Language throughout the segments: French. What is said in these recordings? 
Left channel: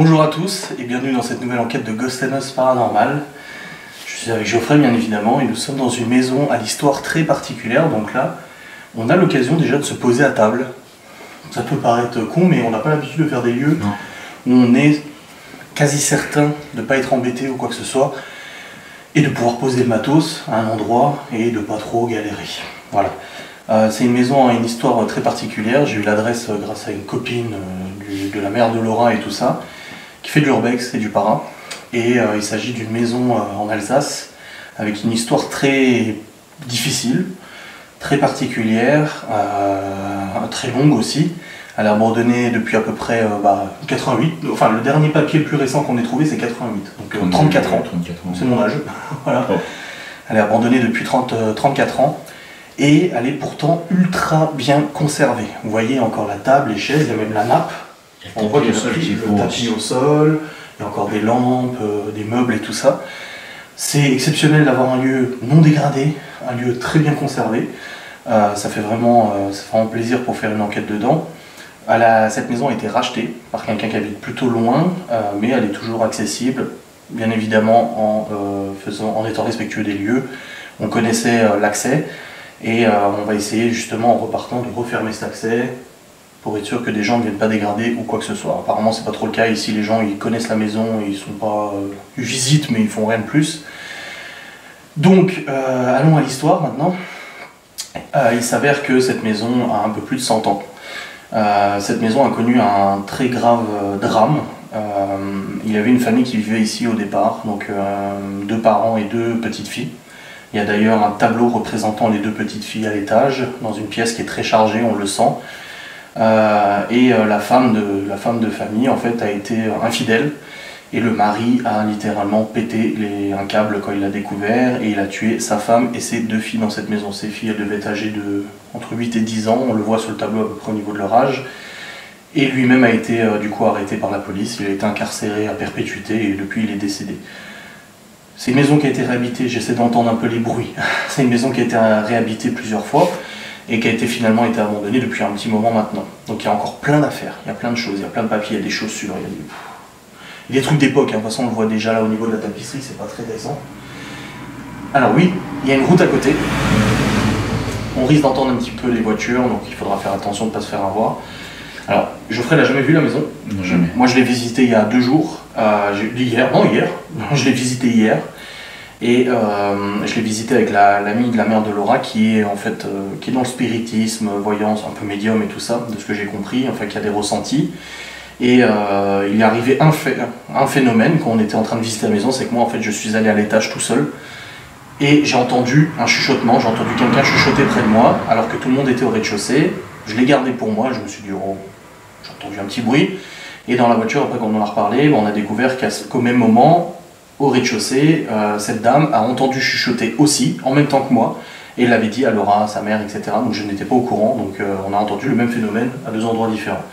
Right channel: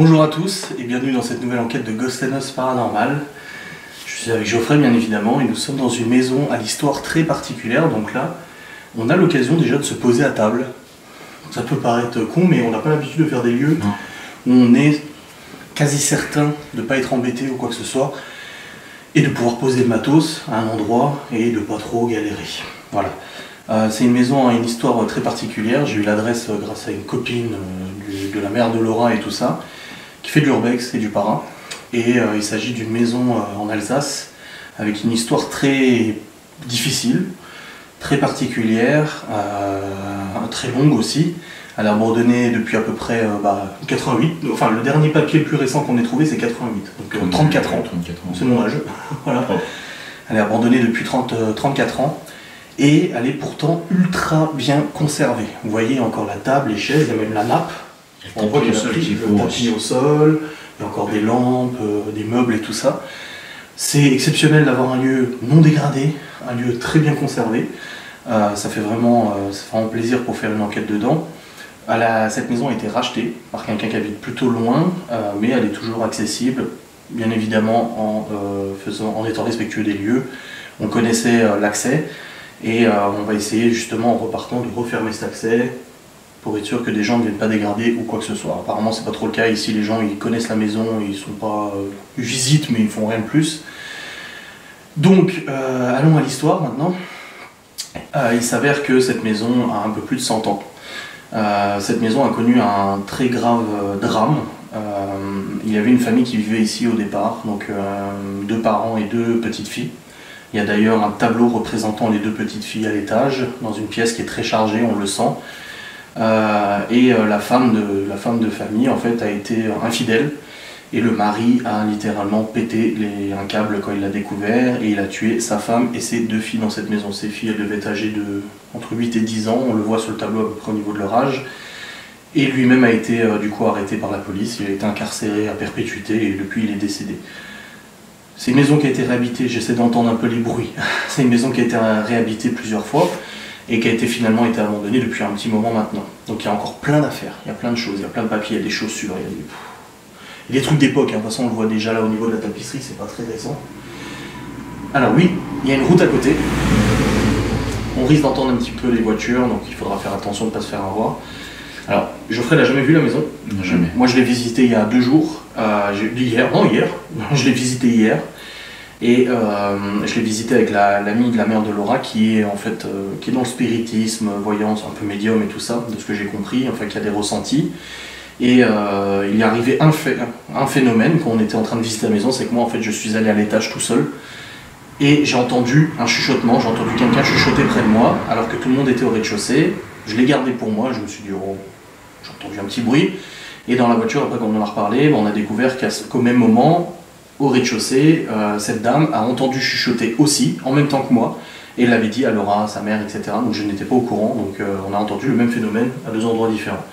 Bonjour à tous et bienvenue dans cette nouvelle enquête de Ghost & Us Paranormal. Je suis avec Geoffrey bien évidemment et nous sommes dans une maison à l'histoire très particulière. Donc là, on a l'occasion déjà de se poser à table. Ça peut paraître con mais on n'a pas l'habitude de faire des lieux où on est quasi certain de ne pas être embêté ou quoi que ce soit et de pouvoir poser le matos à un endroit et de pas trop galérer. Voilà. C'est une maison à une histoire très particulière. J'ai eu l'adresse grâce à une copine de la mère de Laura et tout ça, qui fait de l'urbex et du para. Et il s'agit d'une maison en Alsace avec une histoire très difficile, très particulière, très longue aussi. Elle est abandonnée depuis à peu près 88. Enfin, le dernier papier le plus récent qu'on ait trouvé, c'est 88. Donc 34 ans. C'est mon âge. Voilà. Oh. Elle est abandonnée depuis 34 ans. Et elle est pourtant ultra bien conservée. Vous voyez encore la table, les chaises, il y a même la nappe. On voit qu'il y a le tapis au sol, il y a encore des lampes, des meubles et tout ça. C'est exceptionnel d'avoir un lieu non dégradé, un lieu très bien conservé. Ça fait vraiment plaisir pour faire une enquête dedans. Cette maison a été rachetée par quelqu'un qui habite plutôt loin, mais elle est toujours accessible, bien évidemment en étant respectueux des lieux. On connaissait l'accès. Et on va essayer justement en repartant de refermer cet accès pour être sûr que des gens ne viennent pas dégrader ou quoi que ce soit. Apparemment c'est pas trop le cas ici, les gens ils connaissent la maison, ils sont pas, ils visitent mais ils font rien de plus. Donc allons à l'histoire maintenant. Il s'avère que cette maison a un peu plus de 100 ans. Cette maison a connu un très grave drame. Il y avait une famille qui vivait ici au départ, donc 2 parents et 2 petites filles. Il y a d'ailleurs un tableau représentant les 2 petites filles à l'étage, dans une pièce qui est très chargée, on le sent. La femme de famille en fait a été infidèle, et le mari a littéralement pété un câble quand il l'a découvert, et il a tué sa femme et ses 2 filles dans cette maison. Ces filles, elles devaient être âgées entre 8 et 10 ans, on le voit sur le tableau à peu près au niveau de leur âge. Et lui-même a été du coup arrêté par la police, il a été incarcéré à perpétuité, et depuis il est décédé. C'est une maison qui a été réhabitée, j'essaie d'entendre un peu les bruits. C'est une maison qui a été réhabitée plusieurs fois et qui a finalement été abandonnée depuis un petit moment maintenant. Donc il y a encore plein d'affaires, il y a plein de choses, il y a plein de papiers, il y a des chaussures, il y a des trucs d'époque. De toute façon on le voit déjà là au niveau de la tapisserie, c'est pas très récent. Alors oui, il y a une route à côté. On risque d'entendre un petit peu les voitures, donc il faudra faire attention de ne pas se faire avoir. Alors, Geoffrey n'a jamais vu la maison. Non, jamais. Moi, je l'ai visité il y a 2 jours. Hier. Je l'ai visité hier. Et je l'ai visité avec l'amie de la mère de Laura qui est en fait qui est dans le spiritisme, voyance, un peu médium et tout ça, de ce que j'ai compris, enfin qui a des ressentis. Et il est arrivé un phénomène quand on était en train de visiter la maison, c'est que moi en fait je suis allé à l'étage tout seul. Et j'ai entendu un chuchotement, j'ai entendu quelqu'un chuchoter près de moi, alors que tout le monde était au rez-de-chaussée. Je l'ai gardé pour moi, je me suis dit, oh, j'ai entendu un petit bruit. Et dans la voiture, après quand on en a reparlé, on a découvert qu'au même moment, au rez-de-chaussée, cette dame a entendu chuchoter aussi, en même temps que moi, et elle l'avait dit à Laura, sa mère, etc. Donc je n'étais pas au courant, donc on a entendu le même phénomène à 2 endroits différents.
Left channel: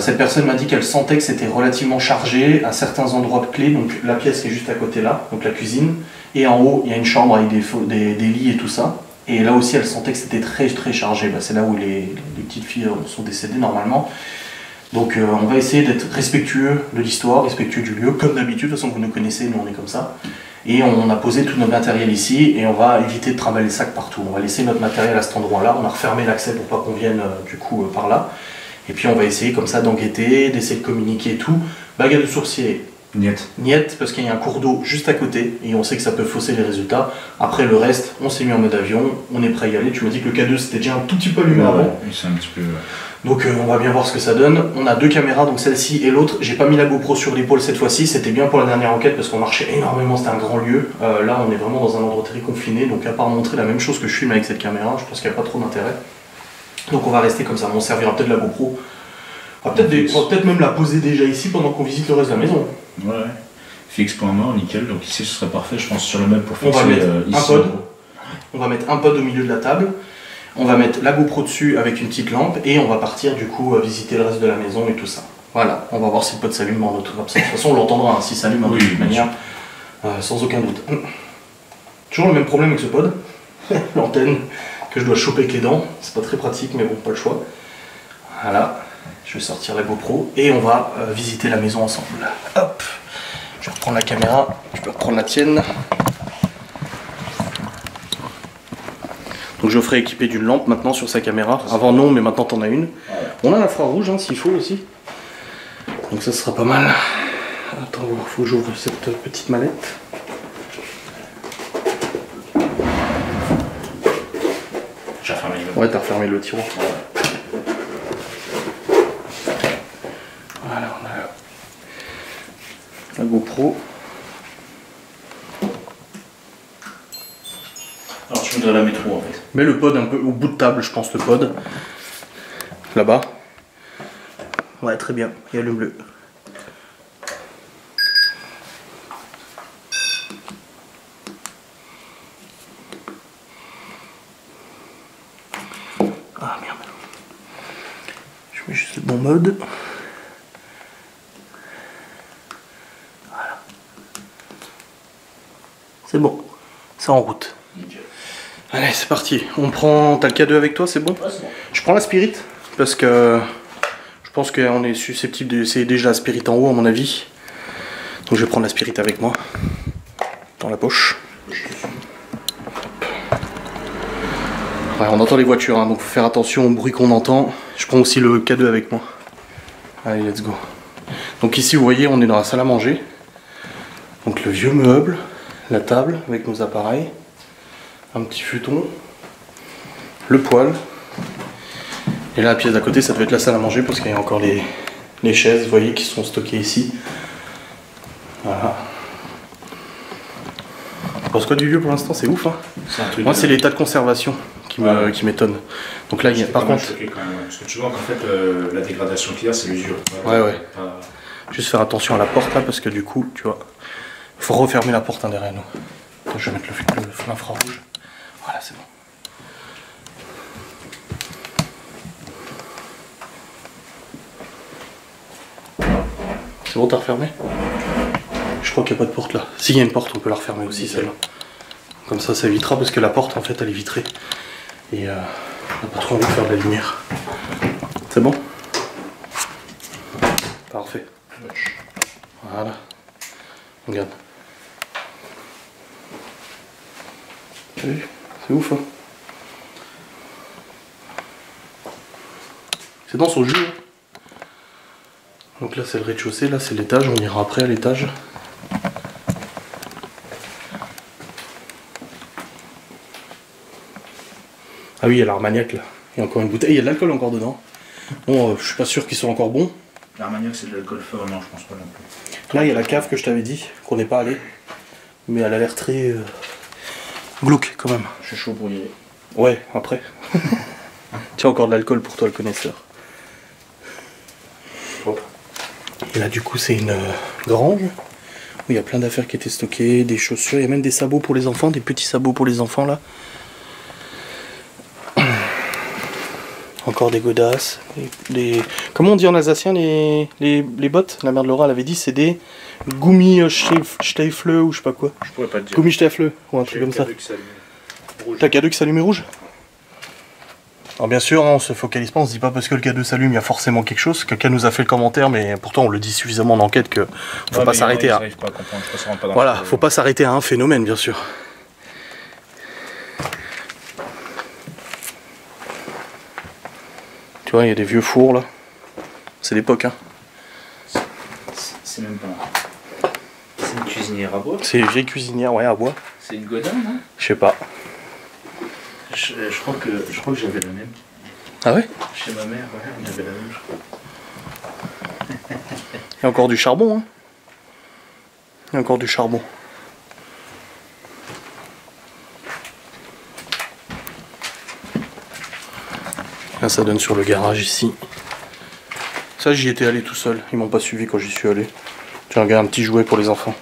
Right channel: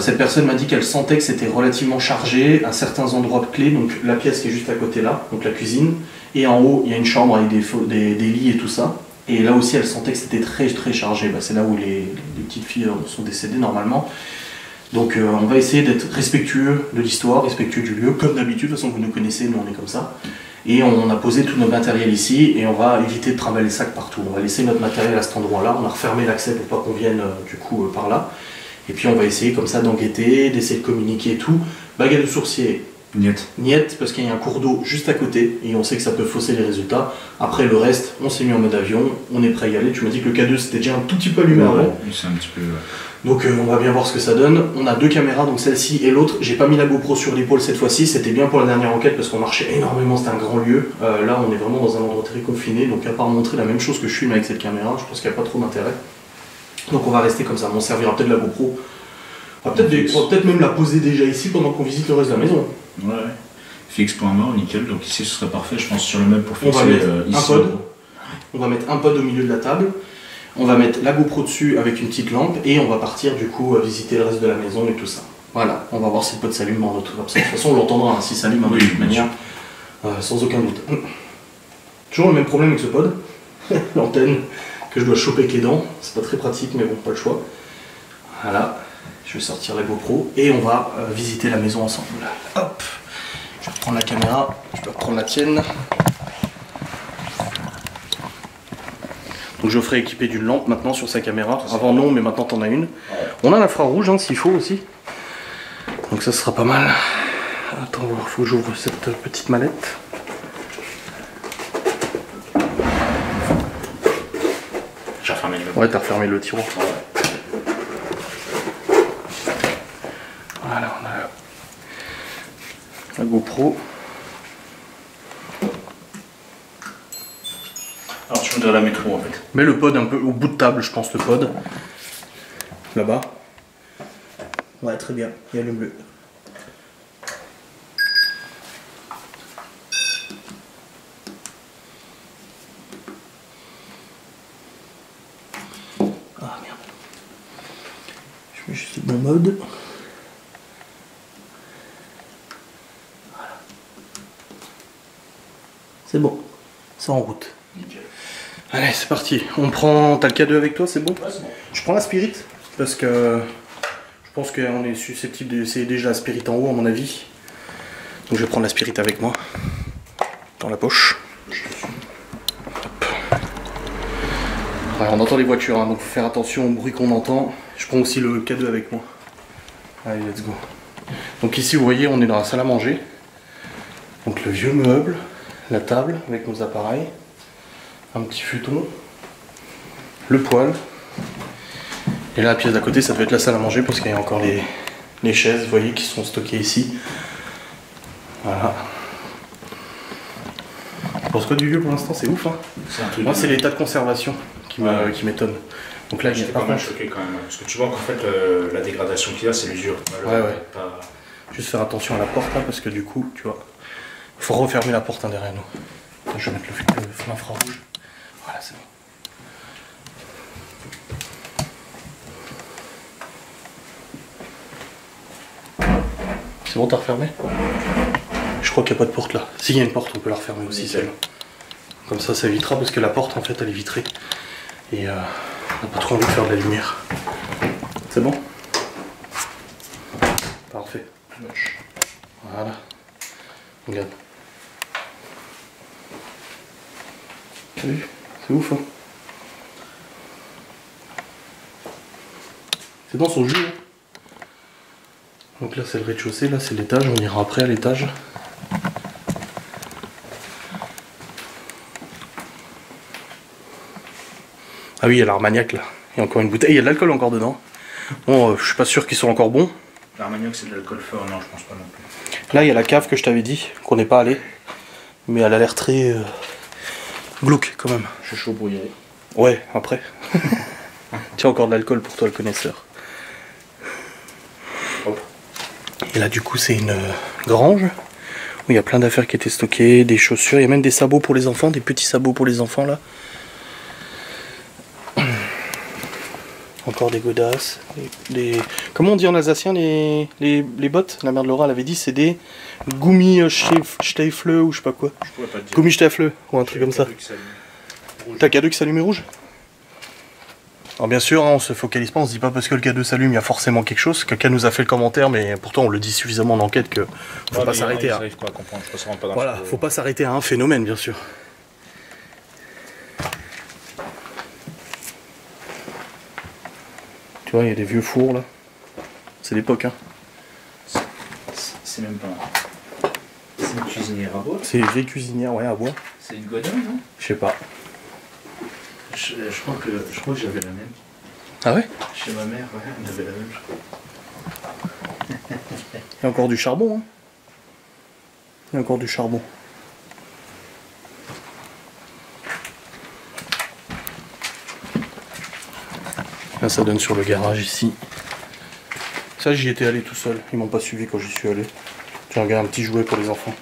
Cette personne m'a dit qu'elle sentait que c'était relativement chargé à certains endroits clés, donc la pièce qui est juste à côté là, donc la cuisine, et en haut il y a une chambre avec des lits et tout ça, et là aussi elle sentait que c'était très très chargé. C'est là où les petites filles sont décédées normalement. Donc on va essayer d'être respectueux de l'histoire, respectueux du lieu, comme d'habitude, de toute façon vous nous connaissez, nous on est comme ça. Et on a posé tout notre matériel ici, et on va éviter de trimballer les sacs partout. On va laisser notre matériel à cet endroit-là, on a refermé l'accès pour pas qu'on vienne du coup par là. Et puis on va essayer comme ça d'enquêter, d'essayer de communiquer et tout. Baguette de sourcier, niet, parce qu'il y a un cours d'eau juste à côté, et on sait que ça peut fausser les résultats. Après le reste, on s'est mis en mode avion, on est prêt à y aller. Tu m'as dit que le K2 c'était déjà un tout petit peu allumé avant. Oui, c'est un petit peu... Donc on va bien voir ce que ça donne. On a 2 caméras, donc celle-ci et l'autre. J'ai pas mis la GoPro sur l'épaule cette fois-ci, c'était bien pour la dernière enquête parce qu'on marchait énormément, c'était un grand lieu. Là on est vraiment dans un endroit très confiné, donc à part montrer la même chose que je filme avec cette caméra, je pense qu'il n'y a pas trop d'intérêt. Donc on va rester comme ça, on servira peut-être la GoPro. On va peut-être même la poser déjà ici pendant qu'on visite le reste de la maison. Ouais, fixe point mort, nickel, donc ici ce serait parfait je pense sur le meuble pour fixer ici. On va mettre un pod au milieu de la table. On va mettre la GoPro dessus avec une petite lampe et on va partir du coup visiter le reste de la maison et tout ça. Voilà, on va voir si le pod s'allume en autre comme ça. De toute façon on l'entendra hein, si ça s'allume de toute manière, sans aucun doute. Toujours le même problème avec ce pod, l'antenne que je dois choper avec les dents, c'est pas très pratique mais bon, pas le choix. Voilà. Je vais sortir la GoPro et on va visiter la maison ensemble. Hop, je vais reprendre la caméra, tu peux reprendre la tienne. Donc Geoffrey est équipé d'une lampe maintenant sur sa caméra. Avant non, mais maintenant t'en as une. On a l'infrarouge hein, s'il faut aussi. Donc ça sera pas mal. Attends, il faut que j'ouvre cette petite mallette. J'ai refermé le Ouais, t'as refermé le tiroir. Voilà, on a la GoPro. Alors je voudrais la mettre où en fait? Mets le pod un peu au bout de table, je pense, le pod. Là-bas. Ouais, très bien. Et allume-le. Ah merde. Je mets juste le bon mode. Voilà. C'est bon. C'est en route. Nickel. Allez, c'est parti. On prend. T'as le K2 avec toi, c'est bon? Ouais, c'est bon. Je prends la Spirit parce que je pense qu'on est susceptible d'essayer déjà la Spirit en haut, à mon avis. Donc je vais prendre la Spirit avec moi dans la poche. Hop. Ouais, on entend les voitures, hein, donc faut faire attention au bruit qu'on entend. Je prends aussi le K2 avec moi. Allez, let's go. Donc ici, vous voyez, on est dans la salle à manger. Donc le vieux meuble, la table avec nos appareils. Un petit futon, le poêle, et là la pièce d'à côté ça devait être la salle à manger parce qu'il y a encore les chaises, vous voyez, qui sont stockées ici. Voilà. Tu penses quoi du lieu pour l'instant? C'est ouf hein. Moi c'est l'état de conservation qui m'étonne. Donc là, par contre... Choqué quand même, parce que tu vois qu'en fait la dégradation qu'il y a c'est l'usure. Ouais. Juste faire attention à la porte là parce que du coup, tu vois, il faut refermer la porte hein, derrière nous. Je vais mettre l'infrarouge. Voilà, c'est bon. C'est bon, t'as refermé? Je crois qu'il n'y a pas de porte là. S'il y a une porte, on peut la refermer aussi, celle-là. Comme ça, ça évitera parce que la porte, en fait, elle est vitrée. Et on n'a pas trop envie de faire de la lumière. C'est bon? Parfait. Voilà. Regarde. T'as vu? C'est ouf, hein? C'est dans son jus. Hein. Donc là, c'est le rez-de-chaussée, là, c'est l'étage. On ira après à l'étage. Ah oui, il y a l'Armagnac, là. Il y a encore une bouteille. Il y a de l'alcool encore dedans. Bon, je suis pas sûr qu'ils soient encore bons. L'Armagnac, c'est de l'alcool fort? Non, je pense pas non plus. Là, il y a la cave que je t'avais dit, qu'on n'est pas allé. Mais elle a l'air très... glauque, quand même. Je suis chaud pour y aller. Ouais, après. Tiens, encore de l'alcool pour toi, le connaisseur. Hop. Et là, du coup, c'est une grange où il y a plein d'affaires qui étaient stockées, des chaussures, il y a même des sabots pour les enfants, des petits sabots pour les enfants, là. Encore des godasses, comment on dit en alsacien les bottes? La mère de Laura elle avait dit c'est des Gummistiefel ou je sais pas quoi. Je pourrais pas te dire. Gummistiefel ou un truc comme ça. T'as K2 qui s'allume rouge? Alors bien sûr, hein, on se focalise pas, on se dit pas parce que le K2 s'allume, il y a forcément quelque chose. Quelqu'un nous a fait le commentaire, mais pourtant on le dit suffisamment en enquête que faut pas s'arrêter à... Voilà, faut pas s'arrêter à un phénomène bien sûr. Tu vois, il y a des vieux fours là. C'est l'époque, hein. C'est même pas... C'est une cuisinière à bois? C'est une vieille cuisinière, ouais, à bois. C'est une Godin, hein? Je sais pas. Je crois que j'avais la même. Ah ouais? Chez ma mère, ouais, on avait la même, je crois. Il y a encore du charbon, hein. Il y a encore du charbon. Là, ça donne sur le garage ici. Ça, j'y étais allé tout seul. Ils m'ont pas suivi quand j'y suis allé. Tiens, regarde, un petit jouet pour les enfants.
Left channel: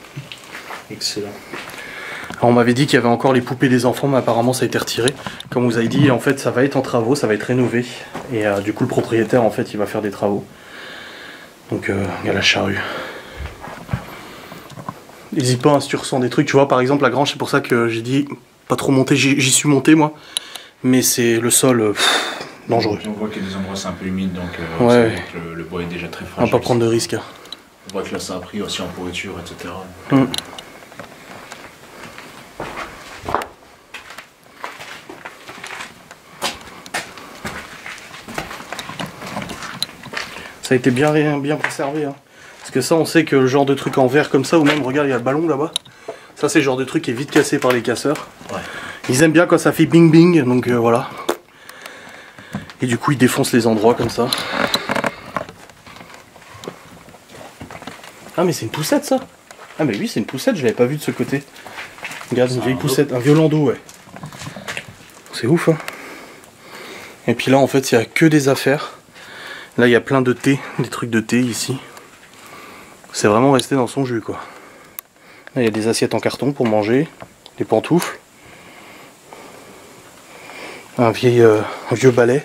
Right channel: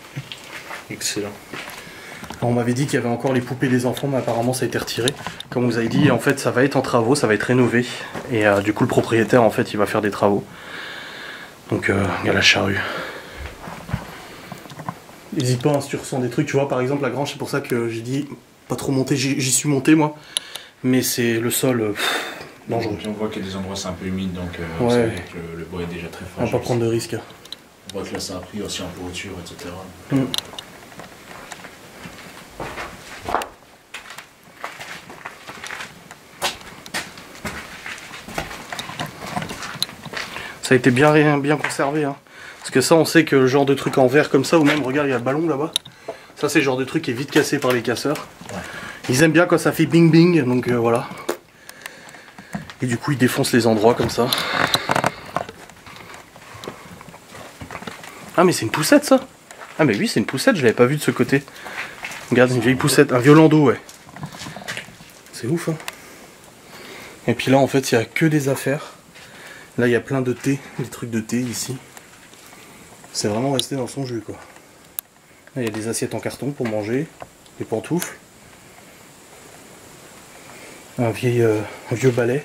Excellent. Alors, on m'avait dit qu'il y avait encore les poupées des enfants, mais apparemment ça a été retiré. Comme vous avez dit, en fait, ça va être en travaux, ça va être rénové. Et du coup, le propriétaire, en fait, il va faire des travaux. Donc, il y a la charrue. N'hésite pas, hein, si tu ressens des trucs. Tu vois, par exemple, la grange, c'est pour ça que j'ai dit pas trop monter. J'y suis monté, moi. Mais c'est le sol... dangereux. On voit qu'il y a des endroits c'est un peu humide, donc ouais. le bois est déjà très On fragile. va pas prendre de risques. On voit que là ça a pris aussi en pourriture, etc. Ça a été bien conservé. Hein. Parce que ça, on sait que le genre de truc en verre comme ça, ou même, regarde, il y a le ballon là-bas. Ça, c'est le genre de truc qui est vite cassé par les casseurs. Ouais. Ils aiment bien quand ça fait bing bing, donc voilà. Et du coup, ils défoncent les endroits comme ça. Ah, mais c'est une poussette ça? Ah, mais oui, c'est une poussette, je l'avais pas vu de ce côté. Regarde, une vieille poussette, un violando, ouais. C'est ouf, hein. Et puis là, en fait, il n'y a que des affaires. Là, il y a plein de thé, des trucs de thé ici. C'est vraiment resté dans son jus, quoi. Là, il y a des assiettes en carton pour manger, des pantoufles. Un vieux balai.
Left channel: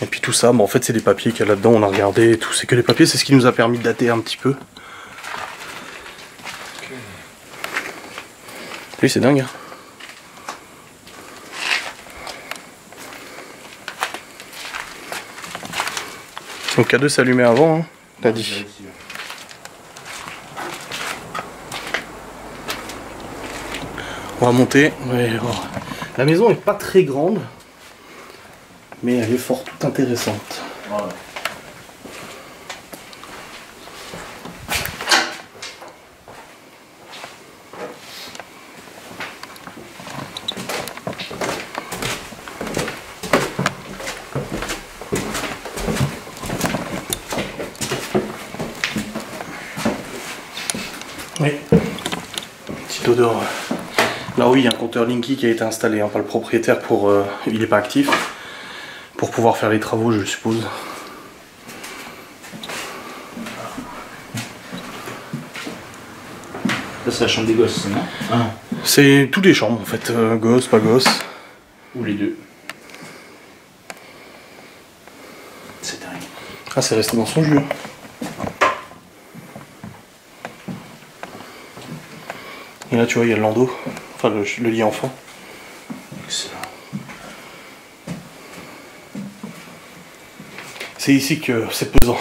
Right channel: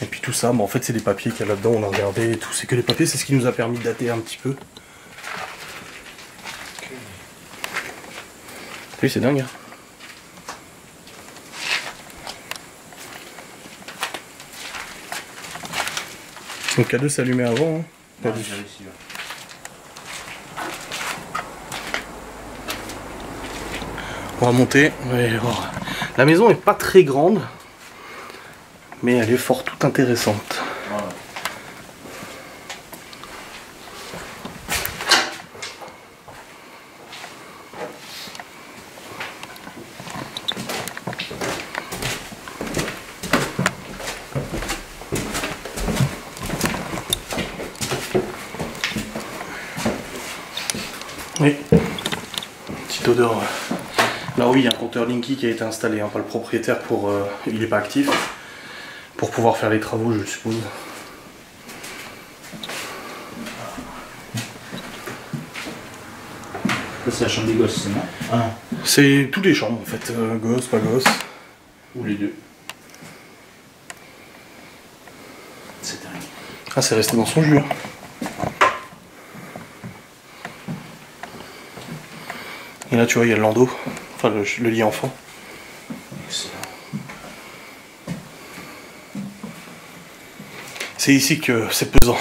Et puis tout ça, bon, en fait, c'est des papiers qu'il y a là-dedans, on a regardé et tout. C'est que des papiers, c'est ce qui nous a permis de dater un petit peu. Oui, c'est dingue, hein. Donc K2 s'allumait avant, hein, t'as dit. On va monter. Ouais, oh. La maison est pas très grande, mais elle est fort toute intéressante. Ouais. Oui. Petite odeur. Là oui, il y a un compteur Linky qui a été installé, hein, pas le propriétaire pour. Il n'est pas actif. Pour pouvoir faire les travaux, je suppose. Là c'est la chambre des gosses, non? Ah. C'est toutes les chambres en fait, gosses, pas gosses. Ou les deux. C'est dingue. Ah, c'est resté dans son jus. Hein. Et là tu vois, il y a le landau, enfin le lit enfant. Excellent. C'est ici que c'est pesant.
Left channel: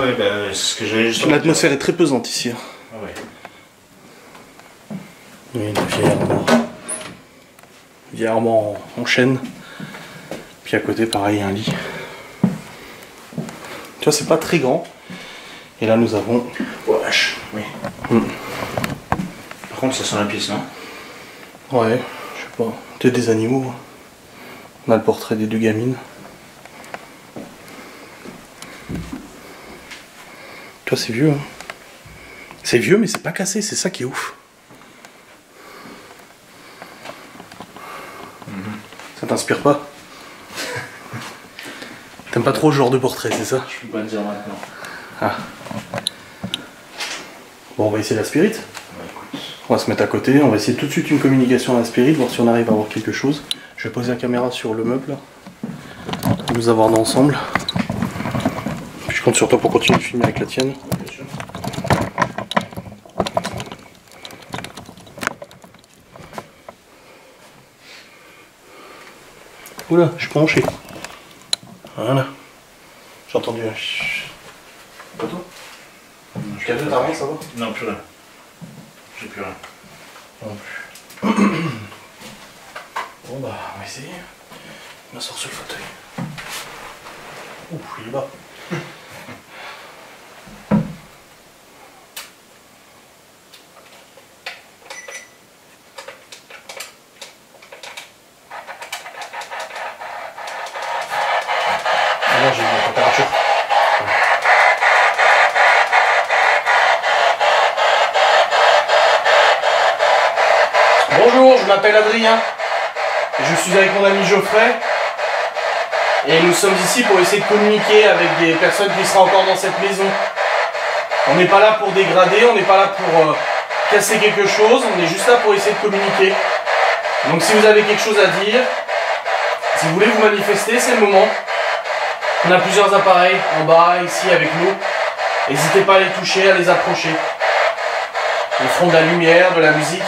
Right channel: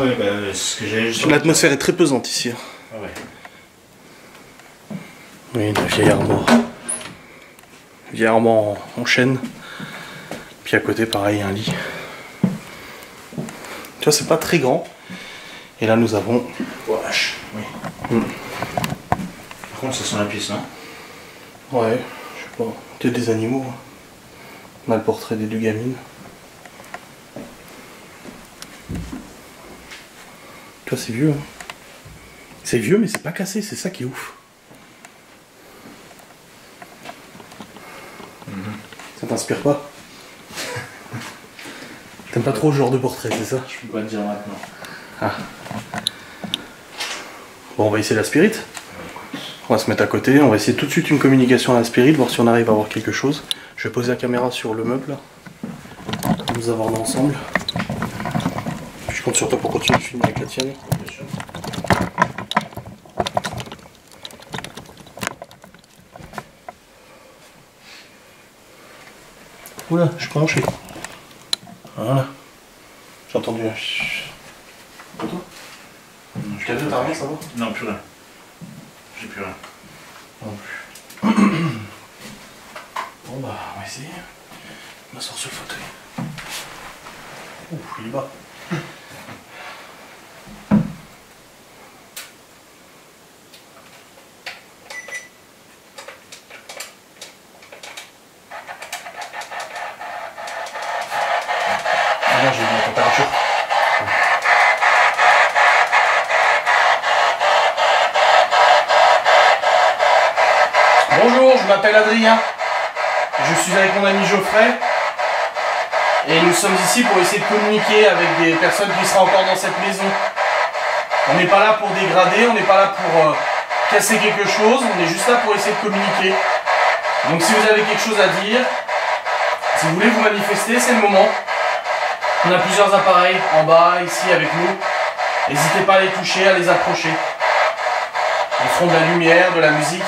Ouais, bah, ce que j'avais juste. L'atmosphère est très pesante ici. Hein. Ah ouais. Oui, une vieille armoire. Vieille armoire en chêne. Puis à côté, pareil, un lit. Tu vois, c'est pas très grand. Et là, nous avons. Wesh, oui. Par contre, ça sent la pièce, non? Ouais, je sais pas. Peut-être des animaux. On a le portrait des deux gamines. Tu vois, c'est vieux. Hein. C'est vieux, mais c'est pas cassé, c'est ça qui est ouf. Ça t'inspire pas? T'aimes pas trop ce genre de portrait, c'est ça? Je peux pas te dire maintenant. Ah. Bon, on va essayer la spirit. On va se mettre à côté, on va essayer tout de suite une communication à la spirit, voir si on arrive à voir quelque chose. Je vais poser la caméra sur le meuble, là. Pour nous avoir d'ensemble. Puis je compte sur toi pour continuer de filmer avec la tienne. Oula, je suis penché. Voilà. J'ai entendu un chut. Pas toi? T'as rien, ça va? Non, plus rien. J'ai plus rien. Non plus. Bon bah, on va essayer. On m'asseoir sur le fauteuil. Ouh, il est bas. Ah non, j'ai mis la température. Bonjour, je m'appelle Adrien. Je suis avec mon ami Geoffrey. Et nous sommes ici pour essayer de communiquer avec des personnes qui seraient encore dans cette maison. On n'est pas là pour dégrader, on n'est pas là pour casser quelque chose, on est juste là pour essayer de communiquer. Donc si vous avez quelque chose à dire, si vous voulez vous manifester, c'est le moment. On a plusieurs appareils en bas, ici avec nous. N'hésitez pas à les toucher, à les approcher. Ils feront de la lumière, de la musique.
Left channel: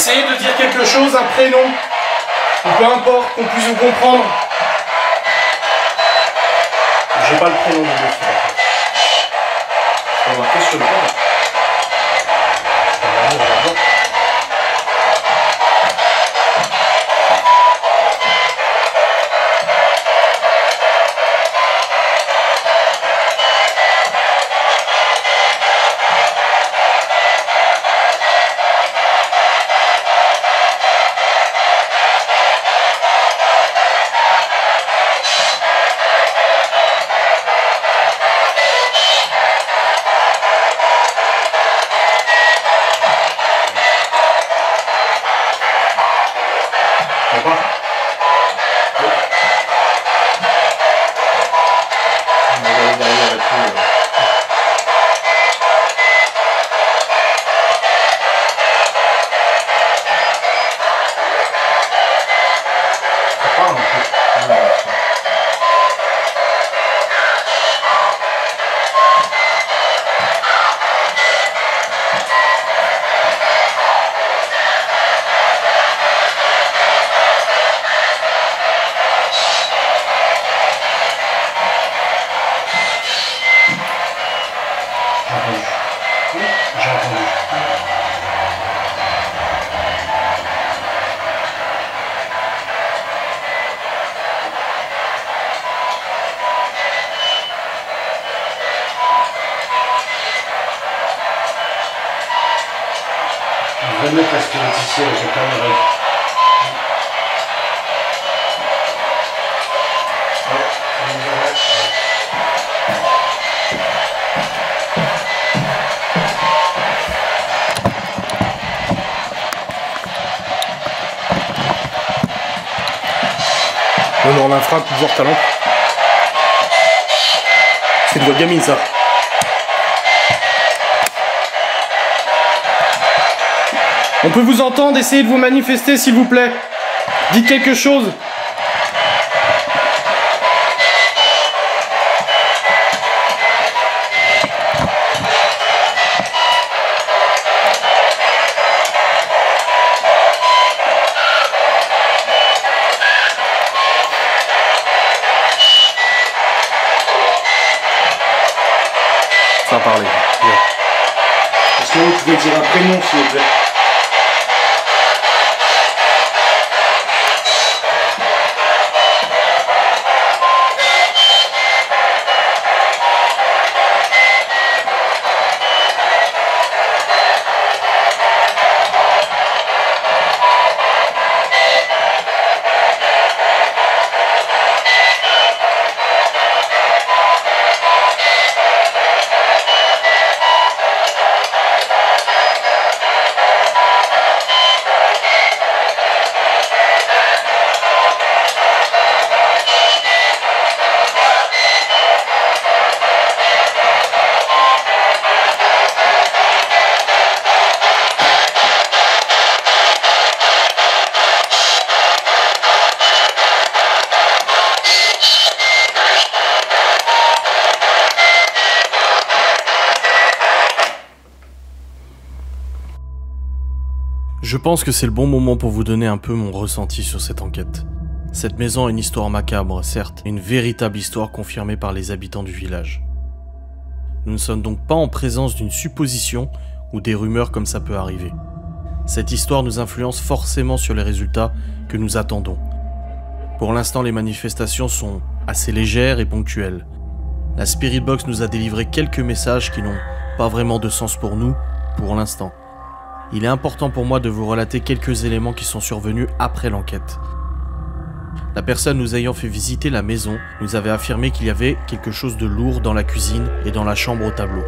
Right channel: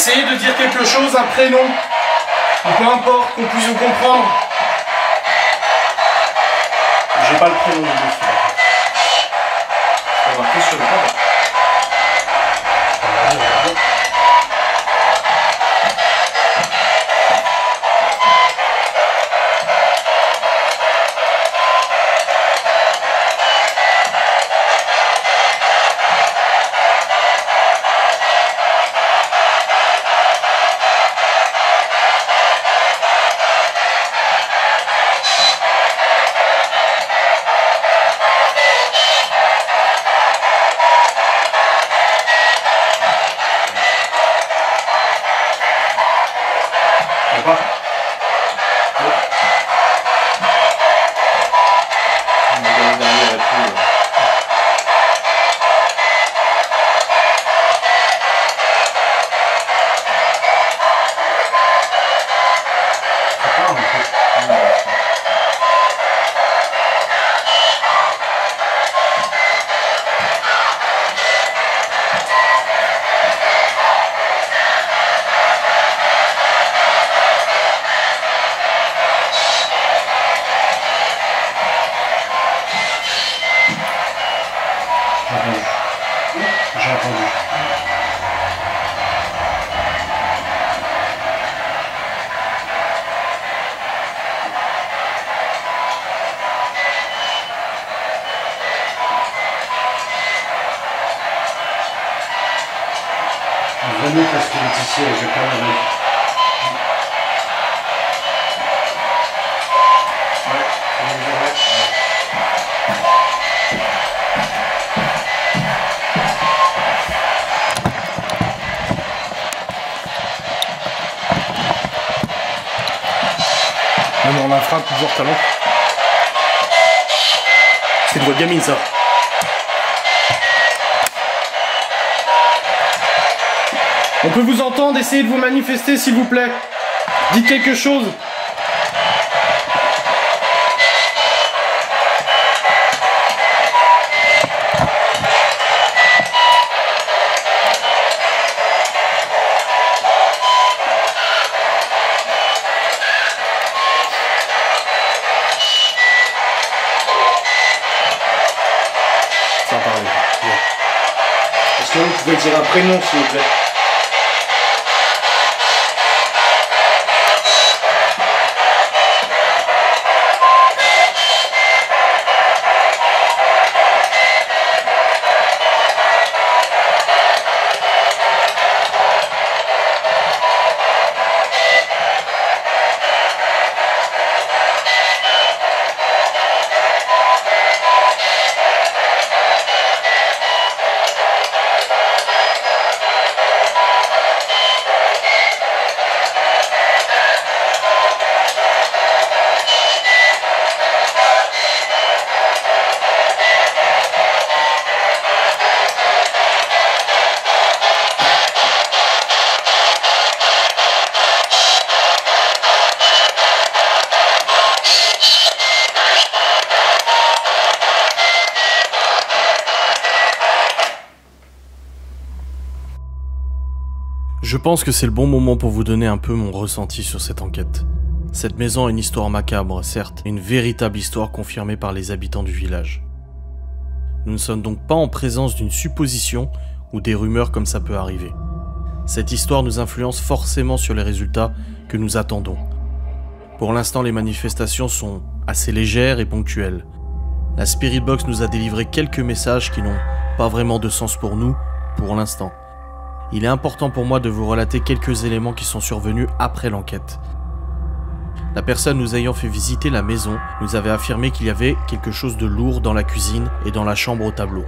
Essayez de dire quelque chose, un prénom, ou peu importe, qu'on puisse vous comprendre. J'ai pas le prénom de monsieur. On va marquer sur le corps. J'ai entendu. On va mettre la squelette ici, j'ai pas le rêve. Non, on la frappe, toujours talent. C'est une voix de gamine, ça. On peut vous entendre, essayez de vous manifester, s'il vous plaît. Dites quelque chose. Ça a parlé. Est-ce que vous pouvez dire un prénom, s'il vous plaît? Je pense que c'est le bon moment pour vous donner un peu mon ressenti sur cette enquête. Cette maison a une histoire macabre, certes, mais une véritable histoire confirmée par les habitants du village. Nous ne sommes donc pas en présence d'une supposition ou des rumeurs comme ça peut arriver. Cette histoire nous influence forcément sur les résultats que nous attendons. Pour l'instant, les manifestations sont assez légères et ponctuelles. La Spirit Box nous a délivré quelques messages qui n'ont pas vraiment de sens pour nous, pour l'instant. Il est important pour moi de vous relater quelques éléments qui sont survenus après l'enquête. La personne nous ayant fait visiter la maison nous avait affirmé qu'il y avait quelque chose de lourd dans la cuisine et dans la chambre au tableau.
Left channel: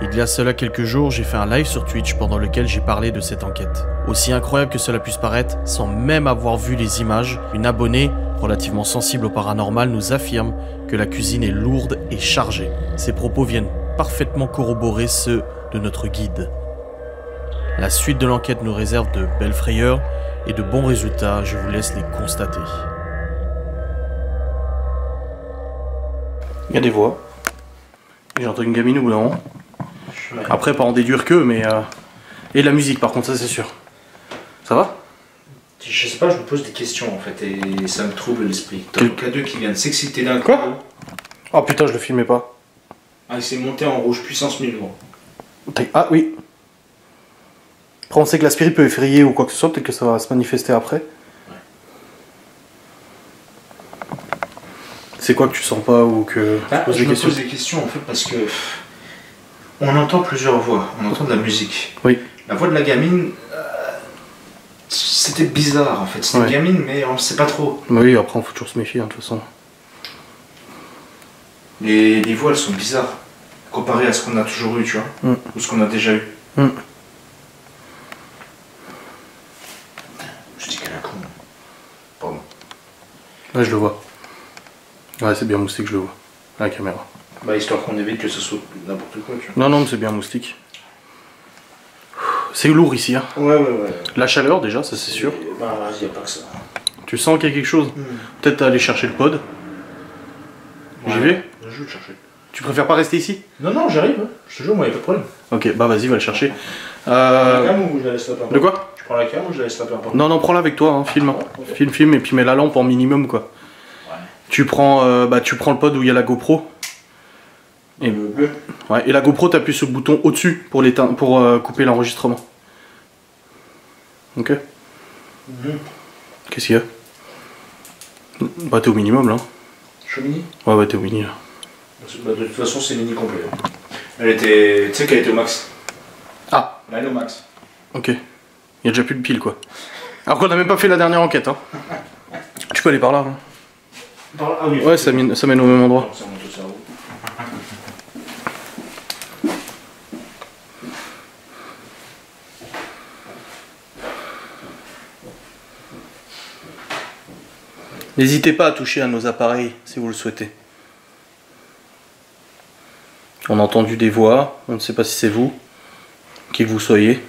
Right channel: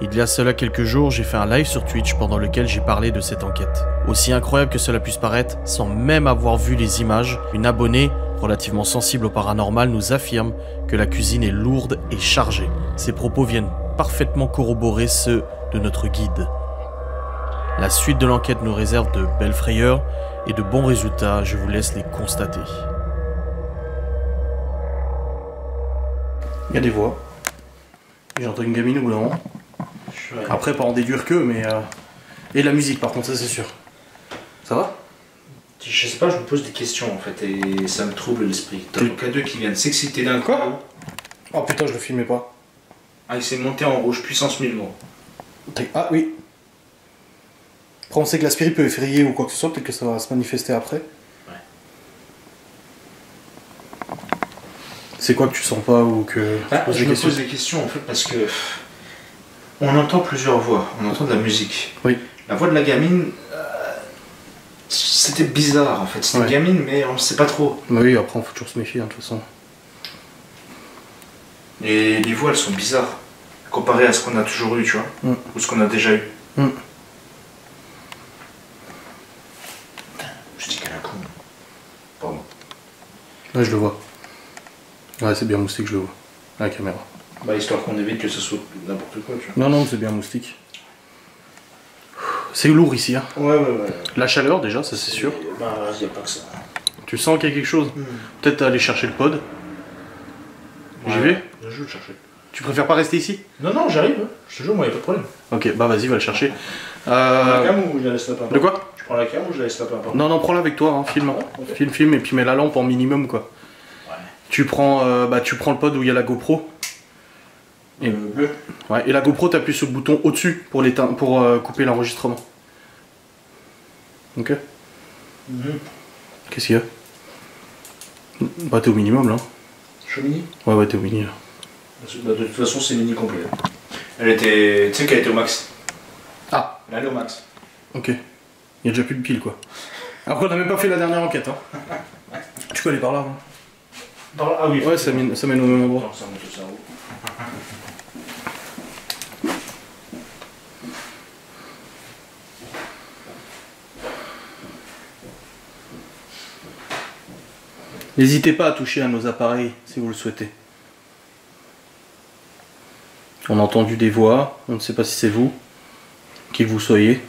Il y a cela quelques jours, j'ai fait un live sur Twitch pendant lequel j'ai parlé de cette enquête. Aussi incroyable que cela puisse paraître, sans même avoir vu les images, une abonnée, relativement sensible au paranormal, nous affirme que la cuisine est lourde et chargée. Ces propos viennent parfaitement corroborer ceux de notre guide. La suite de l'enquête nous réserve de belles frayeurs et de bons résultats, je vous laisse les constater. Il y a des voix. J'entends une gamine au bout d'un moment. Après, pas en déduire que, mais... Et la musique, par contre, ça c'est sûr. Ça va? Je sais pas, je me pose des questions en fait et ça me trouble l'esprit. T'as Tu- le K2 qui vient de s'exciter d'un coup. Quoi? Oh putain, je le filmais pas. Ah, il s'est monté en rouge puissance 1000 gros. Ah oui. Après, on sait que l'aspirine peut effrayer ou quoi que ce soit, peut-être que ça va se manifester après. C'est quoi que tu sens pas ou que tu poses Je des me questions? pose des questions en fait parce que on entend plusieurs voix, on entend de la musique. Oui. La voix de la gamine, c'était bizarre en fait. C'était Ouais. une gamine mais on ne sait pas trop. Oui, après, on faut toujours se méfier, hein, de toute façon. Et les voix elles sont bizarres comparées à ce qu'on a toujours eu, tu vois, Mm. ou ce qu'on a déjà eu. Mm. Je dis qu'elle a con. Pardon. Là, je le vois. Ouais, c'est bien moustique, je le vois. À la caméra. Bah histoire qu'on évite que ce soit n'importe quoi, tu vois. Non, non, c'est bien moustique. C'est lourd ici, hein. Ouais. La chaleur, déjà, ça c'est sûr. Bah y a pas que ça. Tu sens qu'il y a quelque chose? Peut-être aller chercher le pod. J'y vais? Je vais le chercher. Tu préfères pas rester ici? Non, j'arrive, hein. Je te jure, moi, y a pas de problème. Ok, bah vas-y, va le chercher. La cam ou je la laisse là, peu importe. De quoi? Je prends la cam ou je la laisse là, peu importe. Non, non, prends-la avec toi, hein, filme. Ok. Filme, et puis mets la lampe en minimum, quoi. Ouais. Tu prends le pod où il y a la GoPro. Et, bleu. ouais, et la GoPro, t'appuies sur le bouton au-dessus pour couper l'enregistrement. Ok? Qu'est-ce qu'il y a? Bah t'es au minimum là. Je suis mini. Ouais, t'es au mini là. Bah, de toute façon, c'est mini complet. Elle était. Tu sais qu'elle était au max. Ah, Là, elle est au max. ok. Il y a déjà plus de piles quoi. Alors qu'on n'a même pas fait la dernière enquête, hein. Tu peux aller par là, hein. Ah oui. Ouais, ça mène au même endroit. Ça monte au cerveau. N'hésitez pas à toucher à nos appareils si vous le souhaitez. On a entendu des voix, on ne sait pas si c'est vous, qui que vous soyez.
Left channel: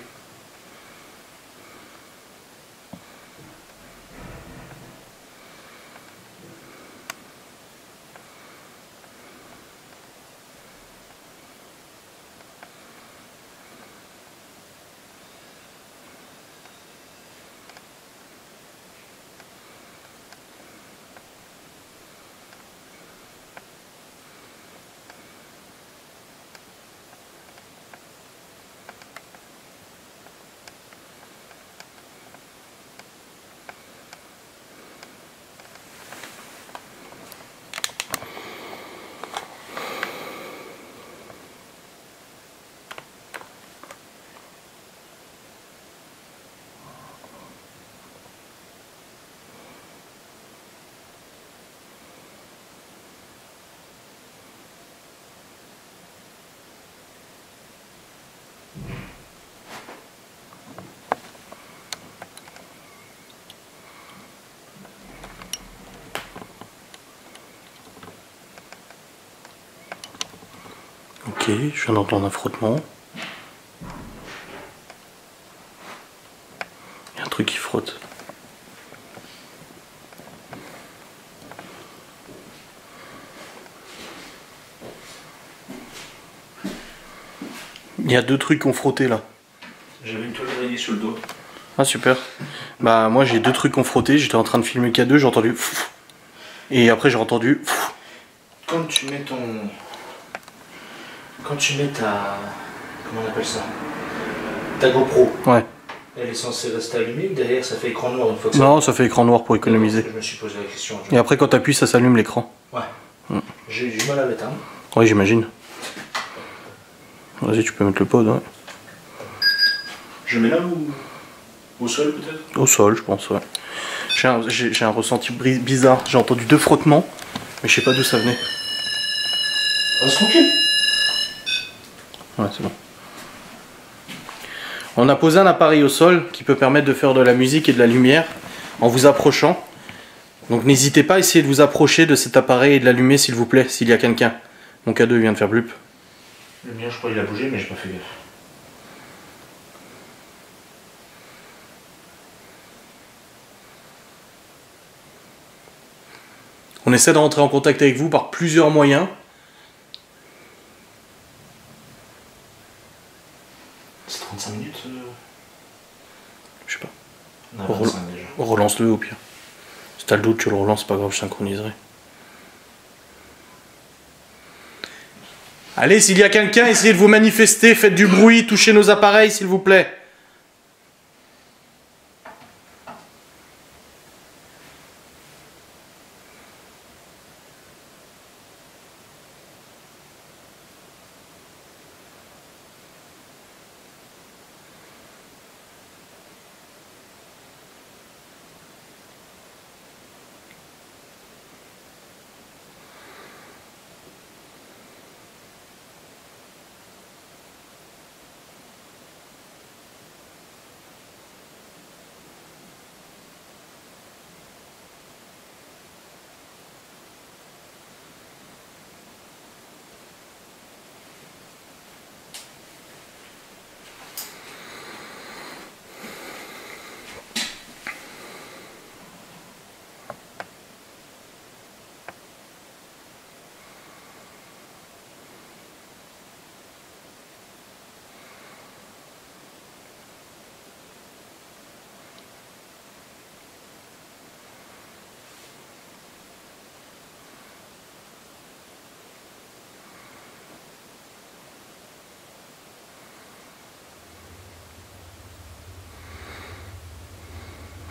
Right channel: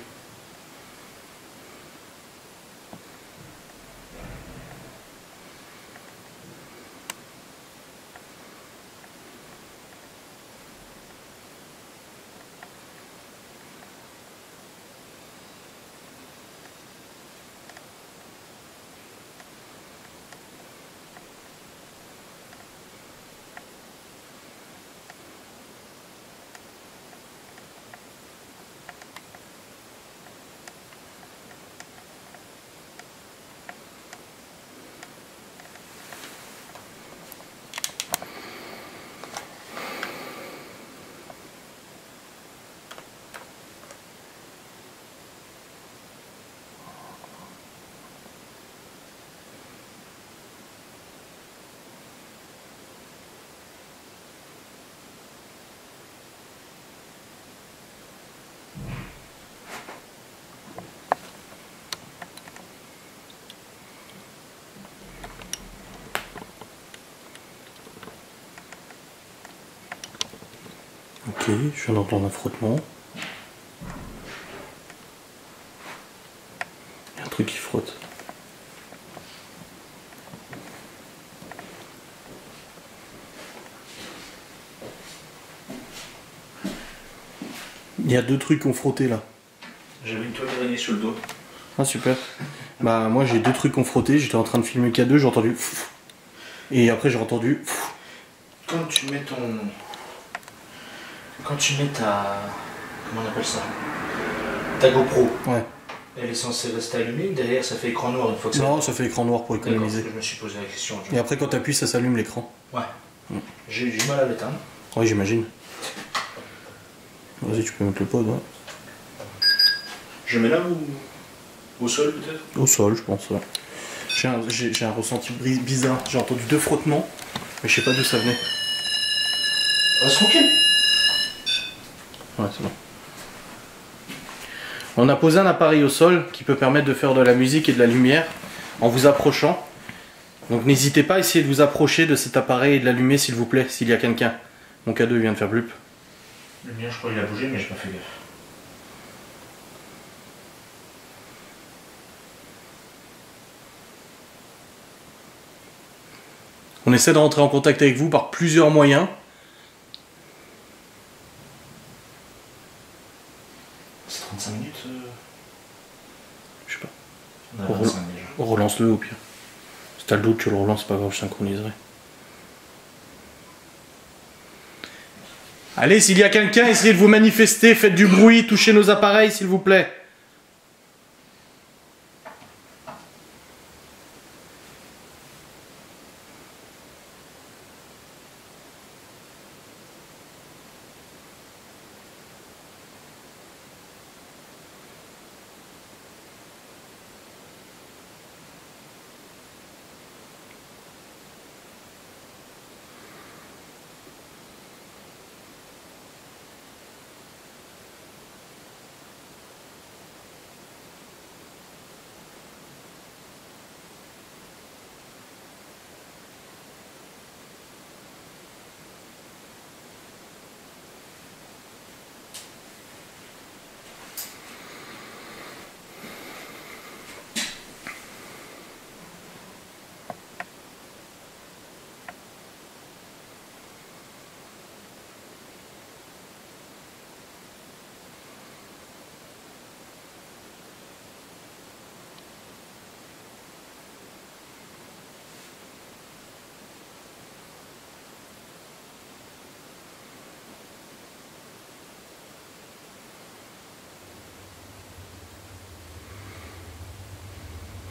Ok, je viens d'entendre un frottement. Il y a un truc qui frotte. Il y a deux trucs qui ont frotté là. J'avais une toile d'araignée sur le dos. Ah super. Bah moi j'ai deux trucs qui ont frotté, j'étais en train de filmer K2, j'ai entendu pfff. Et après j'ai entendu pfff. Quand tu mets ton. Quand tu mets ta. Comment on appelle ça? Ta GoPro. Ouais. Elle est censée rester allumée ou derrière ça fait écran noir une fois que Non, ça fait écran noir pour D'accord, économiser. Je me suis posé la question. Et après quand t'appuies ça s'allume l'écran. Ouais. J'ai eu du mal à l'éteindre. Oui j'imagine. Vas-y tu peux mettre le pod, ouais. Je mets là ou au sol peut-être? Au sol je pense, ouais. J'ai un ressenti bizarre, j'ai entendu deux frottements, mais je sais pas d'où ça venait. Reste tranquille. Ouais c'est bon. On a posé un appareil au sol qui peut permettre de faire de la musique et de la lumière en vous approchant. Donc n'hésitez pas à essayer de vous approcher de cet appareil et de l'allumer s'il vous plaît, s'il y a quelqu'un. Mon K2 vient de faire blup. Le mien je crois qu'il a bougé mais j'ai pas fait gaffe. On essaie de rentrer en contact avec vous par plusieurs moyens. C'est 35 minutes Je sais pas. Relance-le au pire. Si t'as le doute, tu le relances, pas grave, je synchroniserai. Allez, s'il y a quelqu'un, essayez de vous manifester, faites du bruit, touchez nos appareils, s'il vous plaît.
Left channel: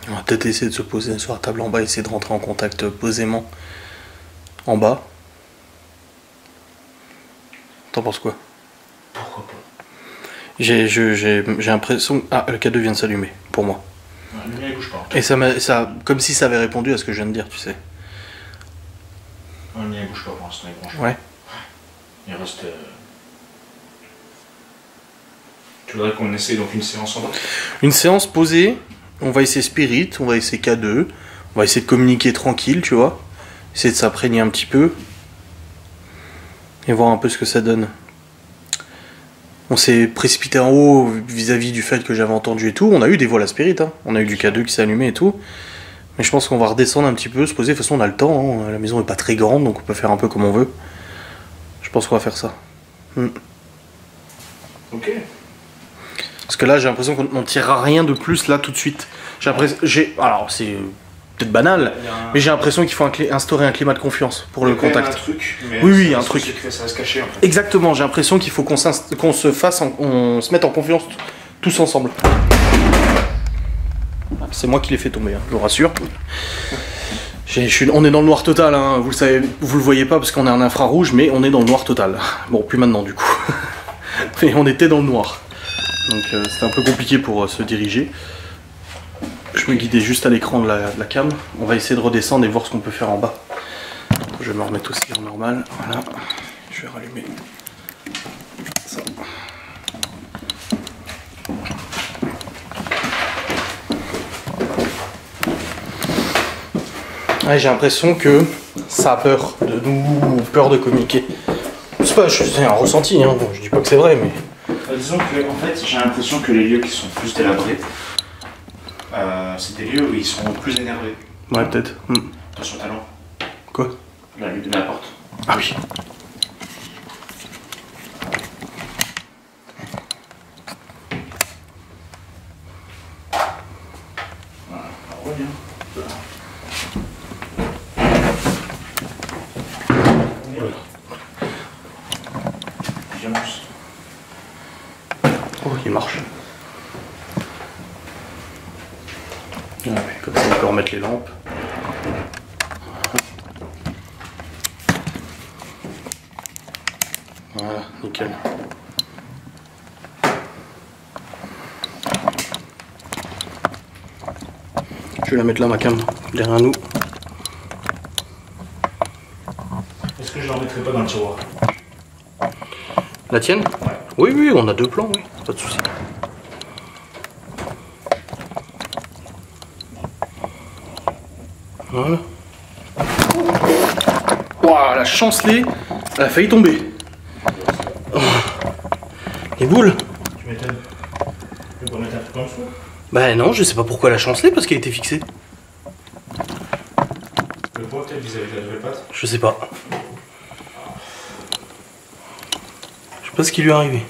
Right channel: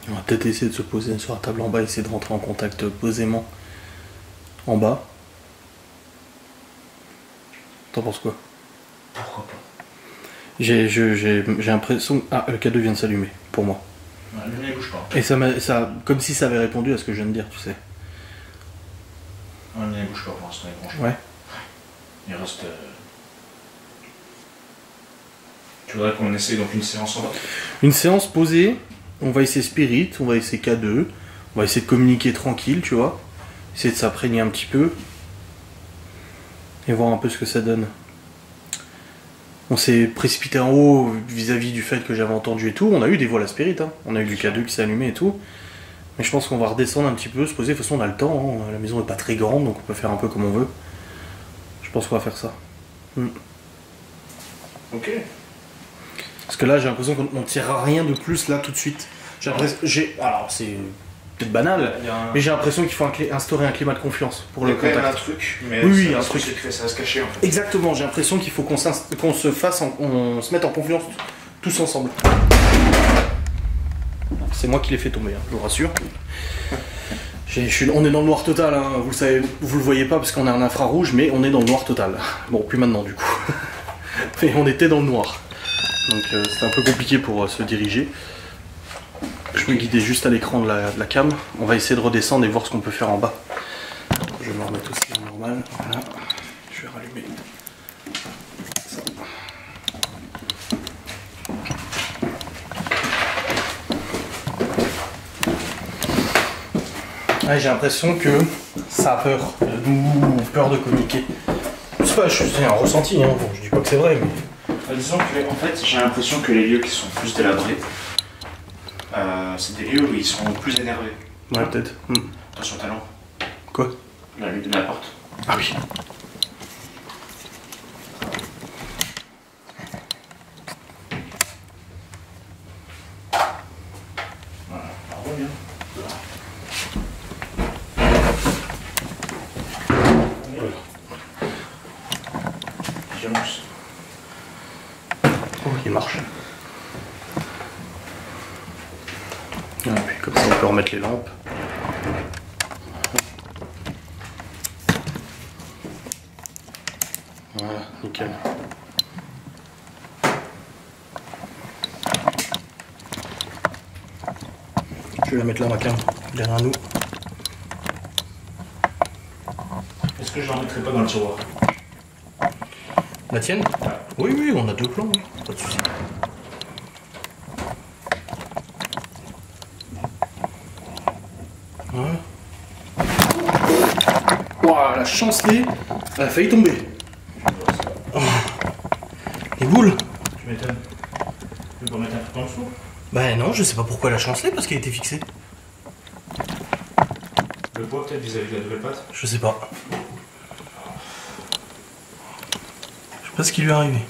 On va peut-être essayer de se poser sur la table en bas, essayer de rentrer en contact posément en bas. T'en penses quoi? Pourquoi pas? J'ai l'impression... Ah, le K2 vient de s'allumer, pour moi. Ouais, le mien il bouge pas. Et ça, comme si ça avait répondu à ce que je viens de dire, tu sais. Ouais, le mien il bouge pas pour l'instant, il bouge. Ouais. Il reste... Tu voudrais qu'on essaye donc une séance en bas? Une séance posée, on va essayer Spirit, on va essayer K2, on va essayer de communiquer tranquille, tu vois. Essayer de s'imprégner un petit peu. Et voir un peu ce que ça donne. On s'est précipité en haut vis-à-vis du fait que j'avais entendu et tout. On a eu des vols à Spirit, hein. On a eu du K2 qui s'est allumé et tout. Mais je pense qu'on va redescendre un petit peu, se poser. De toute façon, on a le temps, hein. La maison est pas très grande, donc on peut faire un peu comme on veut. Je pense qu'on va faire ça. Ok. Parce que là, j'ai l'impression qu'on ne tirera rien de plus là tout de suite. Alors, c'est peut-être banal, mais j'ai l'impression qu'il faut instaurer un climat de confiance pour le contact. Un truc, mais oui, un truc. Ça va se cacher en fait. Exactement, j'ai l'impression qu'il faut qu'on se mette en confiance tous ensemble. C'est moi qui l'ai fait tomber, hein, je vous rassure. On est dans le noir total, hein, vous le savez, vous le voyez pas parce qu'on est en infrarouge, mais on est dans le noir total. Bon, plus maintenant du coup. Mais on était dans le noir. Donc c'était un peu compliqué pour se diriger. Je me guidais juste à l'écran de la cam. On va essayer de redescendre et voir ce qu'on peut faire en bas. Je vais me remettre aussi en normal. Voilà. Je vais rallumer ça. Ouais, j'ai l'impression que ça a peur de nous, peur de communiquer. C'est un ressenti, hein. Bon, je dis pas que c'est vrai, mais... Disons que, en fait, j'ai l'impression que les lieux qui sont plus délabrés, c'est des lieux où ils sont plus énervés. Ouais, peut-être. Attention, talent. Quoi? La lutte de la porte. Ah oui. Voilà, on revient. Violence. Oh, il marche. Ah oui, comme ça on peut remettre les lampes. Voilà, nickel. Je vais la mettre là, ma cam, derrière nous. Est-ce que je la remettrai pas dans le tiroir? La tienne? Ouais. Oui, oui, on a deux plans, oui, pas de soucis. Voilà. Ouah, la chancelée, elle a failli tomber. Oh. Les boules? Tu m'étonnes. Tu peux mettre un truc en dessous? Bah non, je sais pas pourquoi elle a chancelé, parce qu'elle était fixée. Le poids peut-être vis-à-vis de la nouvelle pâte? Je sais pas. Je sais pas ce qui lui est arrivé.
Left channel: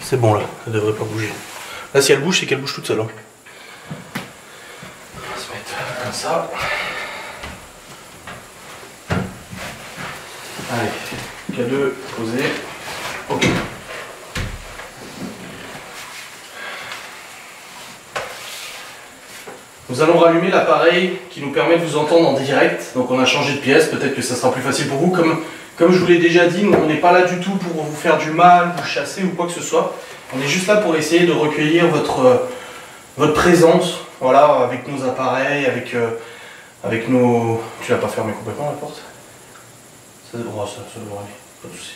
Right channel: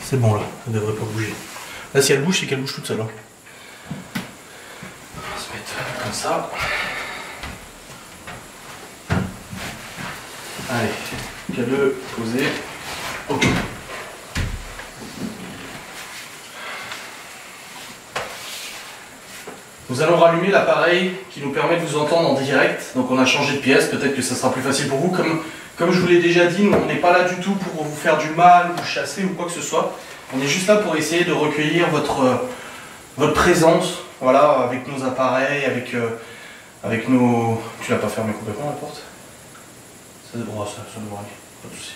C'est bon là, ça devrait pas bouger. Là, si elle bouge, c'est qu'elle bouge toute seule. Hein. On va se mettre comme ça. Allez, K2 posé. Ok. Nous allons rallumer l'appareil qui nous permet de vous entendre en direct. Donc on a changé de pièce, peut-être que ça sera plus facile pour vous. Comme je vous l'ai déjà dit, nous, on n'est pas là du tout pour vous faire du mal, vous chasser ou quoi que ce soit. On est juste là pour essayer de recueillir votre présence, voilà, avec nos appareils, avec nos... Tu l'as pas fermé complètement la porte? Ça devrait aller, pas de soucis.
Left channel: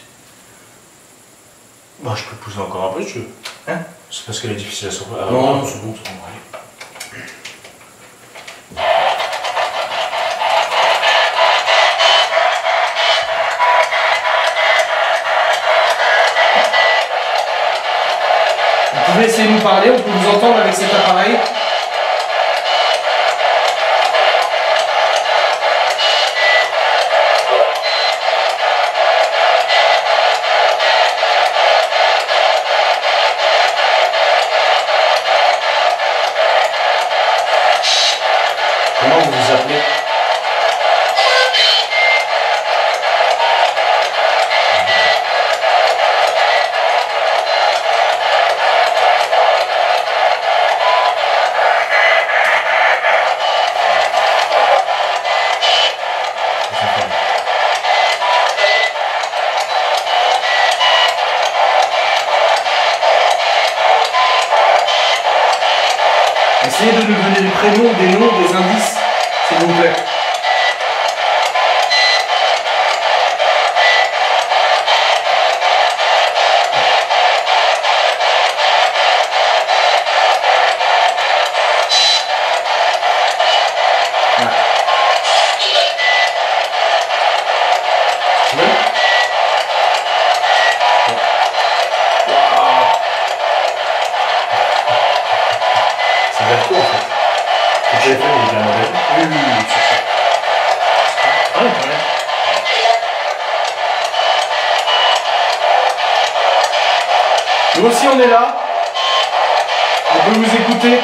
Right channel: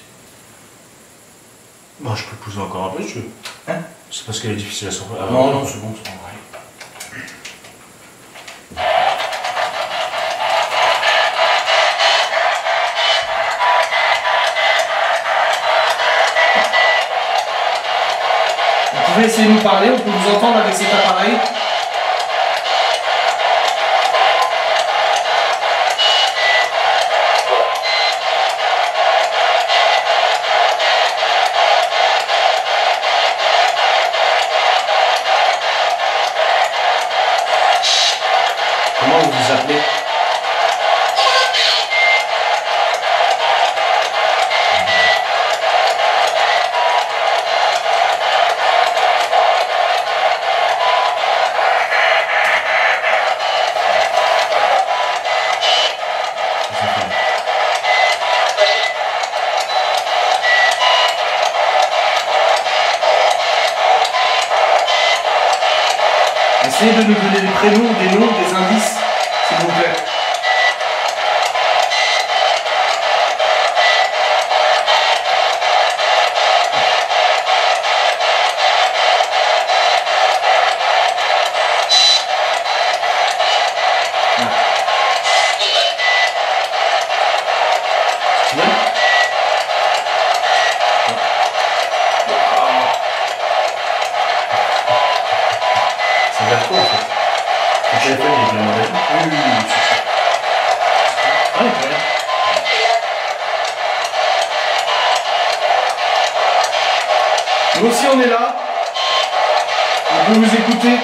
Bah, je peux le pousser encore un peu si tu veux. Hein? C'est parce qu'elle est difficile à sortir. Non, c'est bon, ça va aller. Vous pouvez essayer de nous parler, on peut vous entendre avec cet appareil. Comment vous vous appelez? Essayez de nous donner des prénoms, des noms, des indices, s'il vous plaît. C'est vers quoi en fait? Le téléphone il est bien modèle. Oui, c'est ça. Ah, oui, très bien. Nous aussi on est là. On peut vous écouter.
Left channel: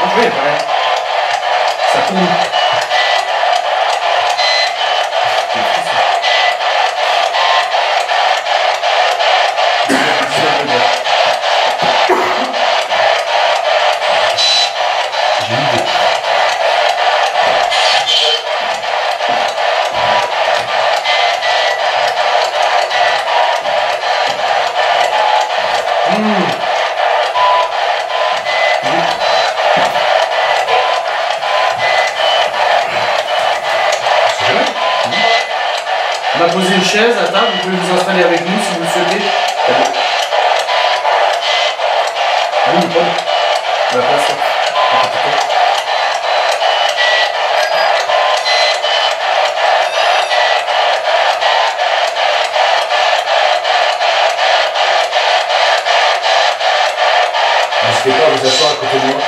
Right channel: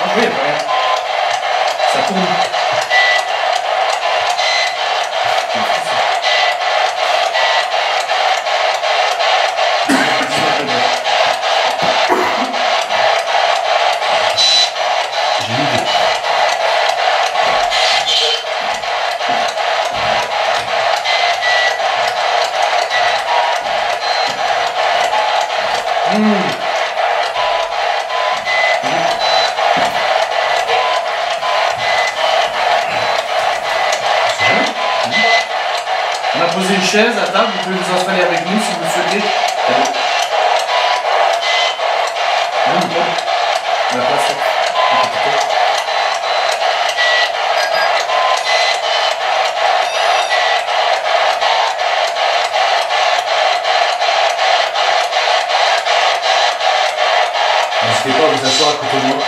Ah oui, très bien. Ça tourne. J'ai une idée. On a posé une chaise à table, vous pouvez vous installer avec nous si vous le souhaitez. Oui, Nicole. On va passer. N'hésitez pas à vous asseoir à côté de moi.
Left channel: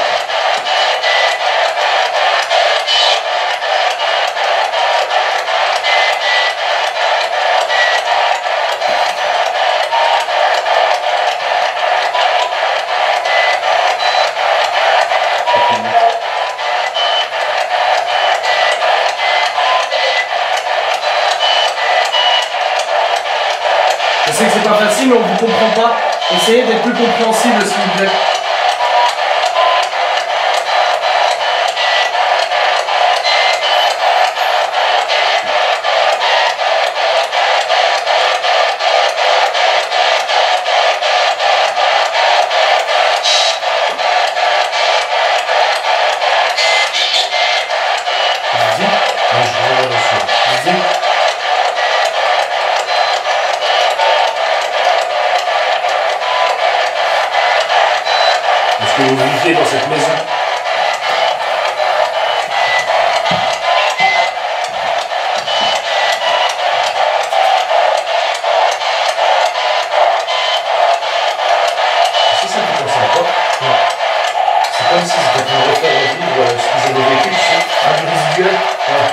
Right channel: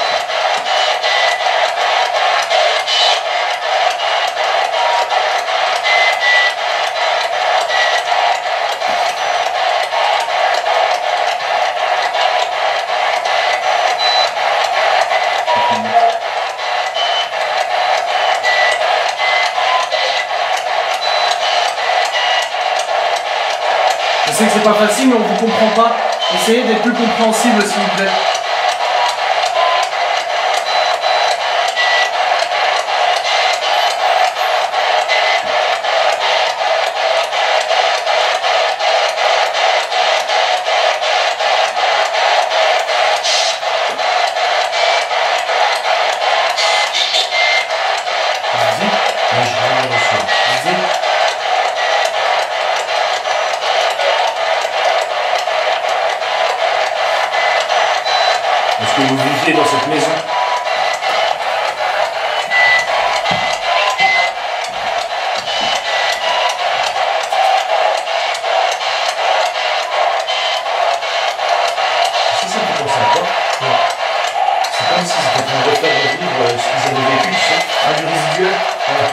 Je sais que c'est pas facile, mais on vous comprend pas. Essayez d'être plus compréhensible, s'il vous plaît. Moi, je regarde aussi. Est-ce que vous viviez dans cette maison? C'est ça qui pense à quoi? C'est comme si c'était en train de refaire revivre ce qu'ils avaient vécu, tu sais. Ah, du résiduel? Ouais.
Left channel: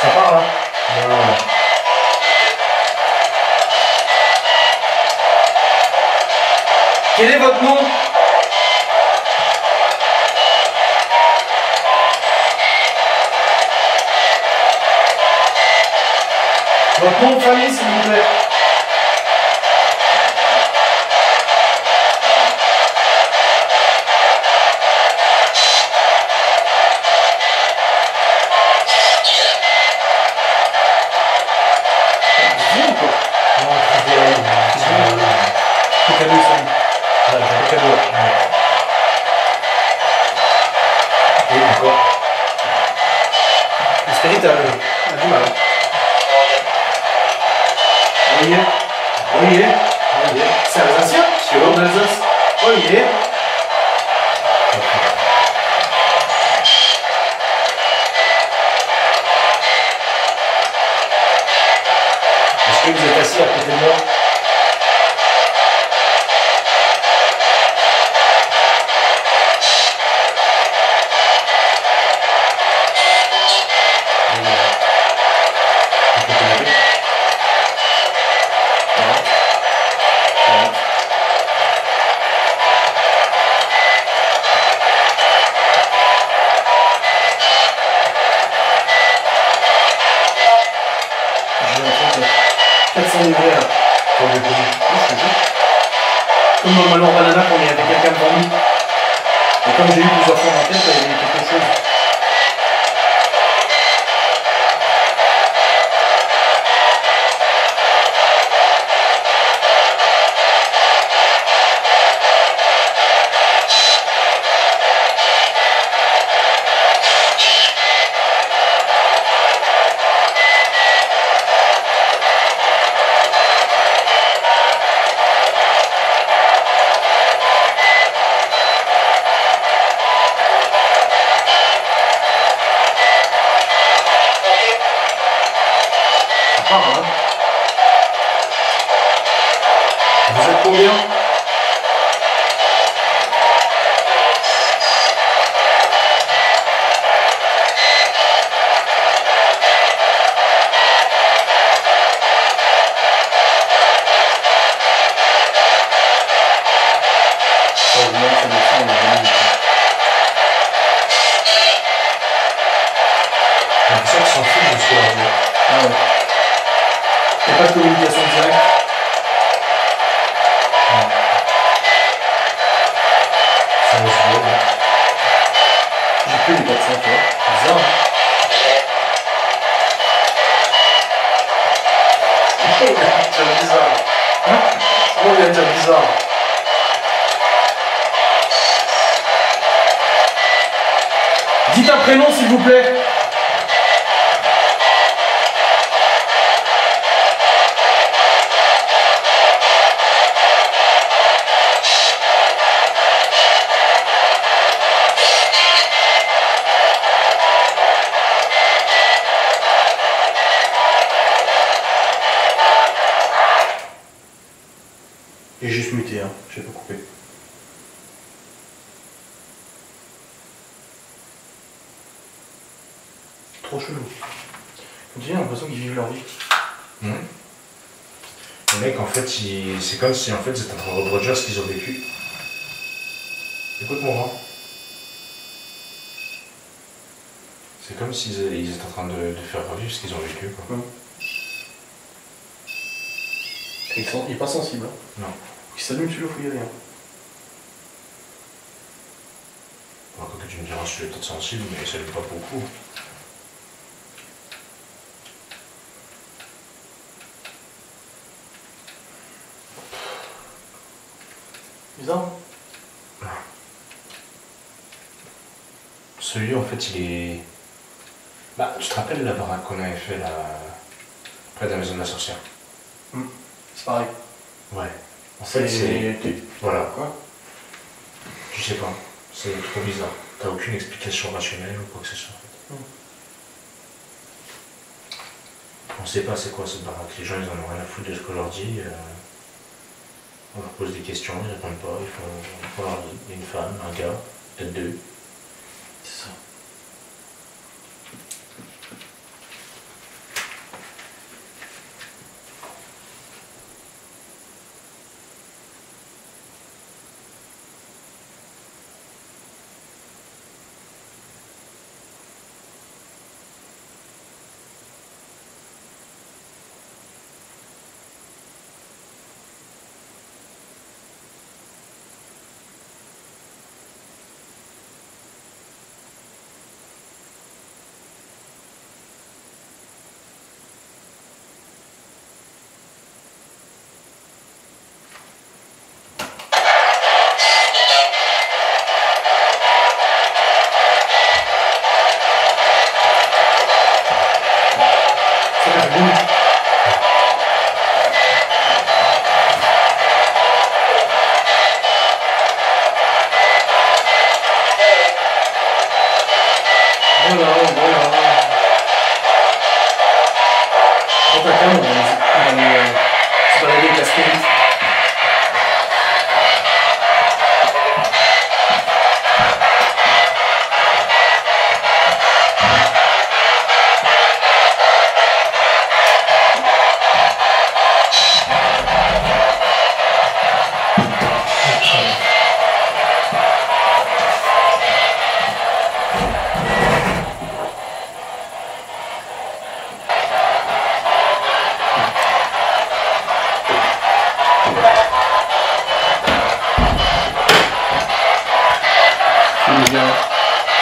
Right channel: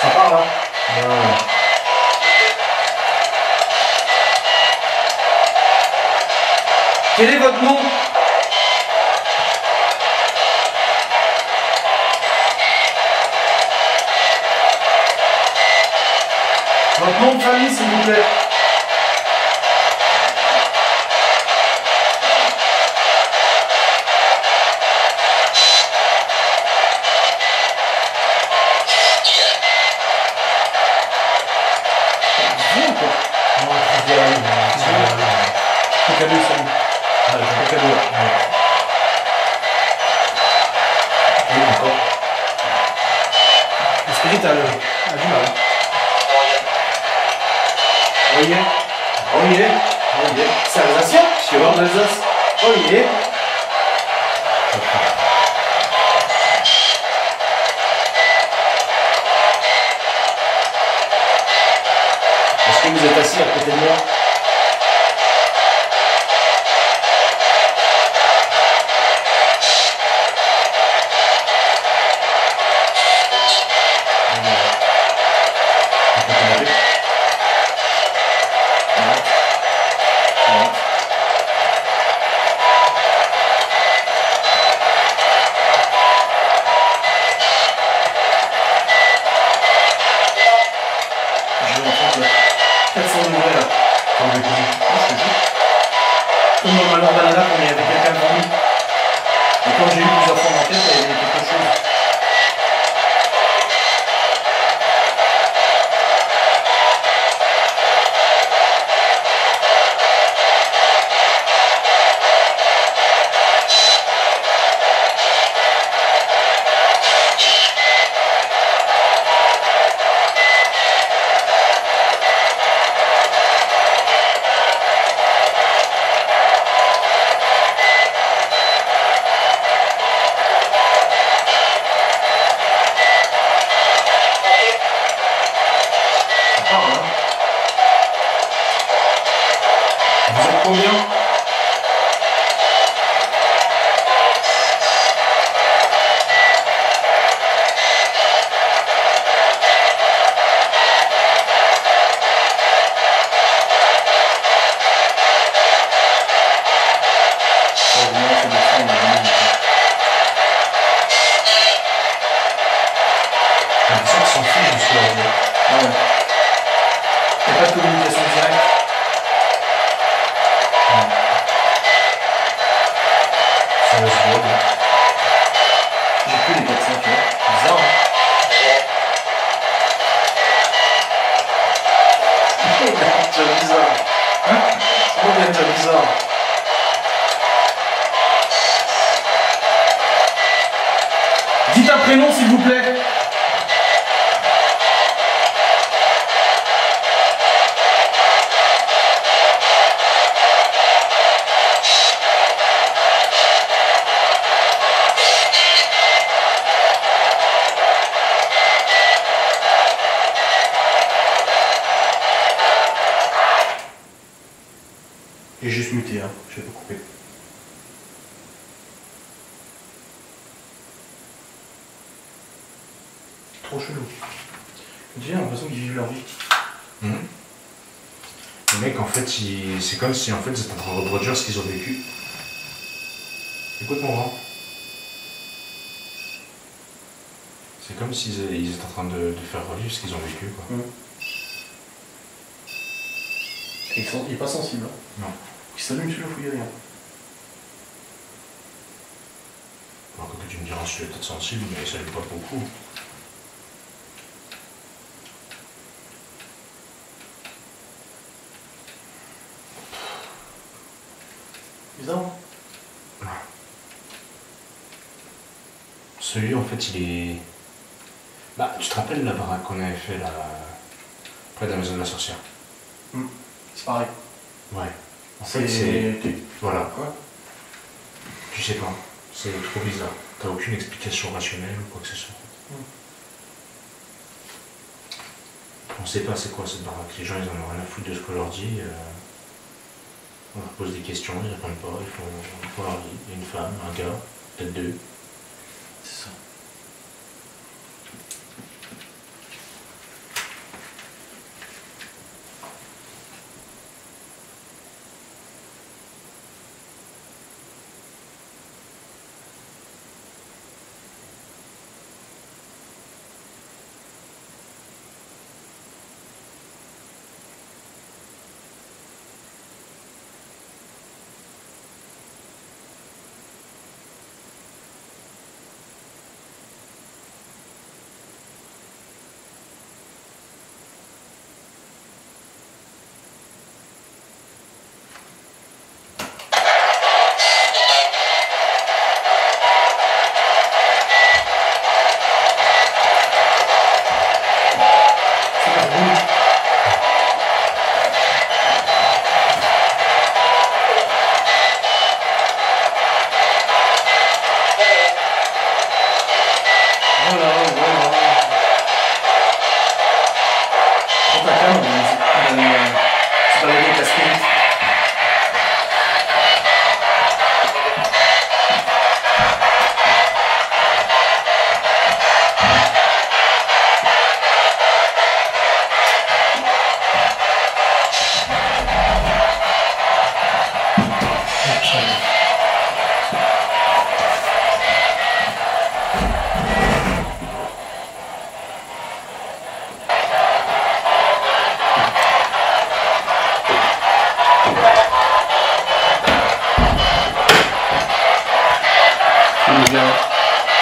Ça part là. Non. Quel est votre nom? Votre nom de famille, s'il vous plaît. Cadeau, salut. Le cadeau. Et encore. Le spirit a du mal. Voyez. Voyez. Voyez. C'est alsacien? C'est l'ordre d'Alsace. Voyez. Est-ce que vous êtes assis à côté de moi? J'ai l'impression que 400 degrés là. Quand vous pouvez. Je te jure. Comme dans le Malheur Banana quand il y avait quelqu'un devant nous. Et comme j'ai eu plusieurs fois en tête, il y avait quelque chose. Vous êtes combien? J'ai l'impression qu'ils s'en foutent du soir. Ah ouais. Il n'y a pas de communication directe. Ça va se voir. J'ai plus les 400, tu vois. Bizarre, hein? C'est bizarre. Hein? Comment vient de dire bizarre? Dites un prénom s'il vous plaît. J'ai juste muté, hein. Je vais pas couper. Trop chelou. J'ai l'impression qu'ils vivent leur vie. Les mecs, en fait, c'est comme si en fait, ils étaient en train de reproduire ce qu'ils ont vécu. Écoute-moi. Hein. C'est comme s'ils étaient en train de faire revivre ce qu'ils ont vécu. Quoi. Et il est pas sensible. Hein. Non. Il s'allume celui-là, faut y aller. Hein. Alors que tu me diras, je suis peut-être sensible, mais ça ne l'est pas beaucoup. Bizarre. Hein. Celui, en fait, il est... Bah, tu te rappelles la baraque qu'on avait fait là, près de la maison de la sorcière? C'est pareil. Ouais. En fait, c'est... Voilà. Quoi? Tu sais pas. C'est trop bizarre. T'as aucune explication rationnelle ou quoi que ce soit. On sait pas c'est quoi cette baraque. Les gens, ils en ont rien à foutre de ce qu'on leur dit. On leur pose des questions, ils répondent pas. Ils font leur vie. Il y a une femme, un gars, peut-être deux. C'est ça. Voilà, voilà. Prends ta canne, on va se balader avec la spirit.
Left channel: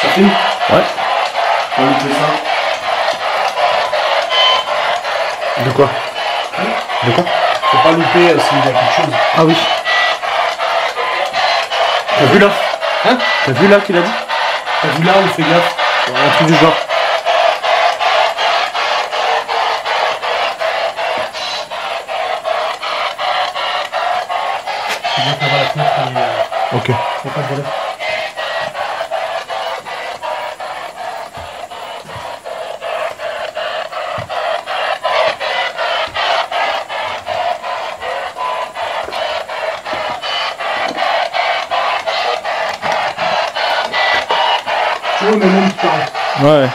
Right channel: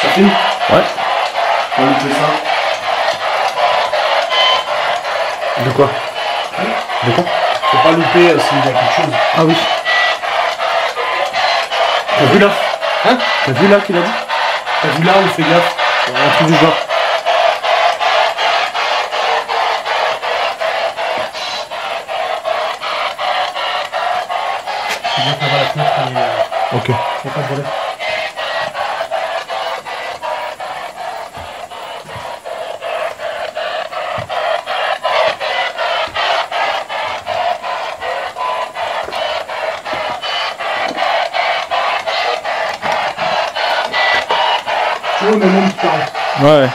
Ça filme? Ouais. On va louper ça. De quoi? De quoi? Faut pas louper s'il y a quelque chose. Ah oui. T'as vu là? Hein? T'as vu là qu'il a dit? T'as vu là où fais gaffe? Un truc du genre. C'est bien qu'on va la fenêtre, mais Ok. faut pas de voler. Tu vois, mais même qui parle. Ouais.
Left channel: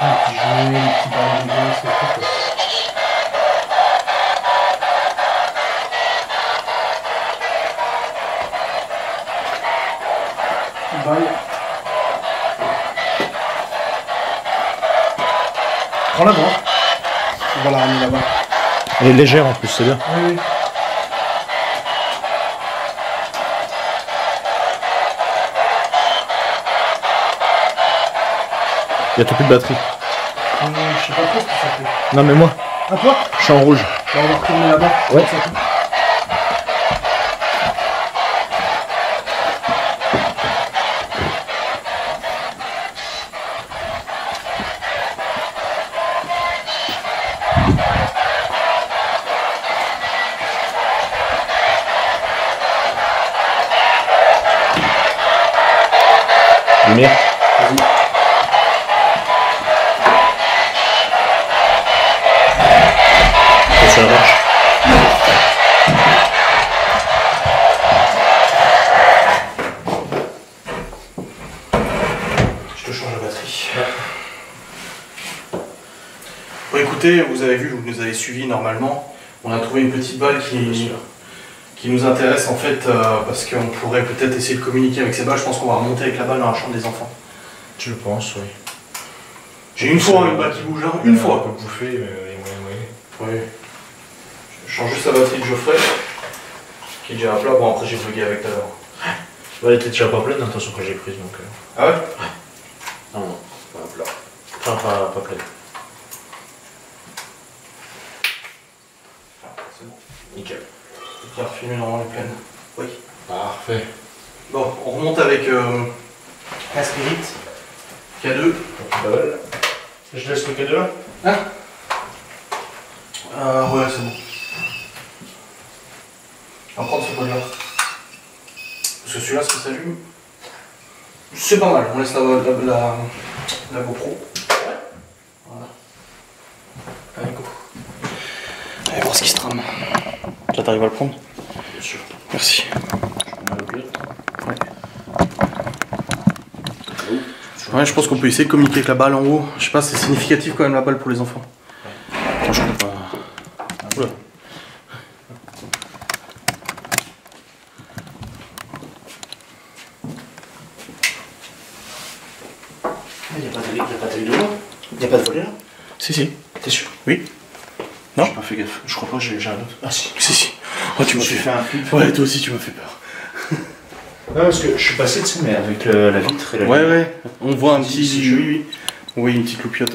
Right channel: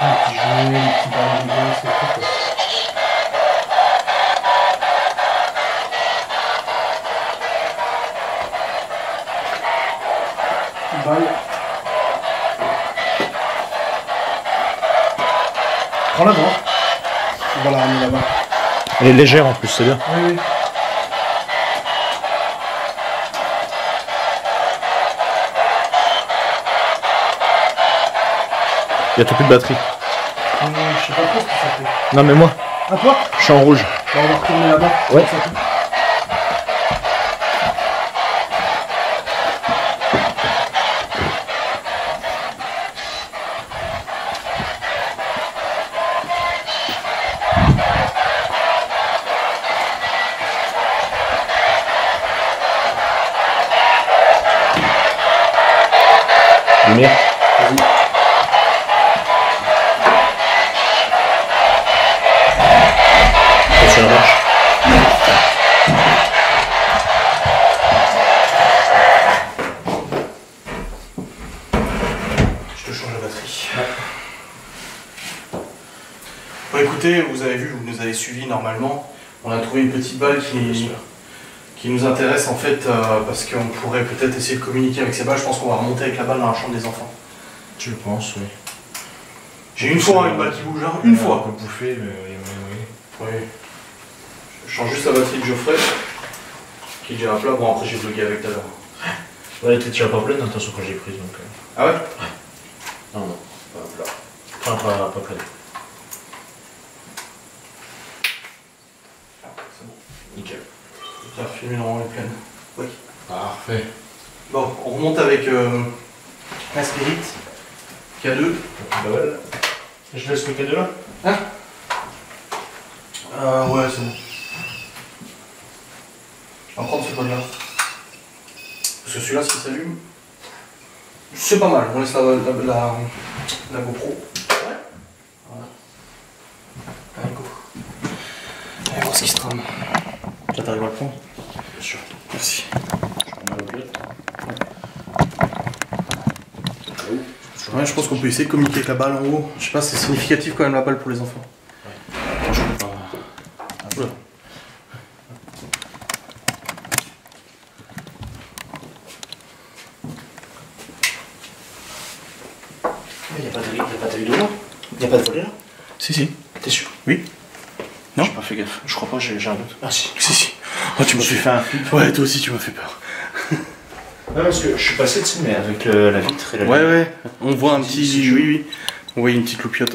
Un petit jouet, un petit ballon de gosse, c'est tout quoi. Balle. Prends la bas. On va la ramener là-bas. Elle est légère en plus, c'est bien. Oui, oui. Il y a tout plus de batterie. Je sais pas trop ce que ça fait. Non mais moi, À toi? je suis en rouge. Bah, on va retourner là-bas. Ouais. C'est tout. Lumière. Vas-y. Ça marche. Je te change la batterie. Bon écoutez, vous avez vu, vous nous avez suivis normalement. On a trouvé une petite balle qui nous intéresse en fait parce qu'on pourrait peut-être essayer de communiquer avec ces balles. Je pense qu'on va remonter avec la balle dans la chambre des enfants. Je pense, oui. J'ai une fois une balle qui bouge, hein. Une On fois. peut bouffer, mais Oui. Je change juste la batterie de Geoffrey, qui est déjà à plat. Bon après j'ai bloqué avec tout à l'heure. ouais, elle était déjà pas pleine, attention quand j'ai prise donc. Ah ouais? Non, non, pas plat. Enfin, pas pleine. Ah, c'est bon. Nickel. Bien filmé normalement les pleines. Oui. Parfait. Bon, on remonte avec la Spirit. K2. Belle. Je laisse le cadeau là? Hein? Ouais, c'est bon. On va prendre ce code-là. Parce que celui-là, ce qui s'allume, c'est pas mal. On laisse la GoPro. Ouais. Voilà. Allez, go. Allez voir ce qui se trame. Là, t'arrives à le prendre? Bien sûr. Merci. Je prends ma loquette. Ouais. Ouais, je pense qu'on peut essayer de communiquer avec la balle en haut. Je sais pas, c'est significatif quand même la balle pour les enfants. Attends, je peux pas. Oula. Il n'y a pas de dedans? Il n'y a pas de volet là? Si. T'es sûr? Oui. Non? J'ai pas fait gaffe. Je crois pas, j'ai un doute. Ah si. Si. Oh, tu m'as Je me suis fait. fait un flip. Ouais, toi aussi, tu m'as fait peur. Non, parce que je suis passé, tu sais, mais avec la vitre et la Ouais, lumière. ouais, on voit un petit. Si, Oui, oui. On voit une petite loupiote.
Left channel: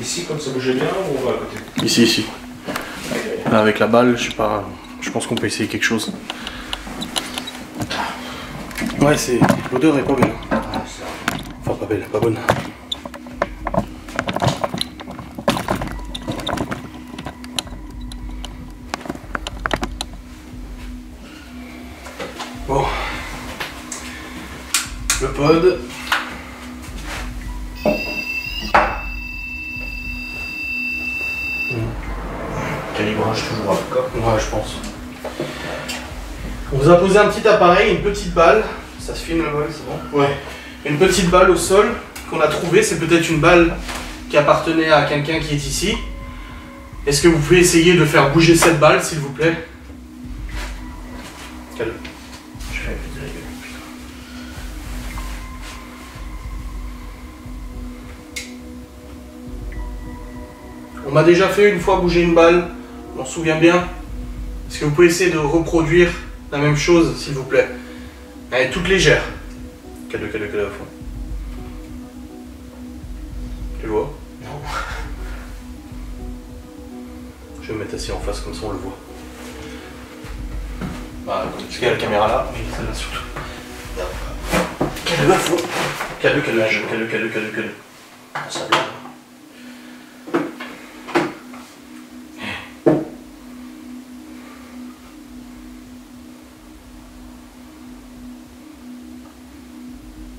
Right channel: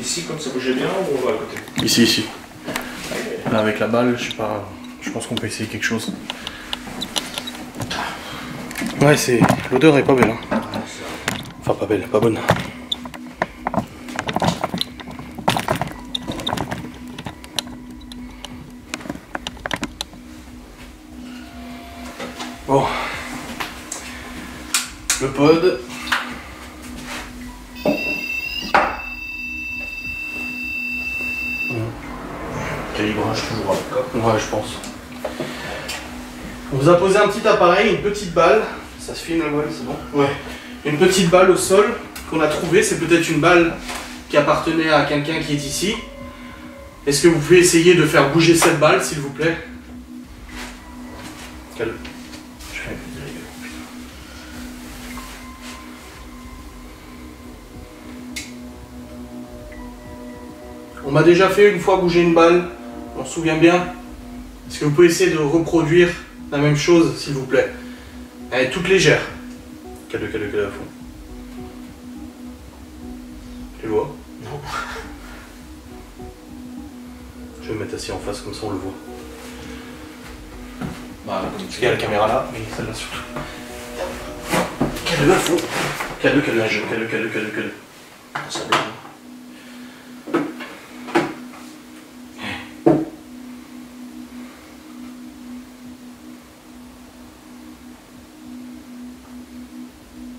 Ici, comme ça bougeait bien, ou on va à côté? Ici, ici. Là, avec la balle, je sais pas. Je pense qu'on peut essayer quelque chose. Ouais, c'est. L'odeur est pas belle. Hein. Enfin, pas belle, pas bonne. Bon. Le pod. Calibrage toujours à quoi? Ouais, je pense. On vous a posé un petit appareil, une petite balle. Ça se filme la balle, c'est bon? Ouais. Une petite balle au sol qu'on a trouvée. C'est peut-être une balle qui appartenait à quelqu'un qui est ici. Est-ce que vous pouvez essayer de faire bouger cette balle, s'il vous plaît? Calme. Je vais péter la gueule. On m'a déjà fait une fois bouger une balle. On s'en souvient bien. Est-ce que vous pouvez essayer de reproduire la même chose, s'il vous plaît? Elle est toute légère. Calme à fond. Tu le vois? Non. Je vais me mettre assis en face, comme ça on le voit. Bah, Parce qu'il y a la caméra là, mais celle-là surtout. Calme à fond. Calme. ça blague.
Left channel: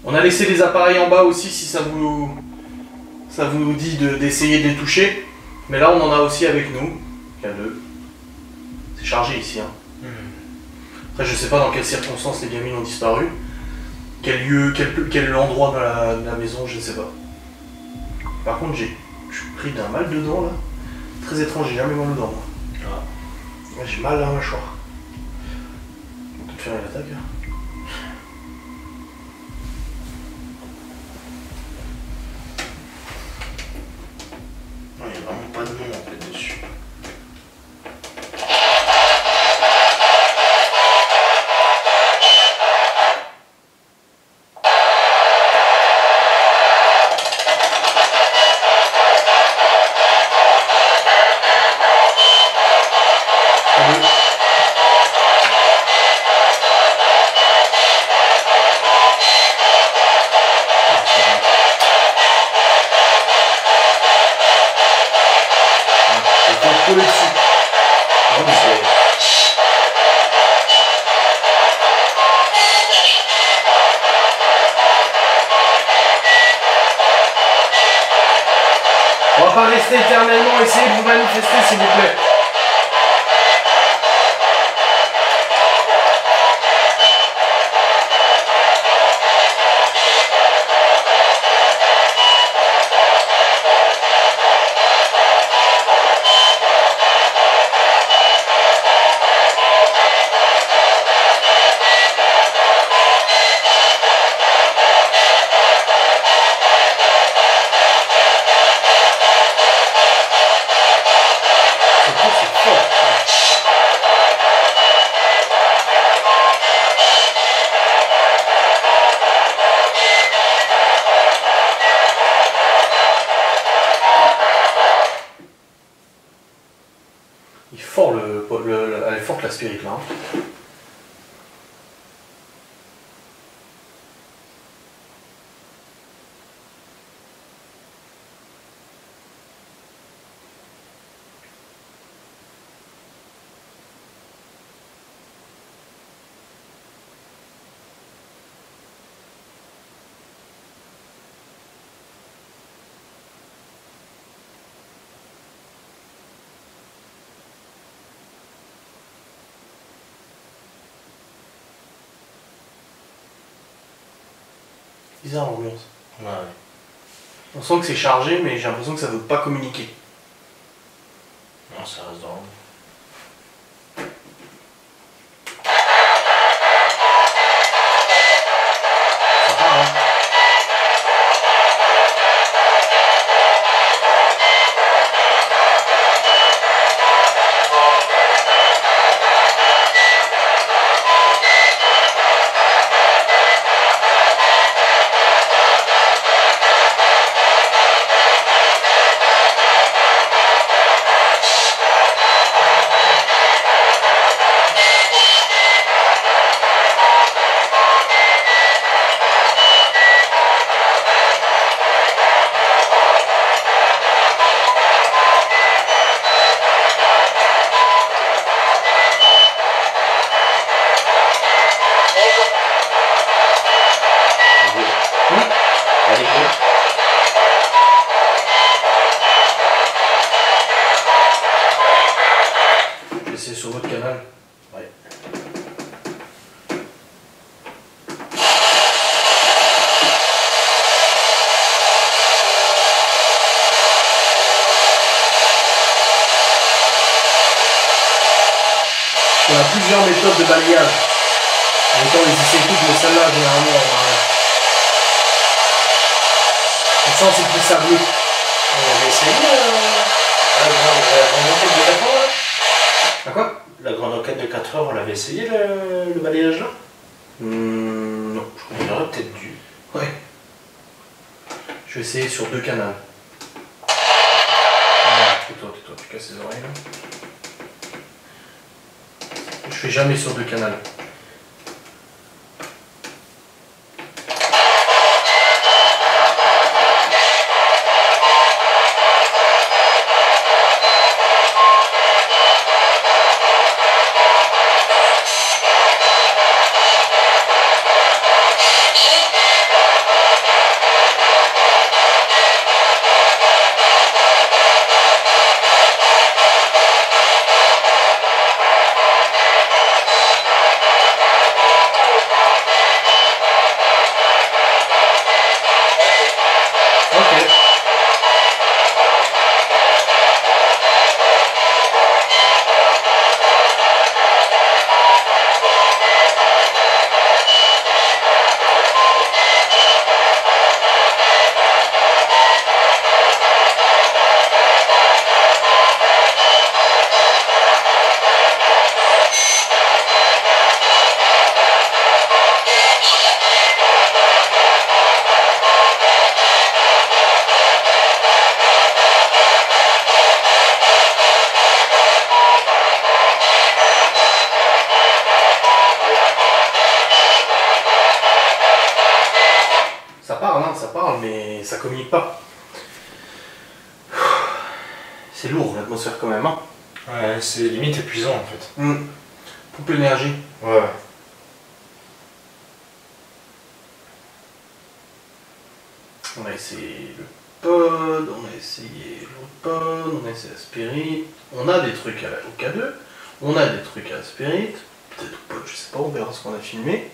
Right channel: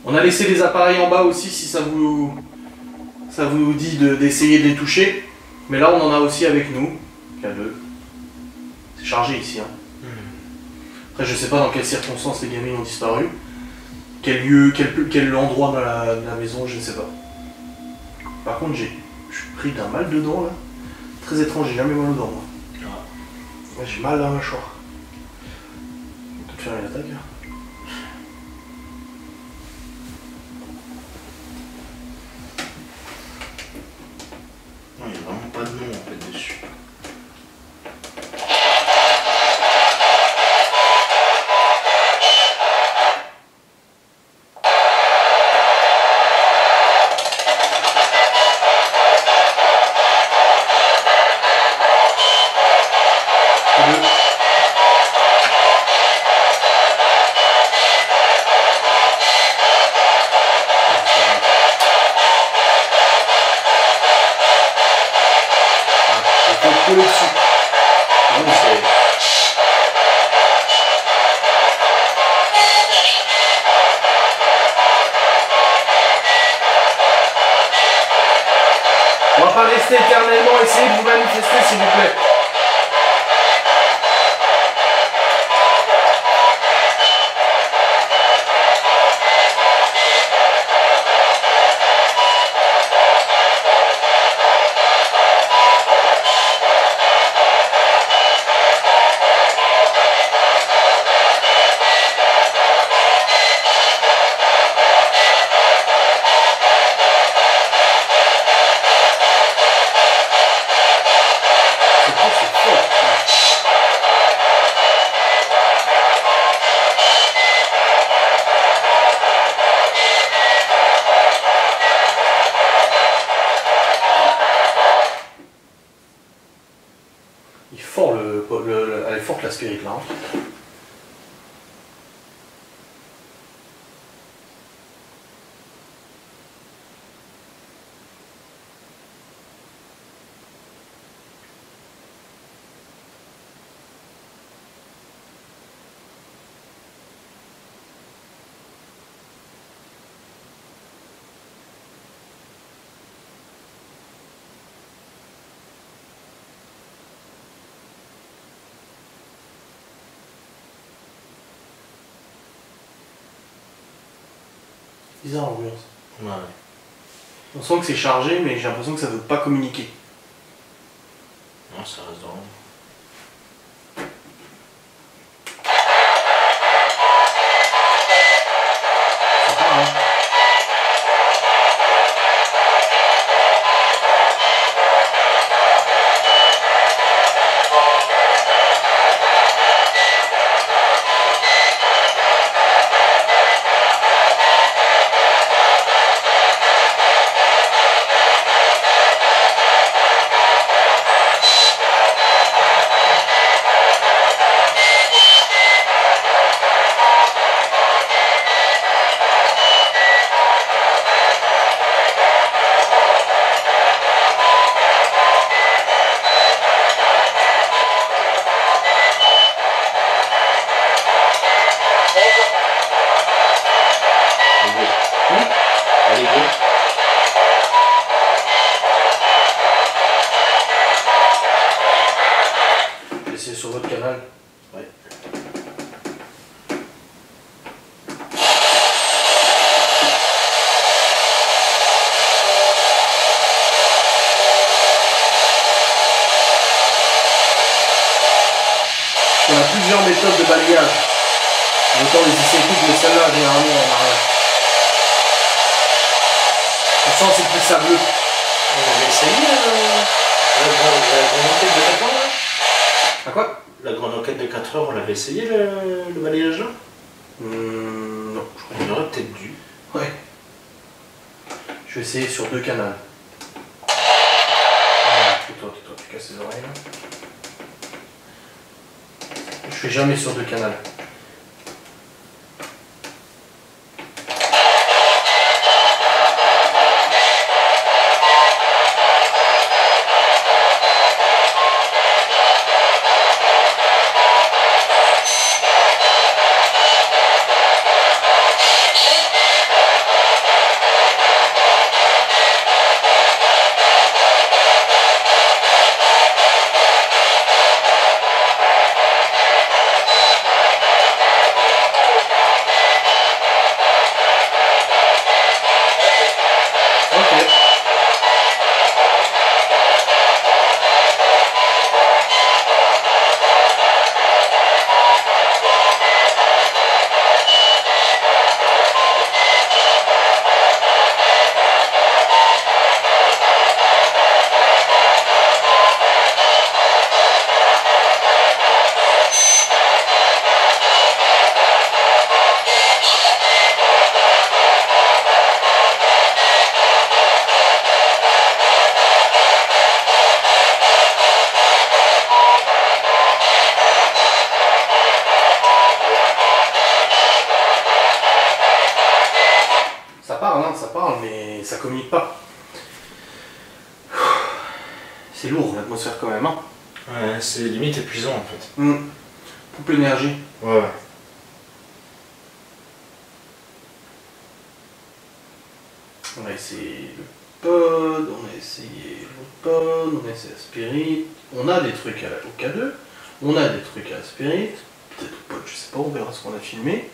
On a laissé les appareils en bas aussi si ça vous dit d'essayer de les toucher. Mais là on en a aussi avec nous. Calme. C'est chargé ici. Hein. Après je sais pas dans quelles circonstances les gamines ont disparu. Quel lieu, quel endroit dans la maison, je ne sais pas. Par contre je suis pris d'un mal dedans là. Très étrange, j'ai jamais mal aux dents moi. Ah. Ouais, j'ai mal à la mâchoire. On peut te faire une attaque. Hein. Non, il n'y a vraiment pas de nom en fait dessus. Coller dessus. Ah oui, on va pas rester éternellement, essayez de vous manifester s'il vous plaît. C'est fort. Il est fort elle est forte la spirit là. Hein. Bizarre l'ambiance. Ouais. On sent que c'est chargé, mais j'ai l'impression que ça veut pas communiquer. Non, ça reste dans l'ombre. Sympa, hein. sur votre canal. Ouais. On a plusieurs méthodes de balayage. Autant les essais toutes, mais celle-là, généralement, on a rien. On sent c'est plus sableux. On avait essayé la grande enquête de 4 heures là. À quoi? La grande enquête de 4 heures, on l'avait essayé le balayage là. Non, je crois On aurait peut-être dû. Ouais. Je vais essayer sur 2 canaux. Ah, tais-toi, tu casses les oreilles là. Je fais jamais sur 2 canaux. Ça parle, mais ça communique pas. C'est lourd l'atmosphère quand même, hein. Ouais, c'est limite épuisant en fait. Coupe l'énergie. Ouais. On a essayé le pod, on a essayé l'autre pod, on a essayé la spirit. On a des trucs au K2, on a des trucs à la spirit, peut-être au pod, je sais pas, on verra ce qu'on a filmé.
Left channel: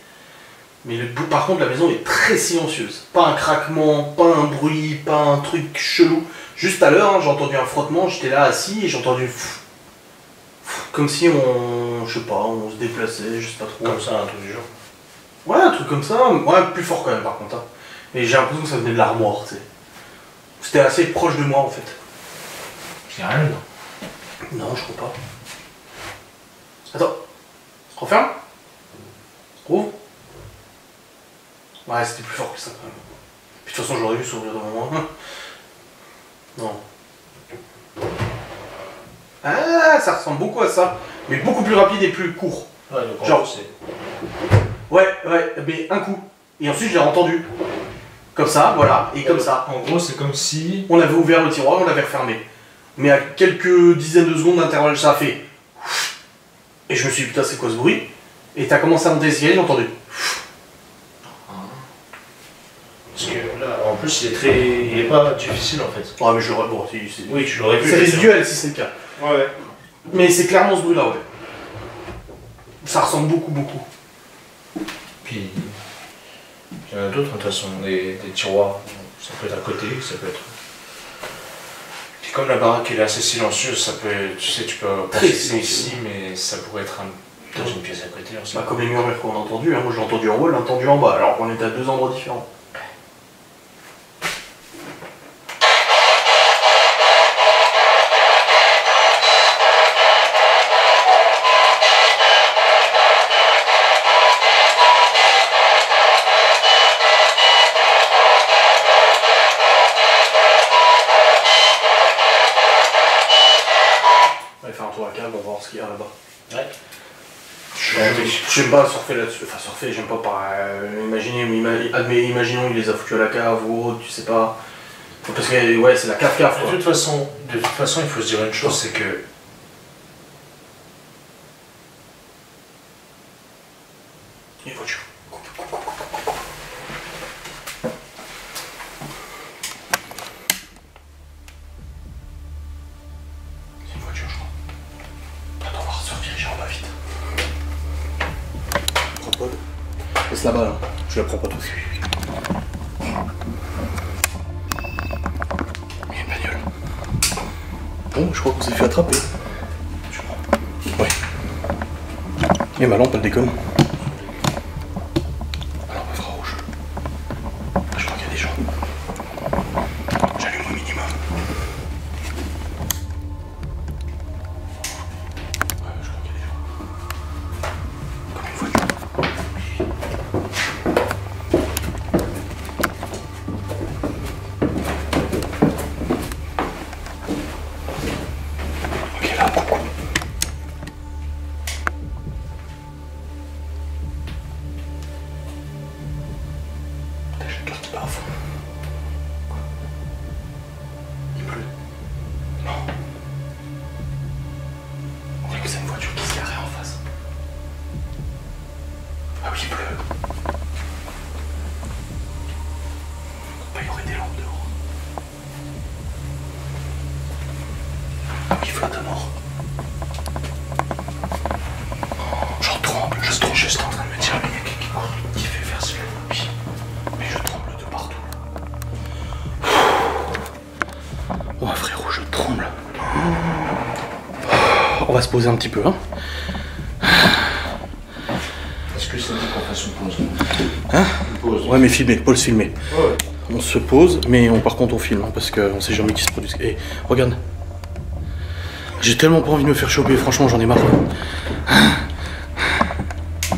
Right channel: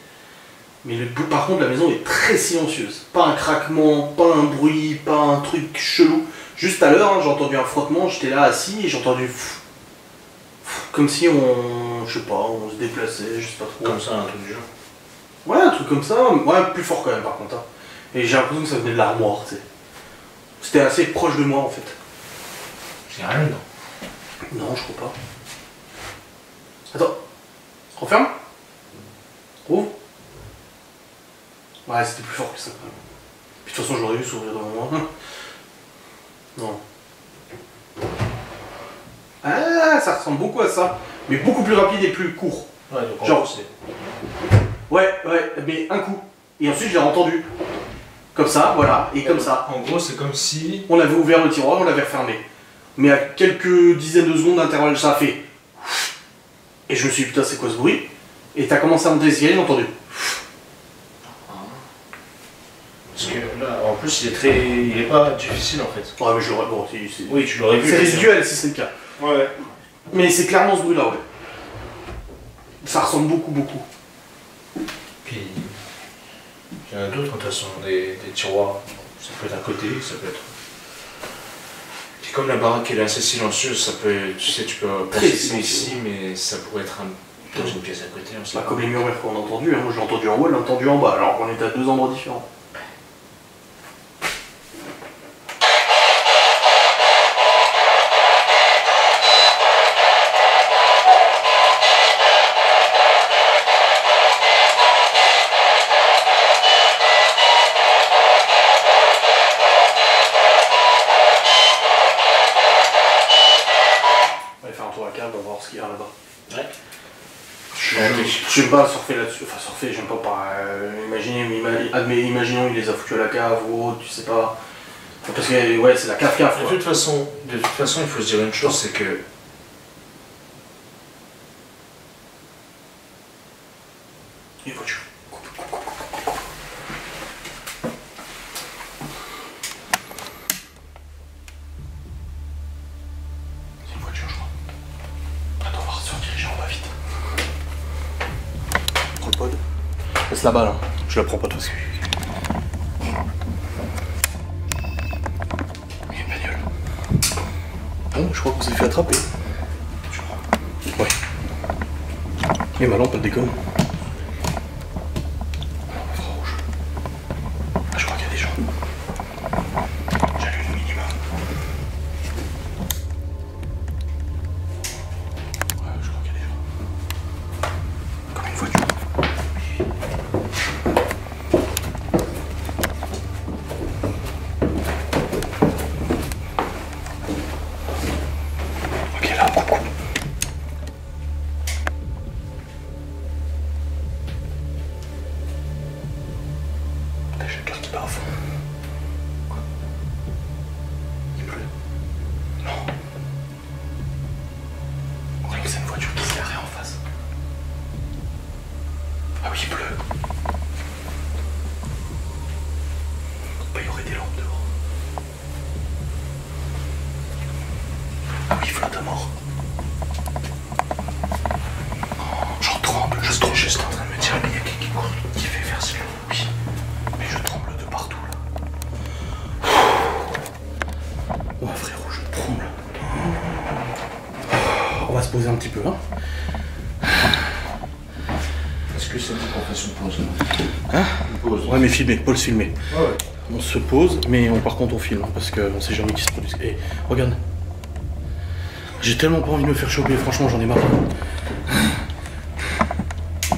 Mais par contre, la maison est très silencieuse. Pas un craquement, pas un bruit, pas un truc chelou. Juste à l'heure, hein, j'ai entendu un frottement, j'étais là assis et j'ai entendu comme si on, je sais pas, on se déplaçait, je sais pas trop. Comme ça, un truc du genre. Ouais, un truc comme ça, ouais, plus fort quand même par contre. Hein. Et j'ai l'impression que ça venait de l'armoire, tu sais. C'était assez proche de moi en fait. C'est rien dedans. Non, je crois pas. Attends. Referme. Ouvre. Ouais, c'était plus fort que ça quand même. Puis de toute façon, j'aurais dû s'ouvrir devant moi. Non. Ah, ça ressemble beaucoup à ça. Mais beaucoup plus rapide et plus court. Ouais, donc en Genre. gros, c'est. Ouais, mais un coup. Et ensuite, je l'ai entendu. Comme ça, voilà, et comme ça. En gros, c'est comme si. On avait ouvert le tiroir, on l'avait refermé. Mais à quelques dizaines de secondes d'intervalle, ça a fait. Et je me suis dit, putain, c'est quoi ce bruit? Et t'as commencé à monter l'escalier, j'ai entendu. Parce que là, en plus, il est pas difficile en fait. Ouais, mais j'aurais. Bon, Oui, tu l'aurais vu. c'est résiduel si c'est le cas. Ouais. Mais c'est clairement ce bruit-là, ouais. Ça ressemble beaucoup. Puis. Il y en a d'autres, de toute façon, des tiroirs. Ça peut être à côté, ça peut être. Puis comme la baraque elle est assez silencieuse, ça peut. Tu sais, tu peux penser que c'est ici, mais ça pourrait être dans une pièce à côté. On sait Bah, pas. comme les murmures qu'on a entendus, hein. Moi j'ai entendu en haut, elle a entendu en bas, alors qu'on était à 2 endroits différents. On va faire un tour à câble, on va voir ce qu'il y a là-bas. Ouais. J'aime pas surfer là-dessus, enfin surfer, j'aime pas par imaginer, mais imaginons il les a foutus à la cave ou autre, tu sais pas. Parce que ouais, c'est la cave-cave De quoi. toute façon, il faut se dire une chose, c'est que. Une voiture. C'est une voiture, je crois. Attends, on va se rediriger. vite. Propode. Laisse la balle, hein. Je la prends pas tout de suite. Il y a une bagnole. Bon, je crois qu'on s'est fait attraper. Ouais. Et ma lampe, elle déconne. La lampe infrarouge. Je crois qu'il y a des gens. J'allume au minimum. Ouais, je crois qu'il y a des gens. Comme une voiture. Ok, là, coucou. J'ai le cœur qui bat à fond. Quoi? Il pleut? Non. On dirait que c'est une voiture qui se garait en face. Ah oui, il pleut. Bah, il y aurait des lampes dehors. Ah oui, il flotte à mort. J'en tremble, je suis juste en train de me dire, mais il y a quelqu'un qui court, qui fait vers ce oui. Mais je tremble de partout là. Oh frérot, je tremble. On va se poser un petit peu, hein. Est-ce que ça dit qu'on fasse une pause? Hein? Une pause. Ouais, mais filmer, Paul se filmer. Ouais. On se pose, mais par contre on filme, hein, parce qu'on sait jamais qui se produit. Eh, regarde. J'ai tellement pas envie de me faire choper, franchement j'en ai marre.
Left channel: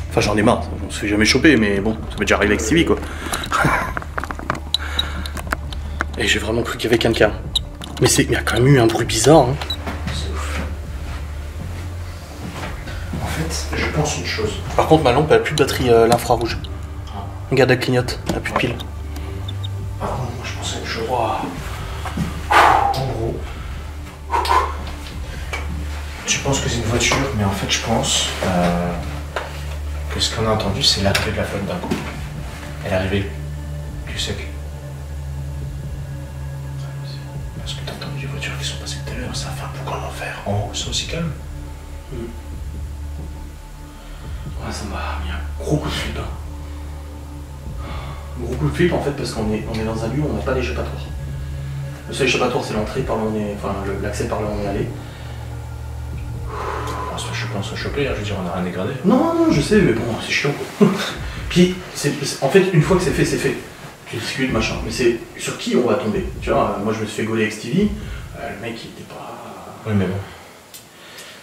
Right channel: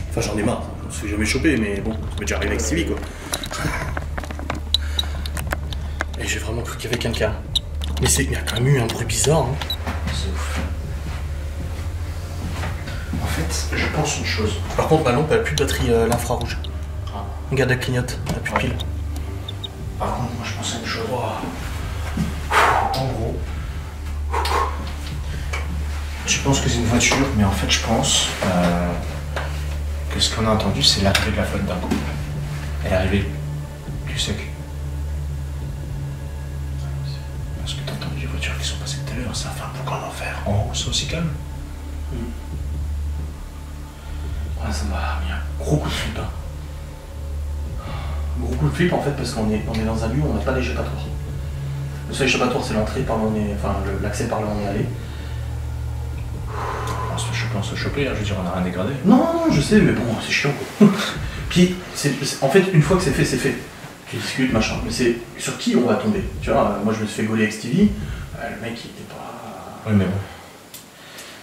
Enfin j'en ai marre, on se fait jamais choper, mais bon, ça m'est déjà arrivé avec Stevie quoi. Et j'ai vraiment cru qu'il y avait quelqu'un. Mais il y a quand même eu un bruit bizarre. Hein. C'est ouf. En fait, je pense une chose. Par contre ma lampe elle a plus de batterie l'infrarouge. Regarde elle clignote, elle a plus de pile. Par contre, moi je pense à une chose. Wow. En gros, tu penses que c'est une voiture, mais en fait je pense que ce qu'on a entendu c'est l'arrivée de la flotte d'un coup. Elle est arrivée du sec. Parce que t'as entendu les voitures qui sont passées tout à l'heure, ça a fait un peu comme l'enfer. En haut, c'est aussi calme. Ouais, ça m'a mis un gros coup de flip. Hein. Gros coup de flip en fait parce qu'on est dans un lieu où on n'a pas d'échappatoire. Le seul échappatoire c'est l'entrée par là on est. Enfin l'accès par là on est allé. On se fait choper, on se fait choper, hein, je veux dire, on n'a rien dégradé. Non, je sais, mais bon, c'est chiant quoi. Puis en fait une fois que c'est fait, c'est fait. Tu discutes, machin. Mais c'est sur qui on va tomber. Tu vois, moi je me suis fait gauler avec Stevie. Le mec il était pas. Oui, mais bon.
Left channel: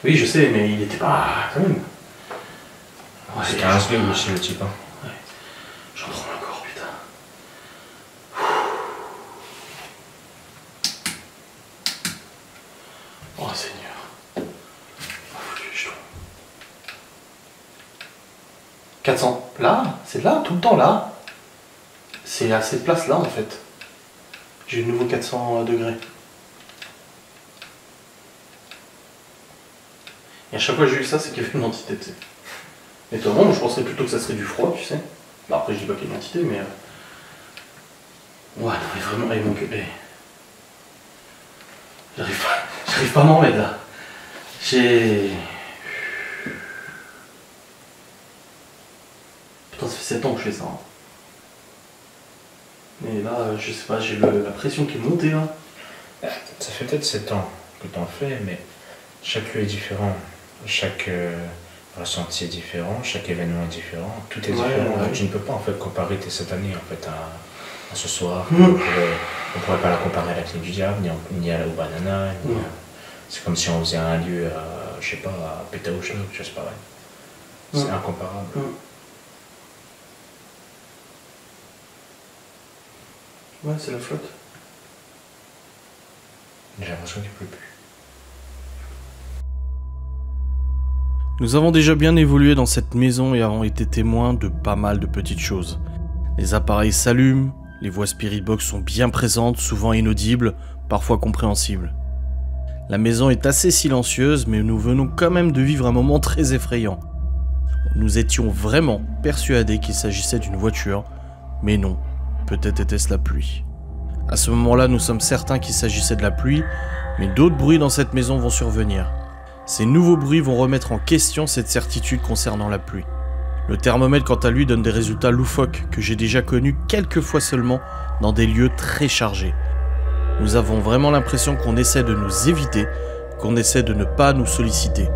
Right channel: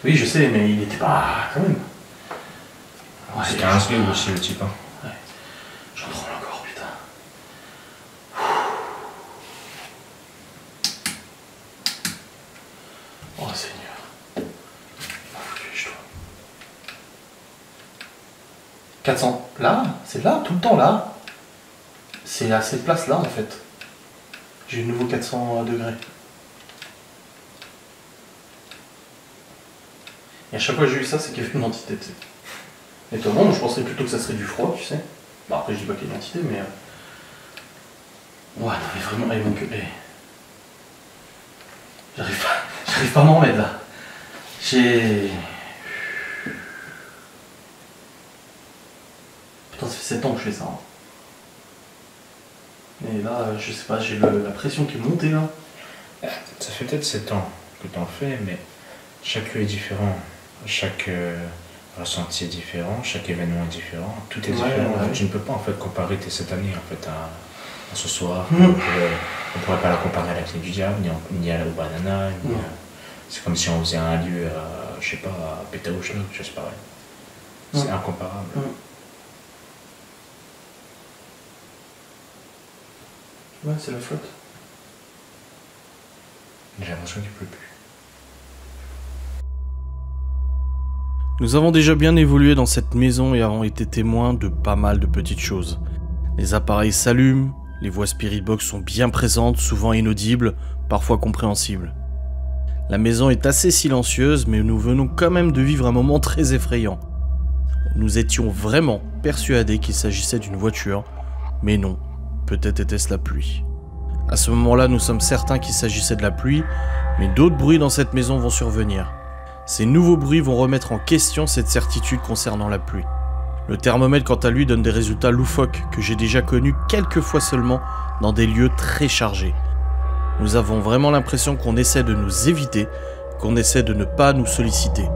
Oui, je sais, mais il était pas. Quand même. Ouais, C'était un SB aussi le type. Hein. Ouais. J'en tremble encore, putain. Oh Seigneur. Ah, foutu les jetons. 400. Là? C'est là? Tout le temps là? C'est à cette place là en fait. J'ai eu de nouveau 400 degrés. Et à chaque fois que j'ai eu ça, c'est qu'il y avait une entité, tu sais. Et toi, bon, je penserais plutôt que ça serait du froid, tu sais. Bah après, je dis pas qu'il y a une entité, mais... Ouais, non, mais vraiment, il manque... J'arrive pas à m'en remettre, là. J'ai... Putain, ça fait 7 ans que je fais ça. Hein. Mais là, je sais pas, j'ai la pression qui est montée, là. Ça fait peut-être 7 ans que t'en fais, mais chaque lieu est différent. Chaque ressenti est différent, chaque événement est différent, tout est différent. Ouais. Tu ne peux pas en fait comparer tes 7 années en fait à ce soir. On pourrait pas la comparer à la Clé du Diable, ni au Banana. C'est comme si on faisait un lieu à, je sais pas, à Pétaouchnok, tu vois, c'est pareil. C'est incomparable. Ouais, c'est la flotte. J'ai l'impression qu'il pleut plus. Nous avons déjà bien évolué dans cette maison et avons été témoins de pas mal de petites choses. Les appareils s'allument, les voix Spirit Box sont bien présentes, souvent inaudibles, parfois compréhensibles. La maison est assez silencieuse, mais nous venons quand même de vivre un moment très effrayant. Nous étions vraiment persuadés qu'il s'agissait d'une voiture, mais non, peut-être était-ce la pluie. À ce moment-là, nous sommes certains qu'il s'agissait de la pluie, mais d'autres bruits dans cette maison vont survenir. Ces nouveaux bruits vont remettre en question cette certitude concernant la pluie. Le thermomètre quant à lui donne des résultats loufoques que j'ai déjà connus quelques fois seulement dans des lieux très chargés. Nous avons vraiment l'impression qu'on essaie de nous éviter, qu'on essaie de ne pas nous solliciter.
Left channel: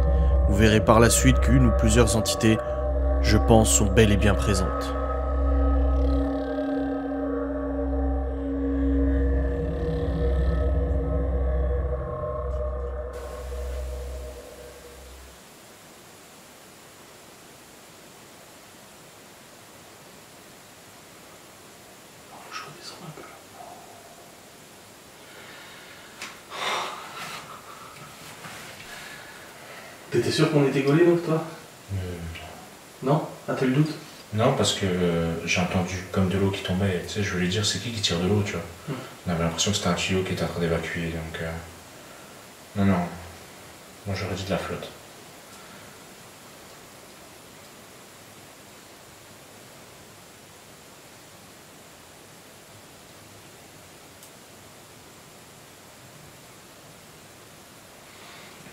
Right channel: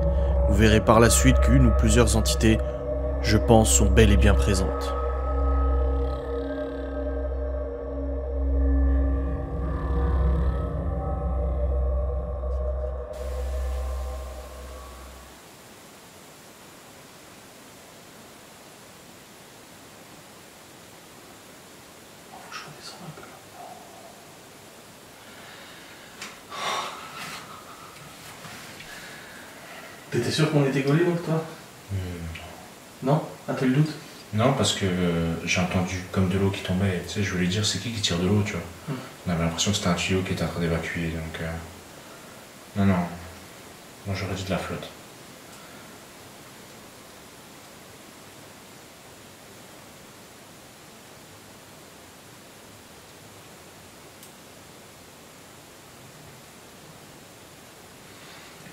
Vous verrez par la suite qu'une ou plusieurs entités, je pense, sont bel et bien présentes. Je redescends un peu là. T'étais sûr qu'on était gaulé donc toi? Non? Ah t'as eu le doute? Non, parce que j'ai entendu comme de l'eau qui tombait. Tu sais, je voulais dire, c'est qui tire de l'eau, tu vois. On avait l'impression que c'était un tuyau qui était en train d'évacuer, donc... Non, non. Moi, j'aurais dit de la flotte.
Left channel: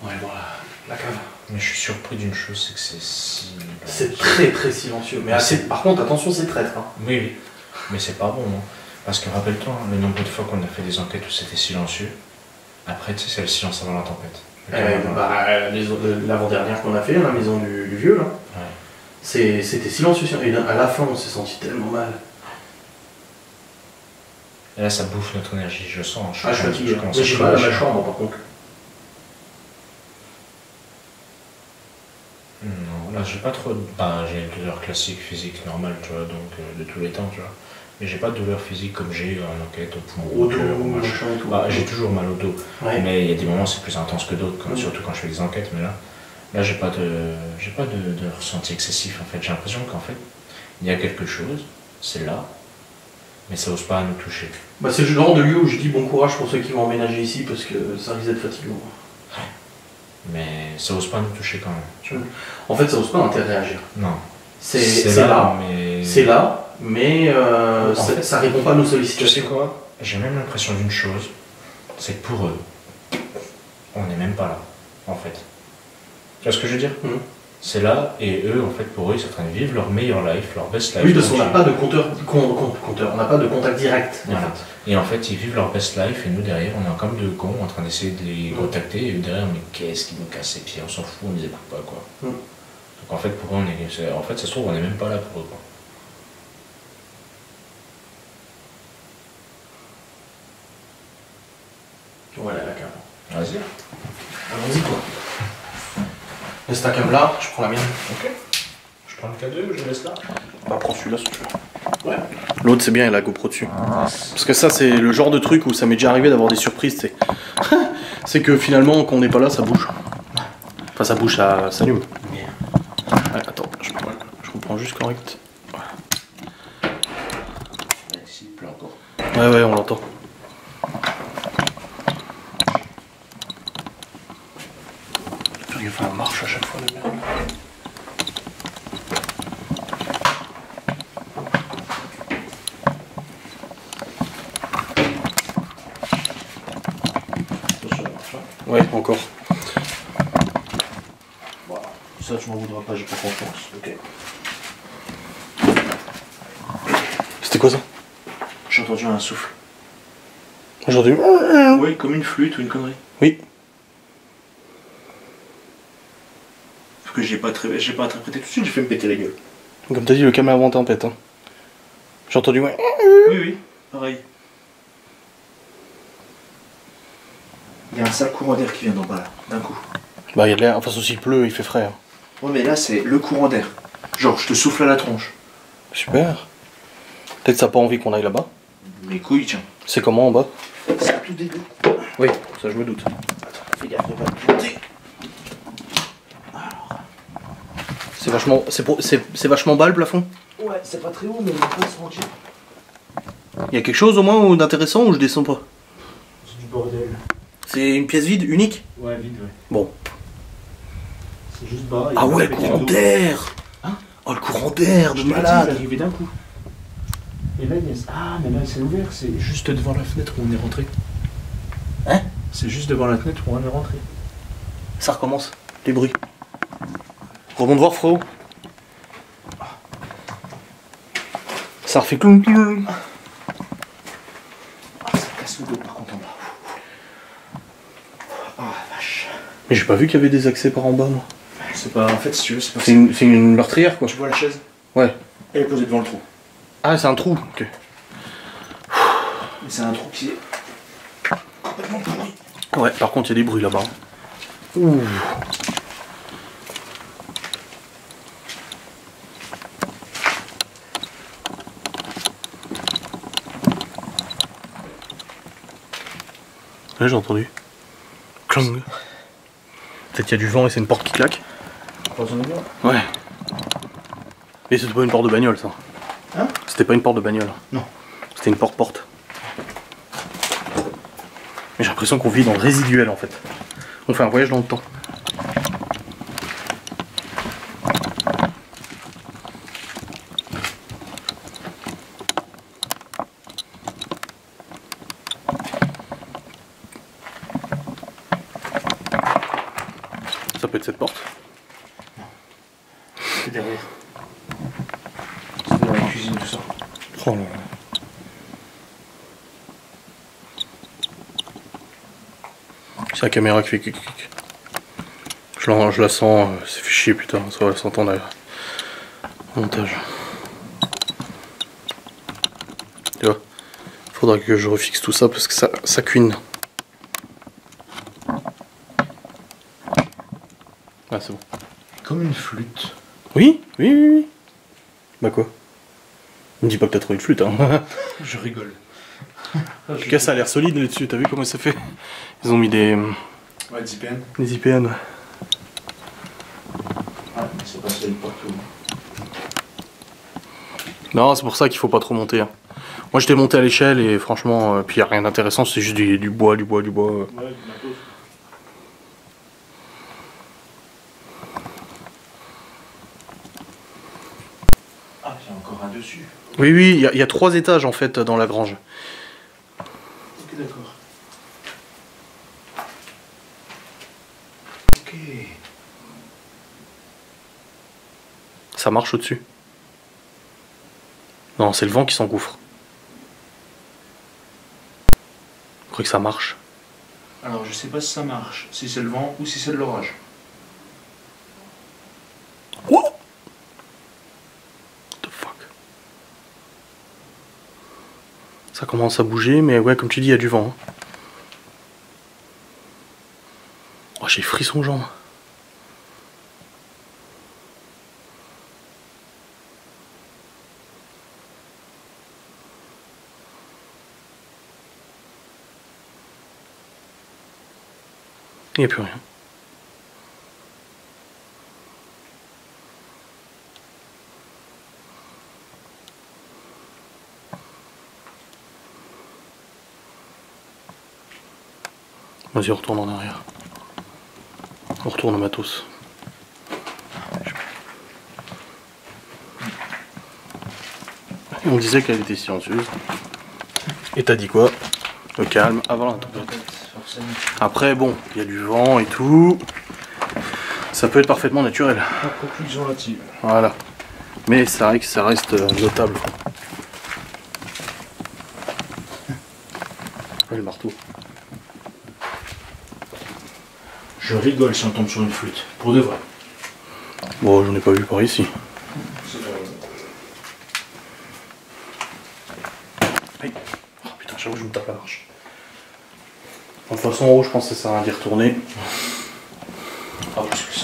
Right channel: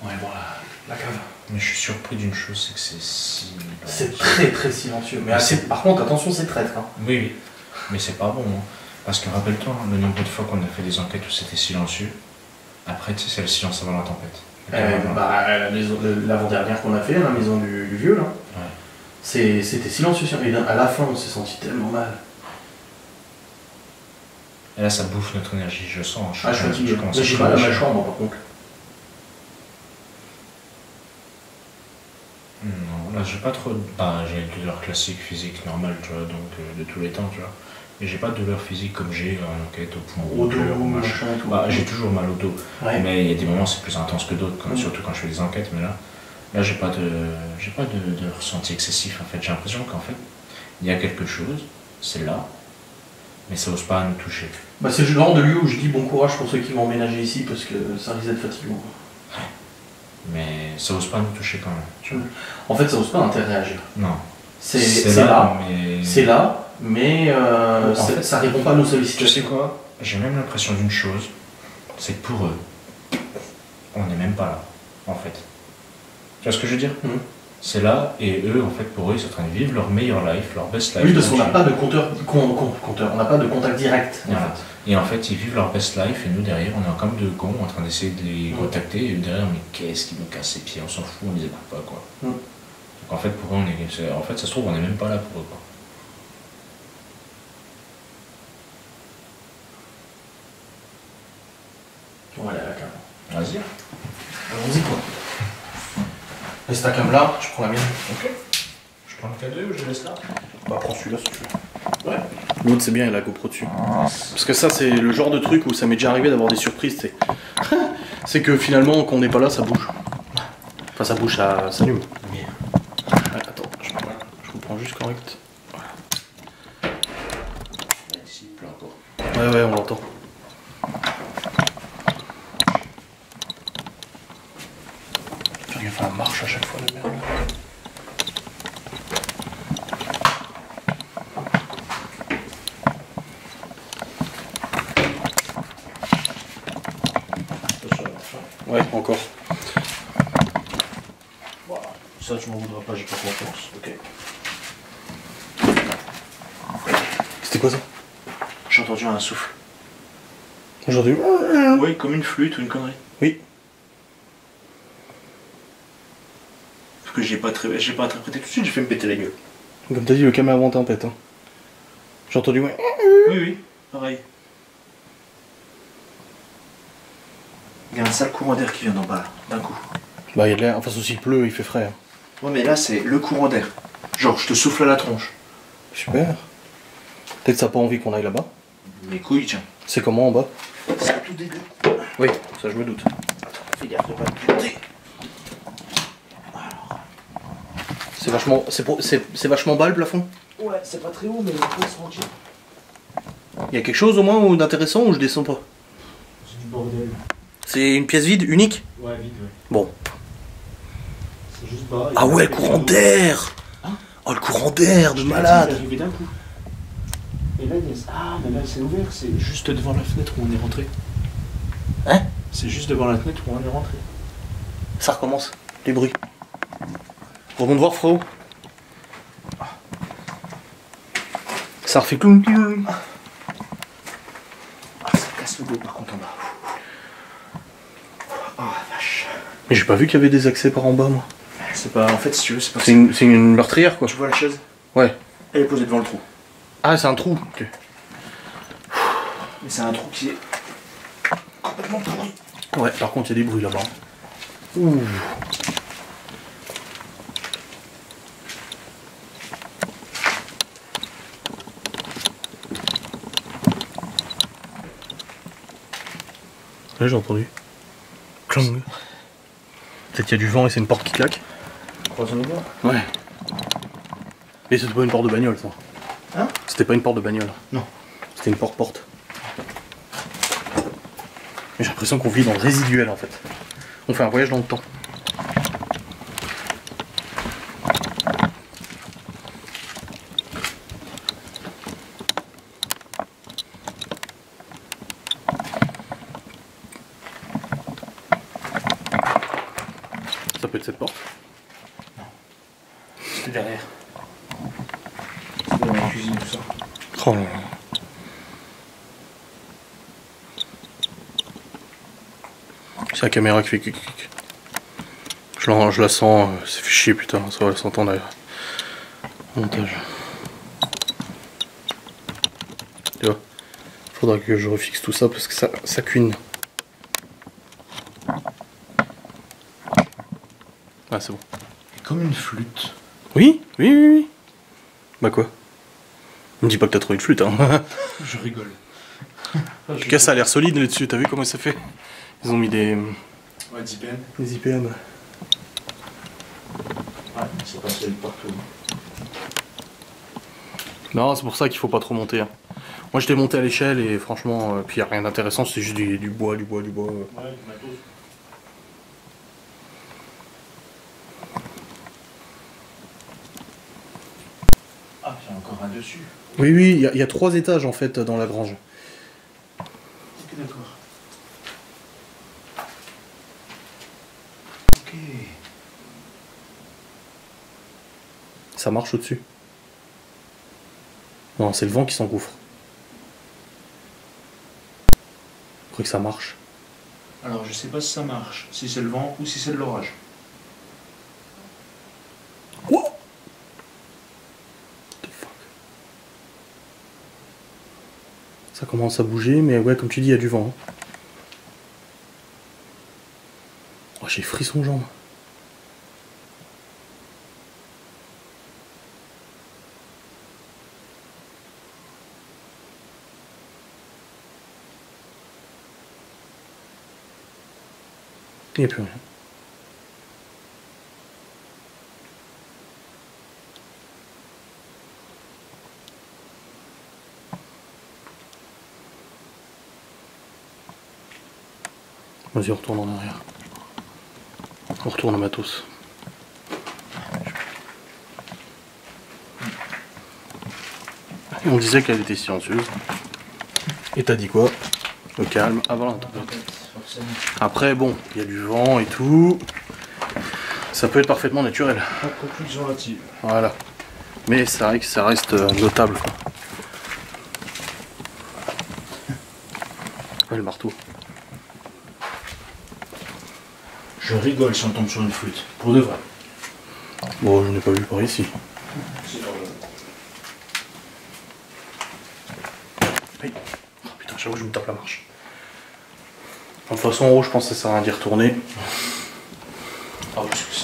Ouais, bon, la cave. Mais je suis surpris d'une chose, c'est que c'est si... C'est très très silencieux. Mais assez, par contre, attention, c'est traître. Hein. Oui, oui. Mais c'est pas bon, hein. Parce que rappelle-toi, le nombre de fois qu'on a fait des enquêtes où c'était silencieux, après, tu sais, c'est le silence avant la tempête. L'avant-dernière qu'on a fait, la maison du vieux, là, Ouais. c'était silencieux. Et à la fin, on s'est senti tellement mal. Et là, ça bouffe notre énergie, je sens. Je suis fatigué. commence Mais à j'ai mal à ma crever. chambre, par contre. Non, là, j'ai pas trop... Bah, j'ai une douleur classique, physique, normale, tu vois, donc de tous les temps, tu vois. Mais j'ai pas de douleur physique comme j'ai en enquête, au poumon, Au dos, au machin. machin et tout. Bah, j'ai toujours mal au dos. Ouais. Mais il y a des moments c'est plus intense que d'autres, surtout quand je fais des enquêtes. Mais là j'ai pas de ressenti excessif en fait. J'ai l'impression qu'en fait, il y a quelque chose, c'est là, mais ça ose pas nous toucher. Bah, c'est le genre de lieu où je dis bon courage pour ceux qui vont emménager ici parce que ça risque d'être fatigant. Mais ça ose pas nous toucher quand même. Tu vois. En fait, ça ose pas interagir. Non. C'est là, mais... c'est là, mais En fait, ça répond pas à nos Tu sais sollicitations. quoi? J'ai même l'impression d'une chose, c'est que pour eux, on n'est même pas là, en fait. Tu vois ce que je veux dire? C'est là, et eux, en fait, pour eux, ils sont en train de vivre leur meilleure life, leur best life. Oui, parce qu'on n'a pas de compteur, on n'a pas de contact direct. En Voilà. fait. Et en fait, ils vivent leur best life, et nous, derrière, on est comme deux cons en train d'essayer de les contacter, et eux, derrière, mais qu'est-ce qui nous casse les pieds? On s'en fout, on les écoute pas, quoi. Donc, en fait, pour eux, en fait, ça se trouve, on n'est même pas là pour eux, quoi. Voilà, la cam. Vas-y. Allons-y, quoi. Laisse ta cam là, je prends la mienne. Ok. Je prends le K2 ou je laisse là? Bah, prends celui-là si tu veux. Ouais. L'autre, c'est bien, il a la GoPro dessus. Parce que ça, c'est le genre de truc où ça m'est déjà arrivé d'avoir des surprises, c'est... c'est que finalement, quand on n'est pas là, ça bouge. Enfin, ça bouge, ça s'allume. Ouais, attends, je reprends juste correct. Voilà. Ici, il pleut encore. Ouais, on l'entend. Faire gaffe à la marche à chaque fois, de merde. Attention à la marche, hein. Ouais, encore. Voilà. Ça, tu m'en voudras pas, j'ai pas confiance. Ok. C'était quoi ça? J'ai entendu un souffle. Aujourd'hui. Oui, comme une flûte ou une connerie. Oui. Parce que j'ai pas interprété tout de suite, j'ai fait me péter la gueule. Comme t'as dit, le caméra avant tempête. Hein. J'ai entendu, ouais. Oui, pareil. Il y a un sale courant d'air qui vient d'en bas, là, d'un coup. Bah, il y a de l'air. Enfin, aussi, il pleut, il fait frais. Hein. Ouais, mais là, c'est le courant d'air. Genre, je te souffle à la tronche. Super. Peut-être ça n'a pas envie qu'on aille là-bas. Mes couilles, tiens. C'est comment en bas? C'est à tout début. Oui, ça je me doute. Fais gaffe de pas te planter. C'est vachement, c'est vachement bas le plafond. Ouais, c'est pas très haut, mais on peut se mentir. Il y a quelque chose au moins d'intéressant ou je descends pas? C'est du bordel. C'est une pièce vide, unique? Ouais, vide, ouais. Bon. C'est juste bas. Ah ouais, le courant d'air! Hein? Oh, le courant d'air de malade! Il est arrivé d'un coup. Et là, il y a... Ah, mais là, c'est ouvert, c'est juste devant la fenêtre où on est rentré. Hein? C'est juste devant la fenêtre où on est rentré. Ça recommence. les bruits. Rebond de voir, frérot. Ça refait cloum cloum. Ah, ça casse le dos par contre en bas. Oh la vache. Mais j'ai pas vu qu'il y avait des accès par en bas, moi. C'est pas. En fait, si tu veux, c'est pas. C'est une meurtrière, quoi. Tu vois la chaise? Ouais. Elle est posée devant le trou. Ah, c'est un trou. Ok. Mais c'est un trou qui est complètement pourri. Ouais, par contre, il y a des bruits là-bas. Ouh. Ouais, j'ai entendu. Clang. Peut-être qu'il y a du vent et c'est une porte qui claque. Ouais. Mais c'était pas une porte de bagnole, ça. Hein? C'était pas une porte de bagnole. Non. C'était une porte-porte. Mais j'ai l'impression qu'on vit dans le résiduel, en fait. On fait un voyage dans le temps. Ça peut être cette porte. C'est derrière. C'est dans la cuisine, tout ça. Oh là là. C'est la caméra qui fait clic clic. Je la sens, c'est fait chier putain, ça va s'entendre au montage. Tu vois, faudra que je refixe tout ça parce que ça cuine. Ah c'est bon. Comme une flûte. Oui, oui, oui, oui. Bah quoi? Me dis pas que t'as trouvé une flûte, hein. Je rigole. En tout cas, ça a l'air solide là-dessus, t'as vu comment ça fait? Ils ont mis des Ouais, 10 des IPN. Ouais, mais c'est pas solide partout. Non, c'est pour ça qu'il faut pas trop monter. Hein. Moi j'étais monté à l'échelle et franchement, puis y a rien d'intéressant, c'est juste du bois, du bois, du bois. Ouais, du matos. Ah, il y a encore un dessus. Oui, oui, il y a 3 étages en fait dans la grange. Ok, d'accord. Ok. Ça marche au-dessus. Non, c'est le vent qui s'engouffre. Je crois que ça marche. Alors, je sais pas si ça marche, si c'est le vent ou si c'est de l'orage. What the fuck? Ça commence à bouger, mais ouais, comme tu dis, il y a du vent. Hein. Oh, j'ai frisson aux jambes. Il n'y a plus rien. Vas-y, on retourne en arrière. On retourne au matos. Et on disait qu'elle était silencieuse. Et t'as dit quoi? Le calme avant la tempête. Après, bon, il y a du vent et tout. Ça peut être parfaitement naturel. Conclusion là-dessus. Voilà. Mais c'est vrai que ça reste notable. Quoi. Ouais, le marteau. Je rigole si on tombe sur une flûte. Pour de vrai. Bon, j'en ai pas vu par ici. C'est pas vrai. Aïe. Oh, putain, j'avoue, je me tape la marche. De toute façon, en haut, je pense que ça sert à rien d'y retourner. Ah, plus que ça.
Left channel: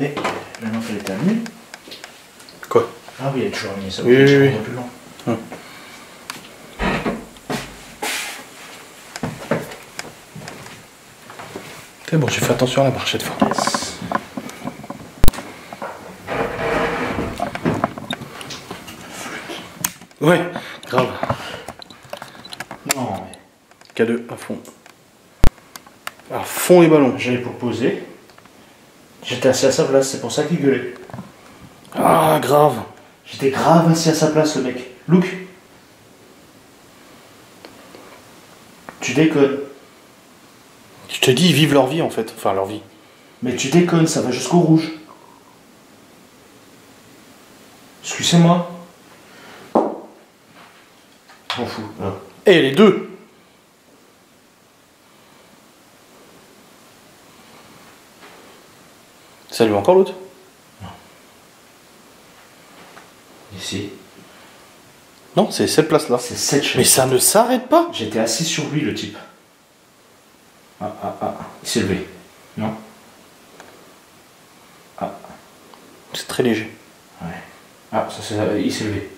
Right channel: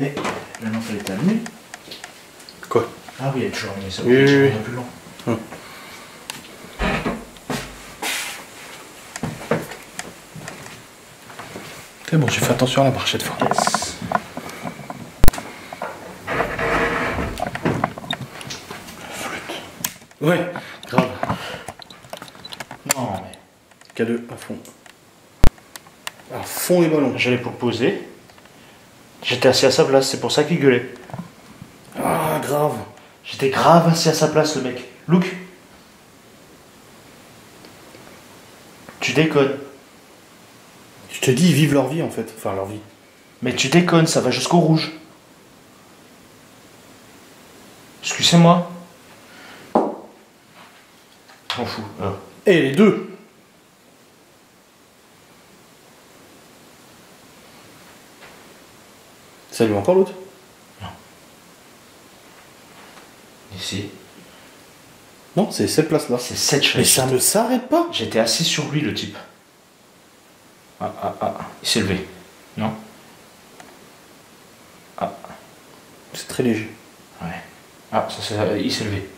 Et la lampe elle était allumée. Quoi? Ah oui, elle est toujours allumée, ça Oui, oui, oui. un peu lent. C'est bon, j'ai fait attention à la marche cette fois. Yes. Ouais, grave. Non, mais K2 à fond. À fond les ballons. j'allais pour poser. J'étais assis à sa place, c'est pour ça qu'il gueulait. Ah, grave. J'étais grave assis à sa place, le mec. Look. Tu déconnes. Je te dis, ils vivent leur vie en fait. Enfin, leur vie. Mais tu déconnes, ça va jusqu'au rouge. Excusez-moi. M'en fous. Hein. Eh, les deux! Ça lui encore l'autre? Ici. Non, c'est cette place-là. C'est cette chaise. Mais ça ne s'arrête pas! J'étais assis sur lui, le type. Ah. Il s'est levé. Non? Ah. C'est très léger. Ouais. Ah, il s'est levé.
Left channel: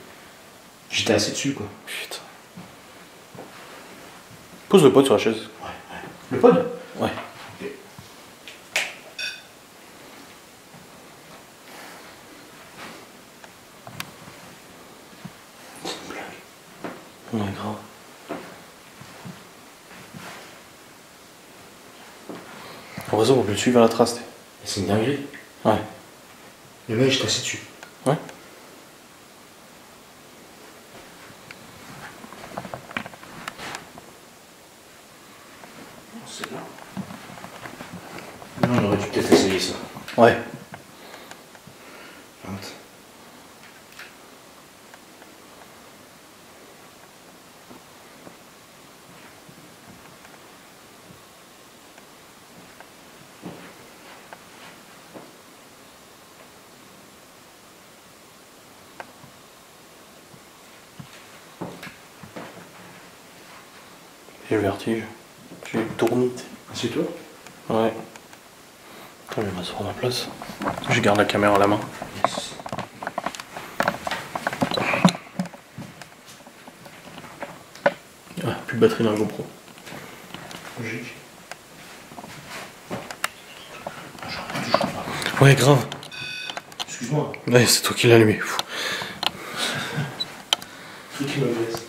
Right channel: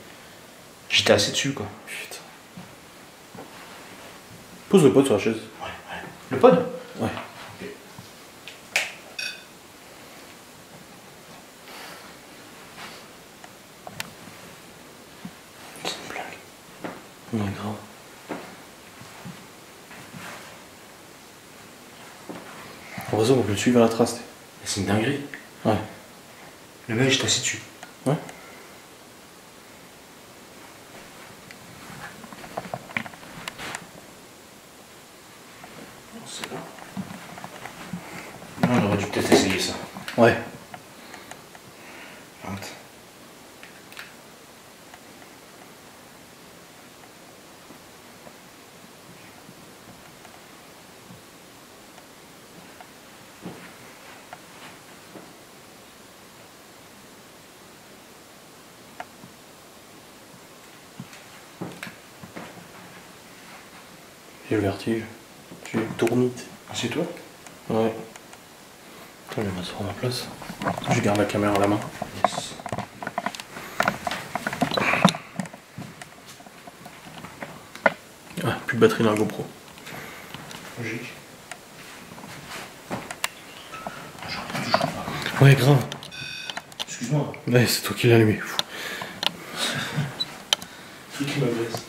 J'étais assis dessus, quoi. Putain. Pose le pot sur la chaise. Le pod? Ouais. Ok. C'est une blague. Ouais, grave. Heureusement, on peut le suivre à la trace. C'est une dinguerie. Ouais. Le mec, j'étais assis dessus. Ouais. C'est là. Non, on aurait dû peut-être essayer ça. Ouais. Honte. J'ai le vertige. J'ai une tournite. Assieds-toi. Ouais. Attends, je vais m'asseoir à ma place. Je garde la caméra à la main. Yes. Ah, plus de batterie dans la GoPro. Logique. Ouais, grave. Excuse-moi. Ouais, c'est toi qui l'as allumé. Truc qui me blesse.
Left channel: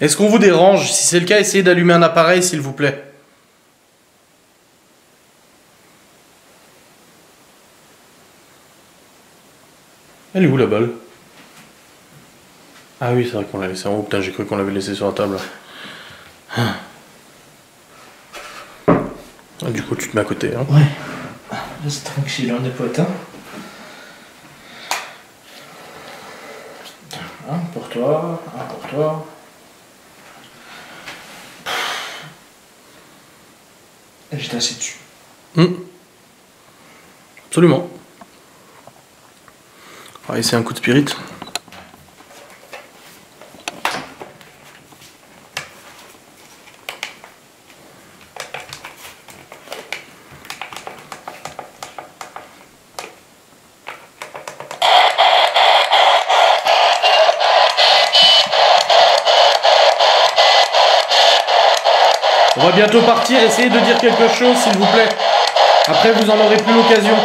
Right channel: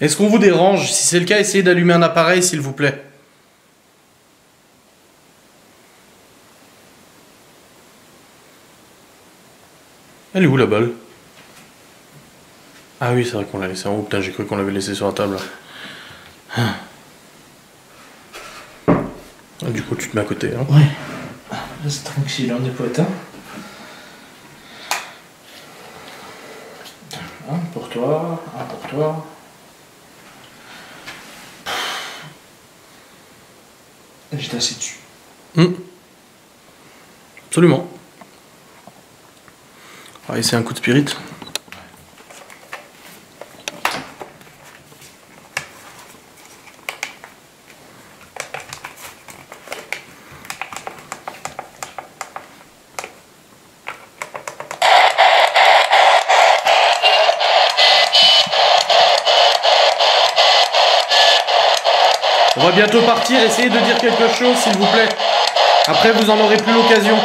Est-ce qu'on vous dérange? Si c'est le cas, essayez d'allumer un appareil, s'il vous plaît. Elle est où la balle? Ah oui, c'est vrai qu'on l'a laissée en haut. Putain, j'ai cru qu'on l'avait laissée sur la table. Ah, du coup, tu te mets à côté. Hein. Ouais. Reste tranquille, on est potes, hein. Un pour toi, un pour toi. Et j'étais assis dessus. Absolument. On va essayer un coup de spirit. On va bientôt partir, essayez de dire quelque chose s'il vous plaît. Après vous en aurez plus l'occasion.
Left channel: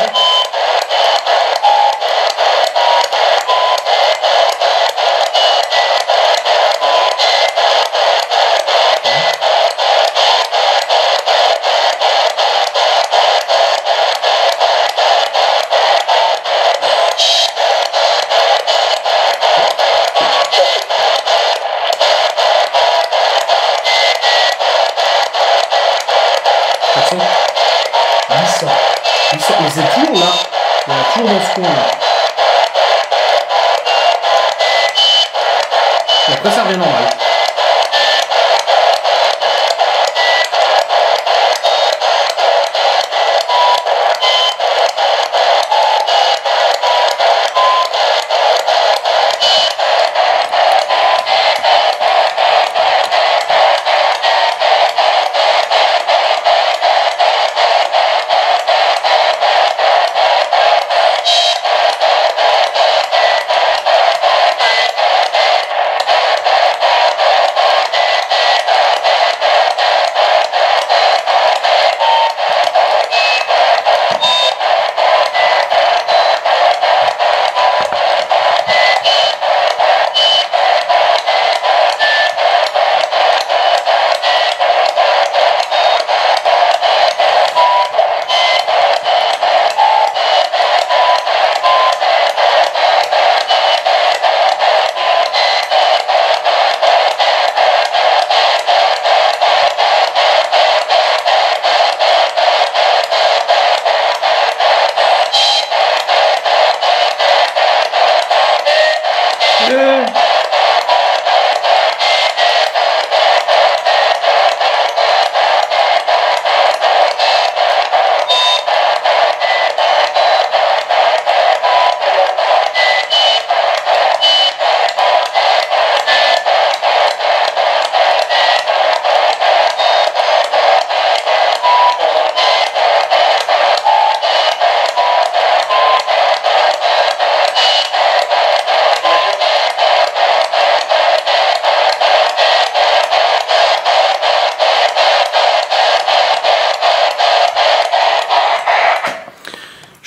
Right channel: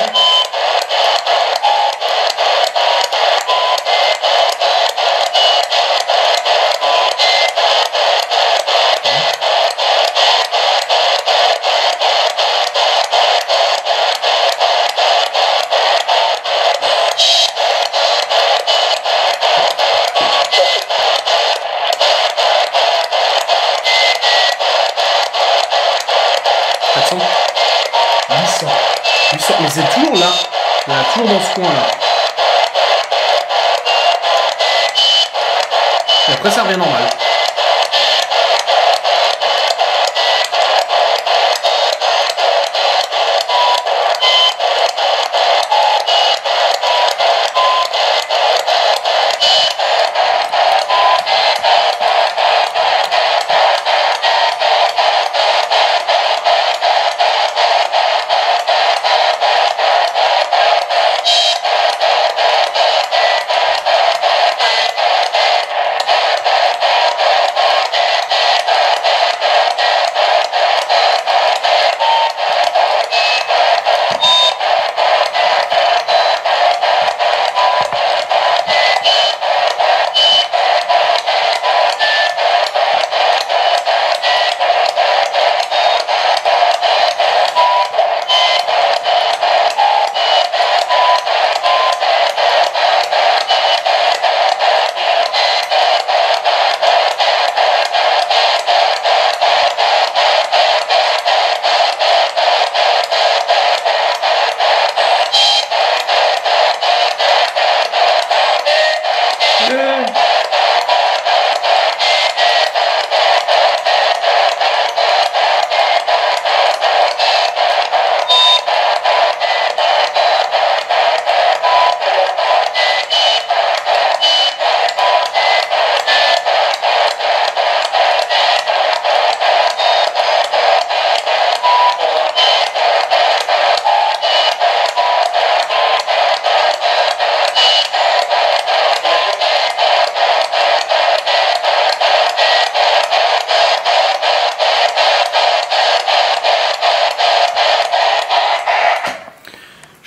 Mais c'est toujours là. Il y en a toujours dans ce coin là. Et après ça revient normal.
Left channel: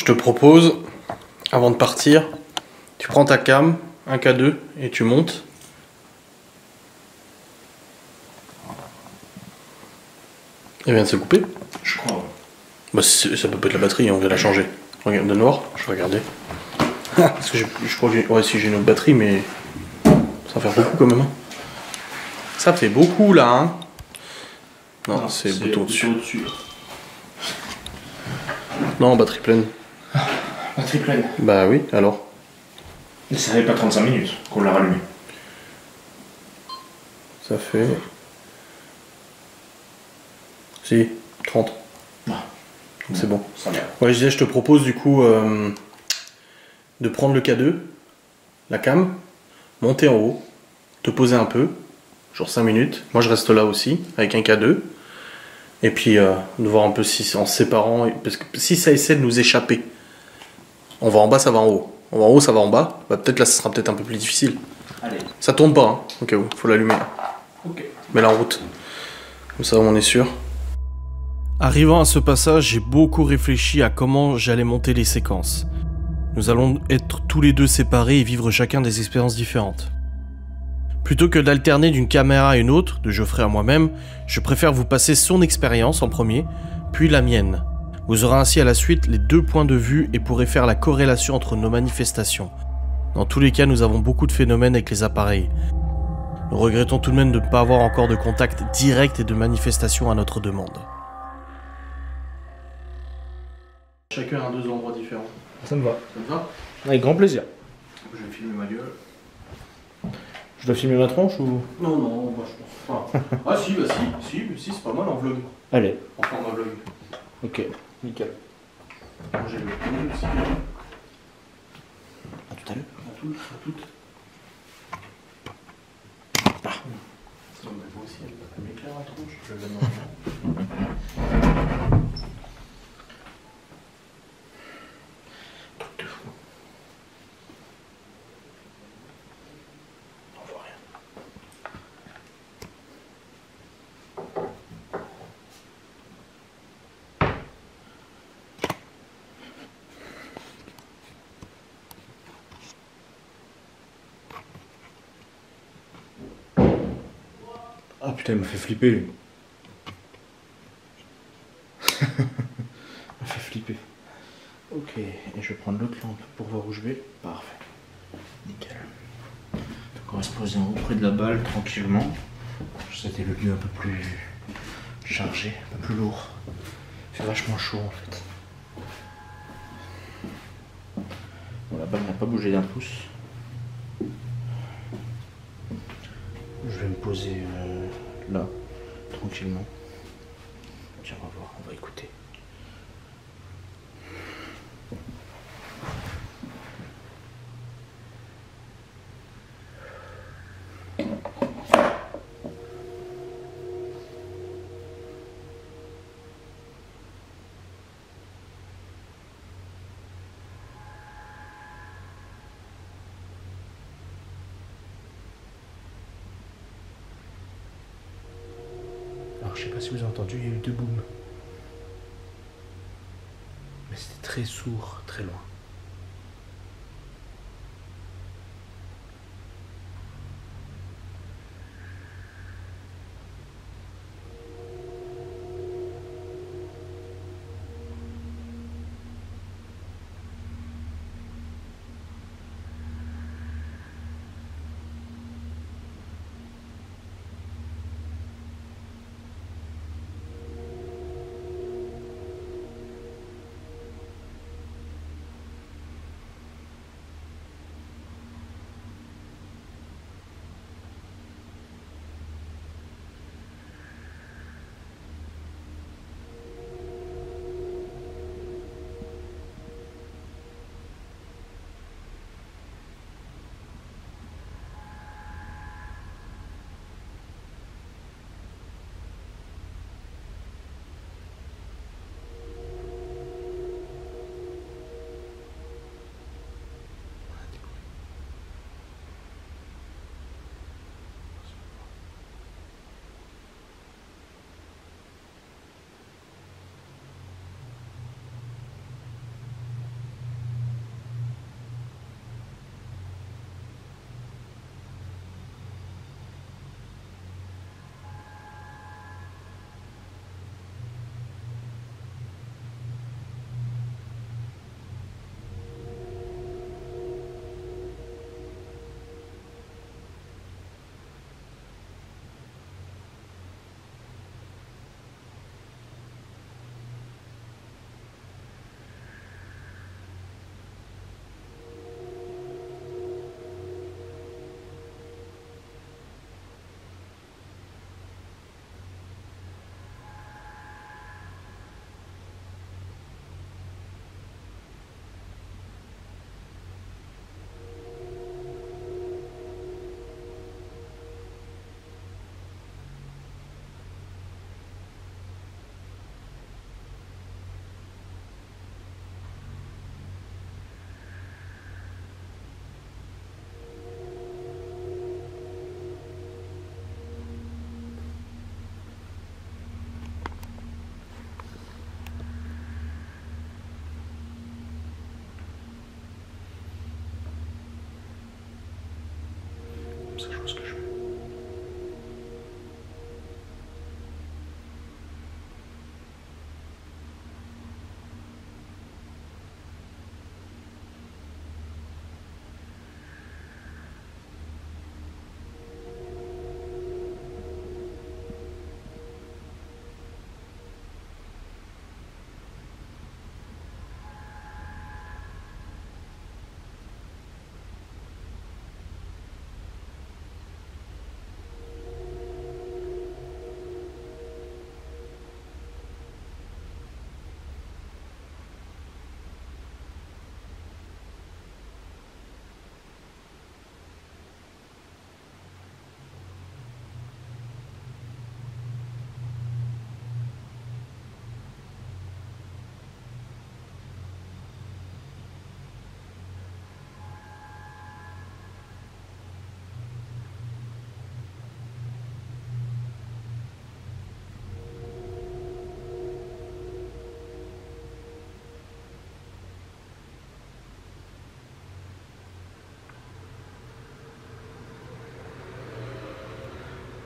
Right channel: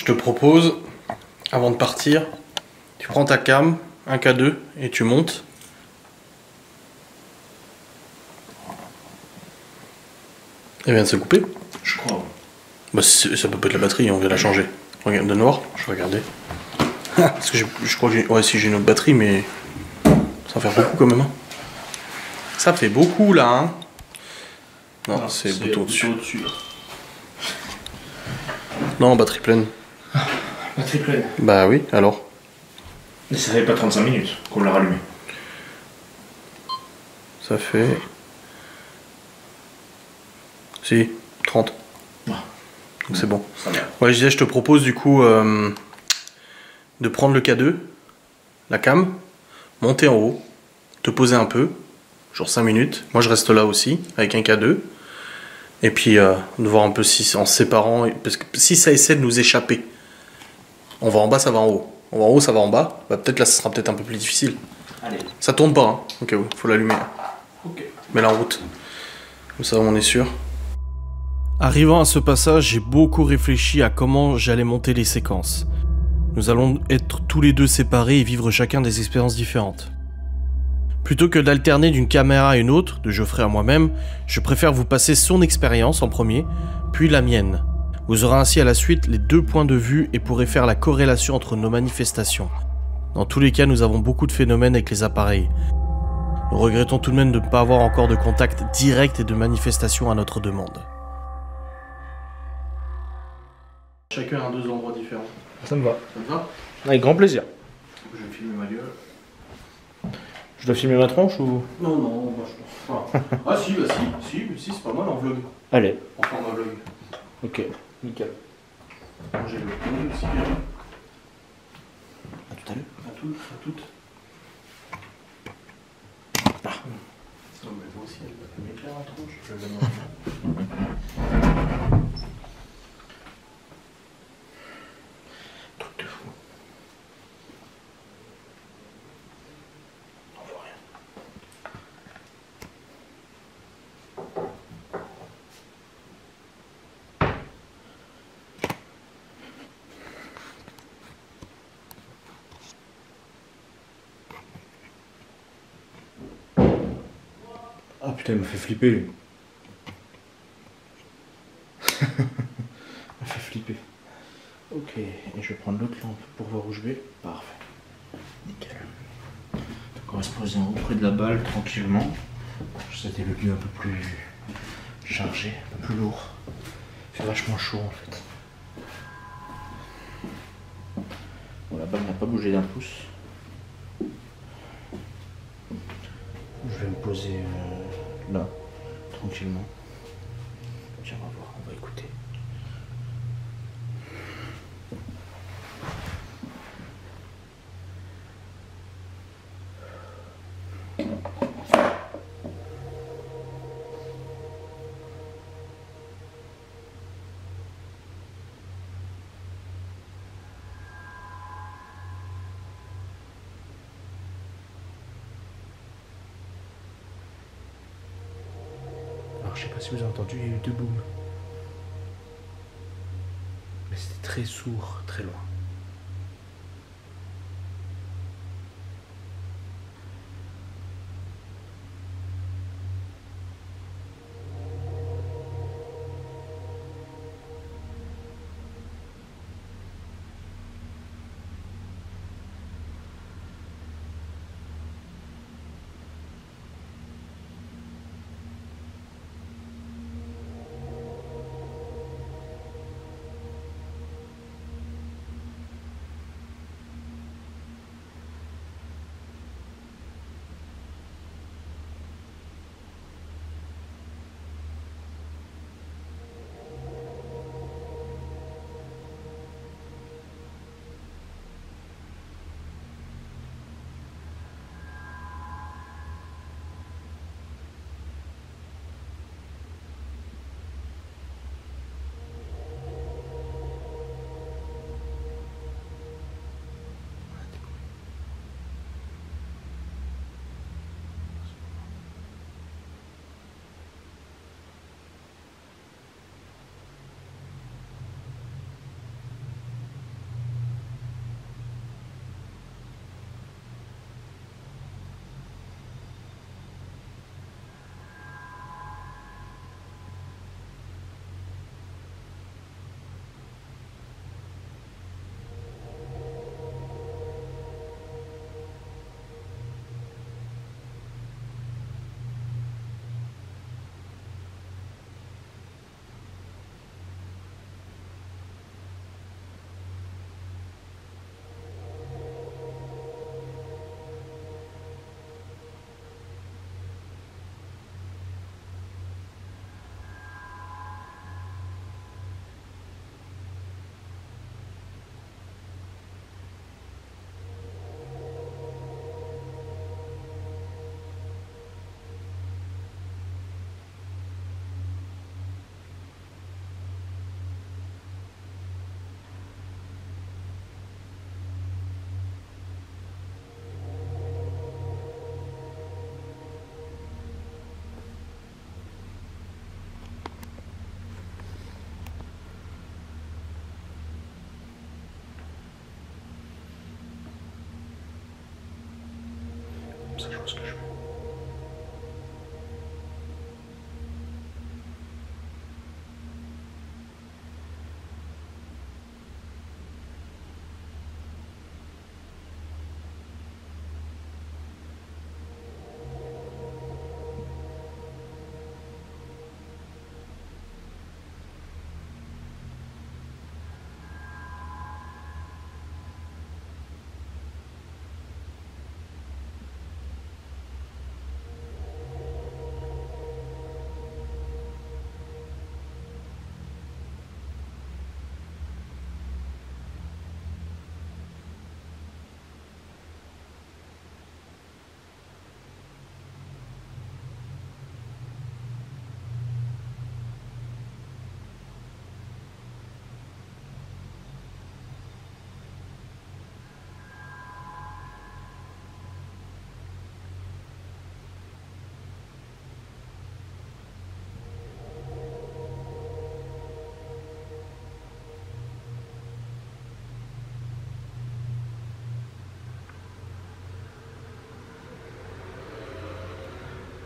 Je te propose, avant de partir, tu prends ta cam, un K2, et tu montes. Elle vient de se couper. Je crois. Bah, ça peut pas être la batterie, on vient la changer. Regarde, de noir, je vais regarder. Parce que je crois que j'ai... Ouais, si j'ai une autre batterie, mais... Ça va faire beaucoup quand même. Hein. Ça fait beaucoup là. Hein. Non, c'est le bouton au-dessus. Non, batterie pleine. Batterie pleine. Bah oui, alors. Mais ça fait pas 35 minutes qu'on l'a rallumé. Ça fait... Si, 30. Ah. Donc c'est bon. Ça va. Ouais, je disais, je te propose du coup de prendre le K2, la cam, monter en haut, te poser un peu, genre 5 minutes. Moi je reste là aussi, avec un K2. Et puis de voir un peu si en se séparant, parce que si ça essaie de nous échapper, on va en bas, ça va en haut. On va en haut, ça va en bas. Bah, peut-être là, ça sera peut-être un peu plus difficile. Allez. Ça tourne pas, hein, au cas où, faut l'allumer. Ok. Mets la route. Comme ça, on est sûr. Arrivant à ce passage, j'ai beaucoup réfléchi à comment j'allais monter les séquences. Nous allons être tous les deux séparés et vivre chacun des expériences différentes. Plutôt que d'alterner d'une caméra à une autre, de Geoffrey à moi-même, je préfère vous passer son expérience en premier, puis la mienne. Vous aurez ainsi à la suite les deux points de vue et pourrez faire la corrélation entre nos manifestations. Dans tous les cas, nous avons beaucoup de phénomènes avec les appareils. Nous regrettons tout de même de ne pas avoir encore de contact direct et de manifestation à notre demande. Chacun a deux endroits différents. Ça me va. Ça te va? Avec grand plaisir. Je vais filmer ma gueule. Je dois filmer ma tronche ou... Non, moi je pense pas. Ah si, bah si, c'est pas mal en vlog. Allez. En format vlog. Ok, nickel. J'ai le premier aussi. À À tout à l'heure. À toutes. Non, mais moi aussi, elle m'éclaire la tronche. Je vais truc de fou. On voit rien. Ah putain, il m'a fait flipper lui. Il m'a fait flipper. Ok, et je vais prendre l'autre lampe pour voir où je vais. Parfait. Nickel. Donc on va se poser en haut près de la balle tranquillement. C'était le lieu un peu plus chargé, un peu plus lourd. Il fait vachement chaud en fait. Bon, la balle n'a pas bougé d'un pouce. Je vais me poser là, tranquillement. Tiens, on va voir, on va écouter. Alors je sais pas si vous avez entendu, il y a eu deux booms. Mais c'était très sourd, très loin.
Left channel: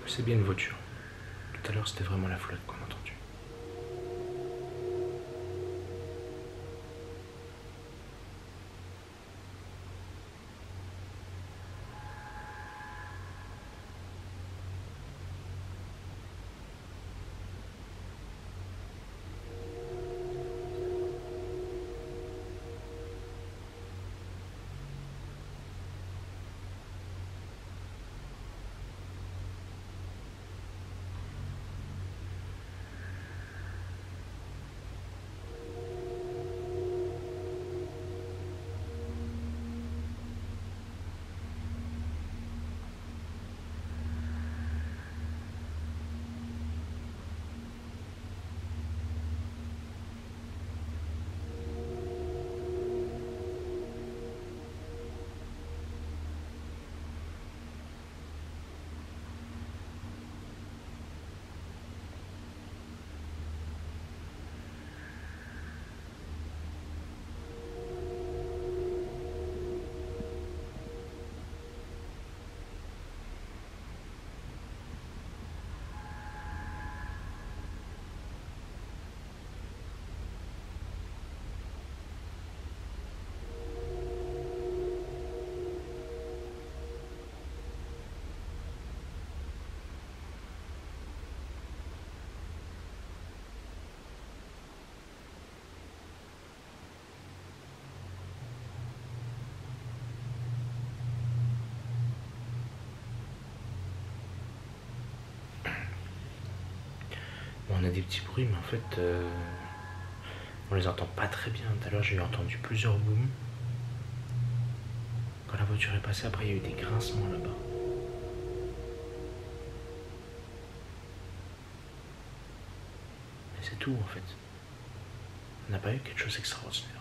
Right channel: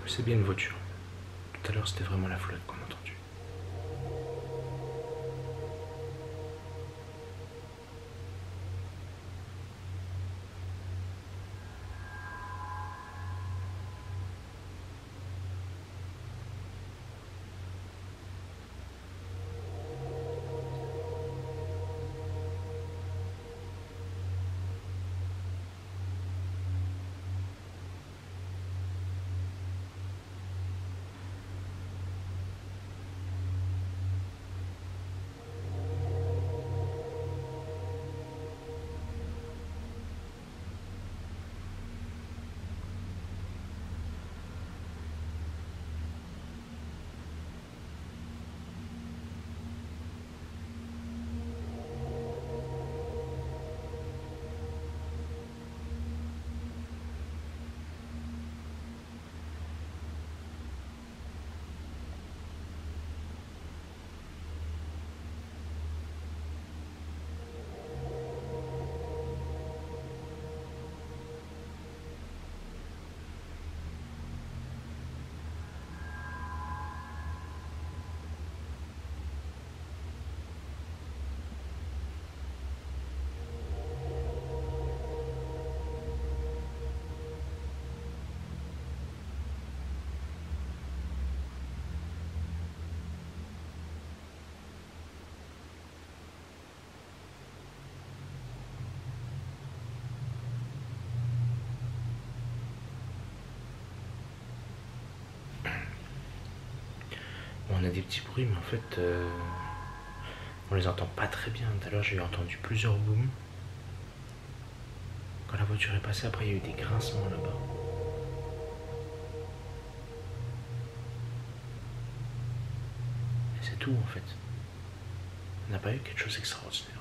C'est bien une voiture. Tout à l'heure, c'était vraiment la flotte qu'on a entendue. On a des petits bruits, mais en fait, on les entend pas très bien. Tout à l'heure, j'ai entendu plusieurs booms. Quand la voiture est passée, après, il y a eu des grincements là-bas. Mais c'est tout, en fait. On n'a pas eu quelque chose d'extraordinaire.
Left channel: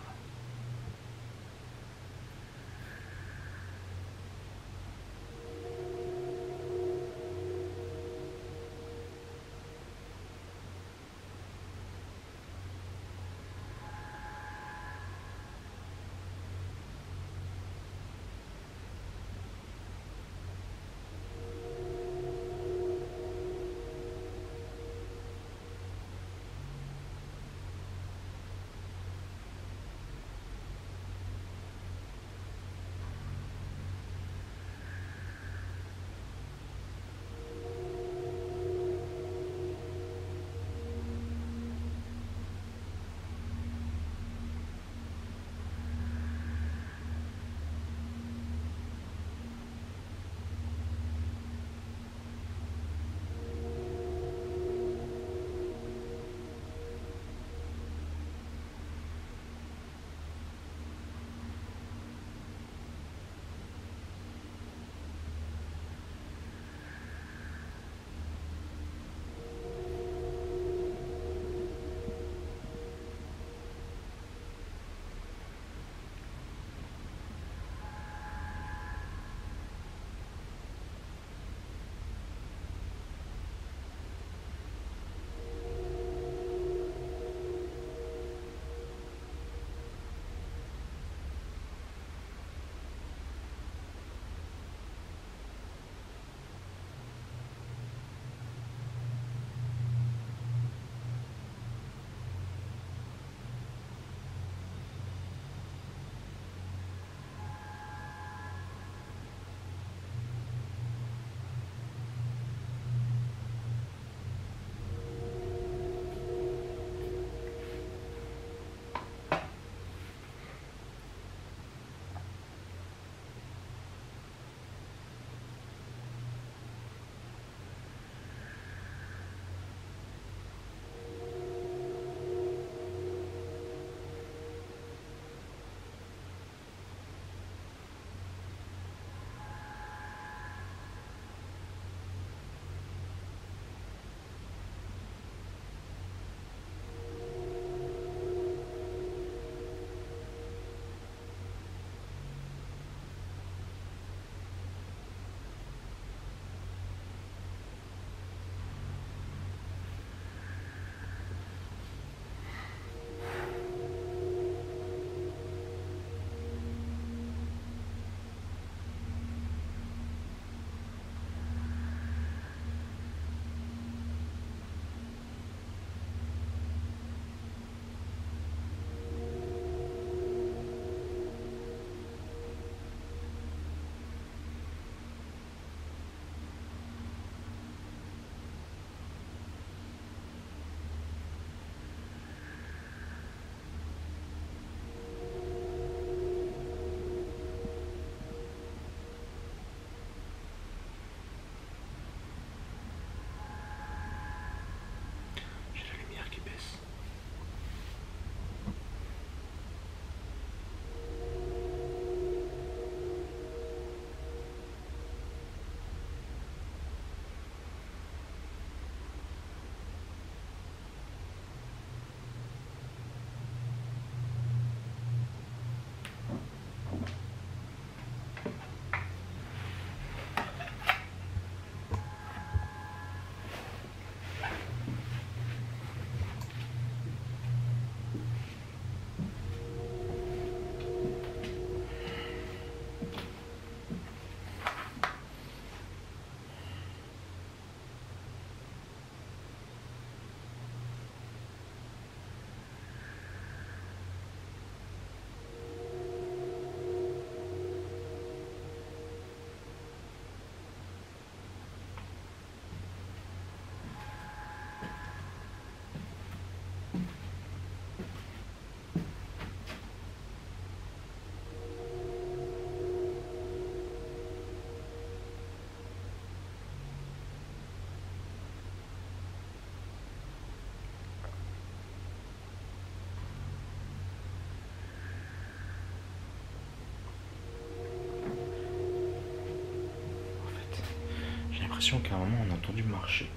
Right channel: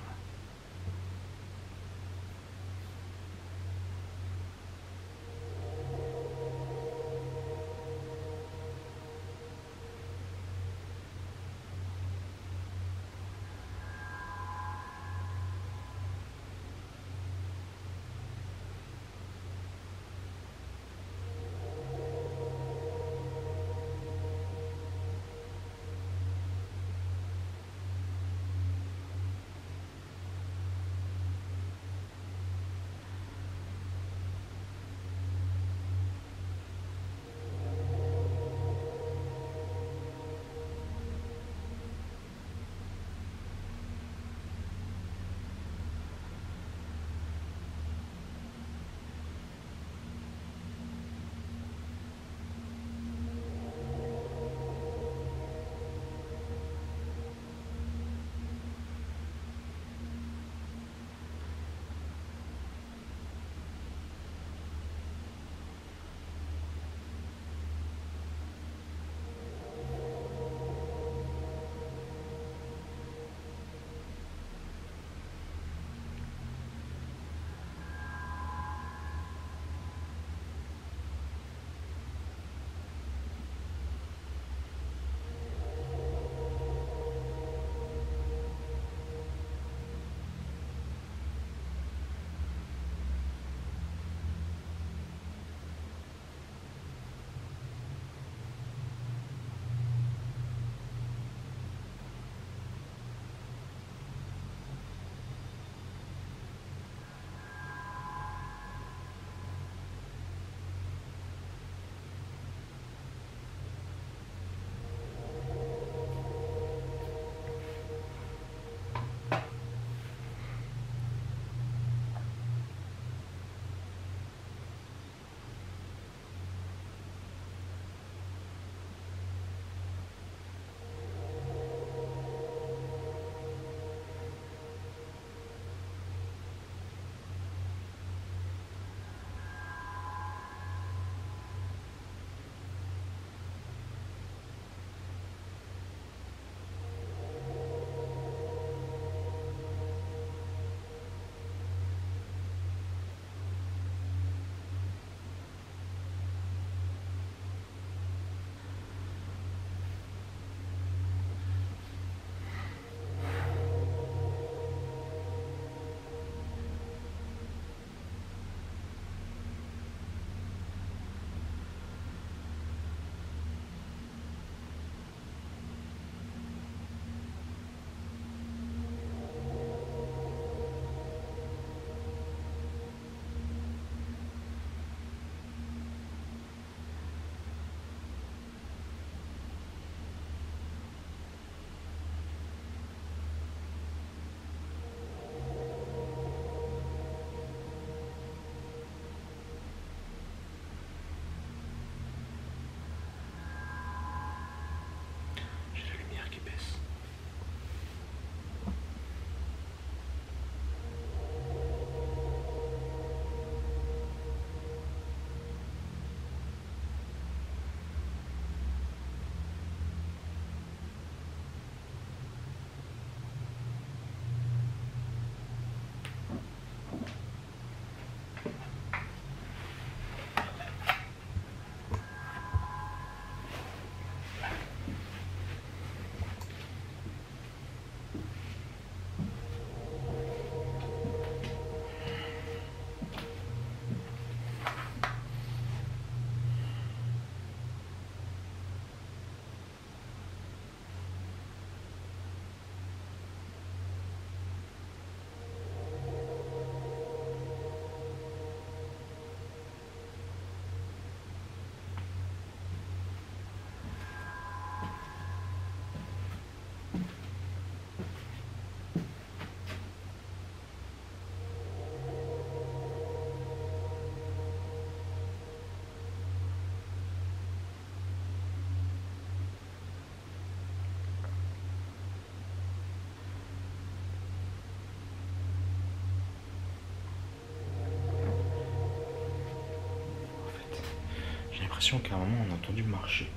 l'impression qu'à un moment on a entendu marcher.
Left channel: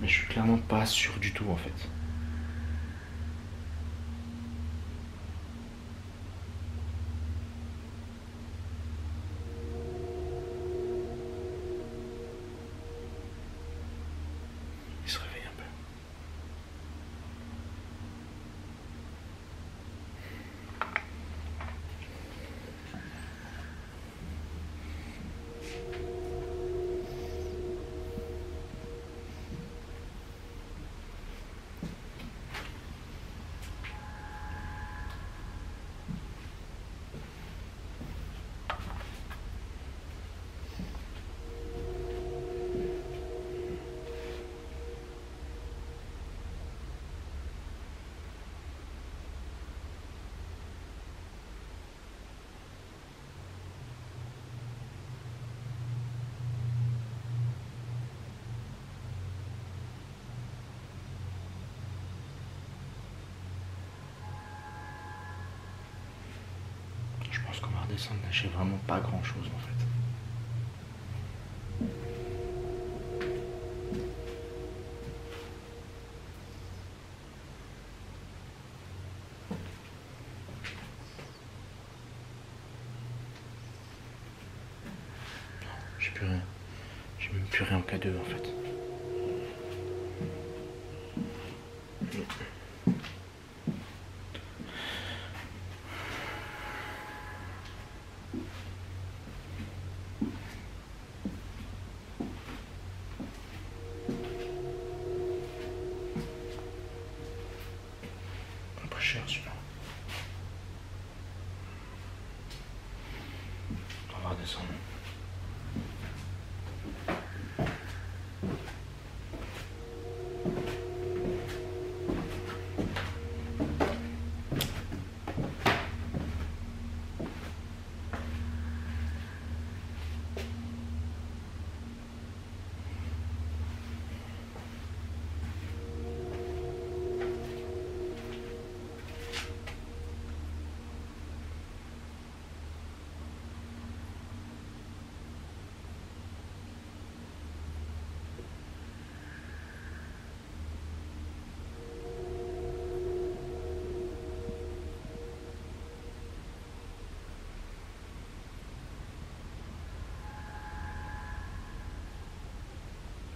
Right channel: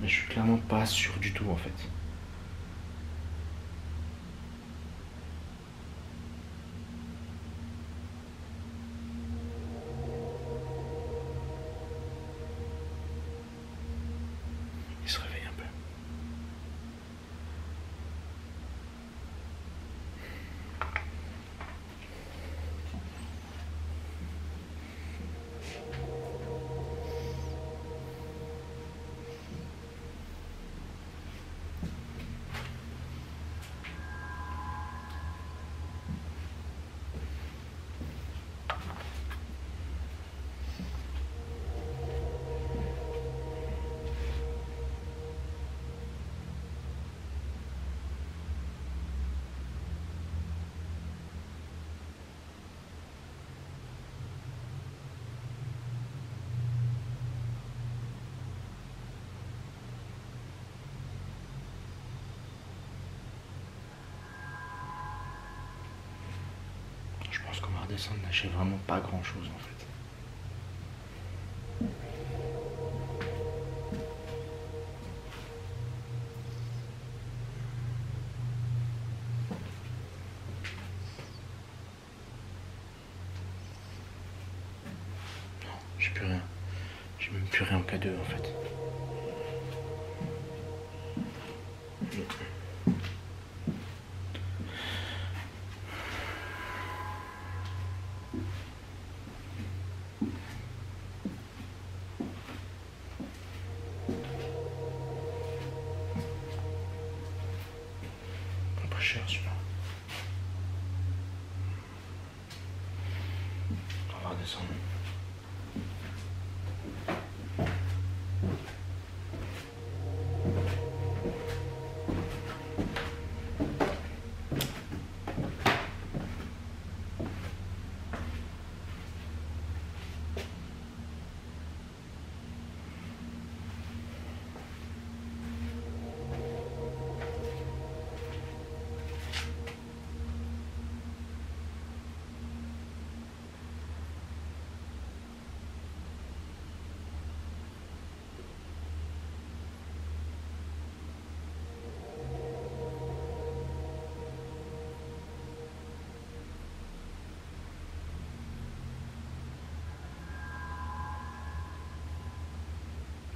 Mais je suis clairement pas sûr du tout en fait. Il se réveille un peu. Je pense qu'on va redescendre, là j'ai vraiment pas grand chose en fait. Non, j'ai plus rien. J'ai même plus rien en K2 en fait. Pas cher celui-là. On va redescendre.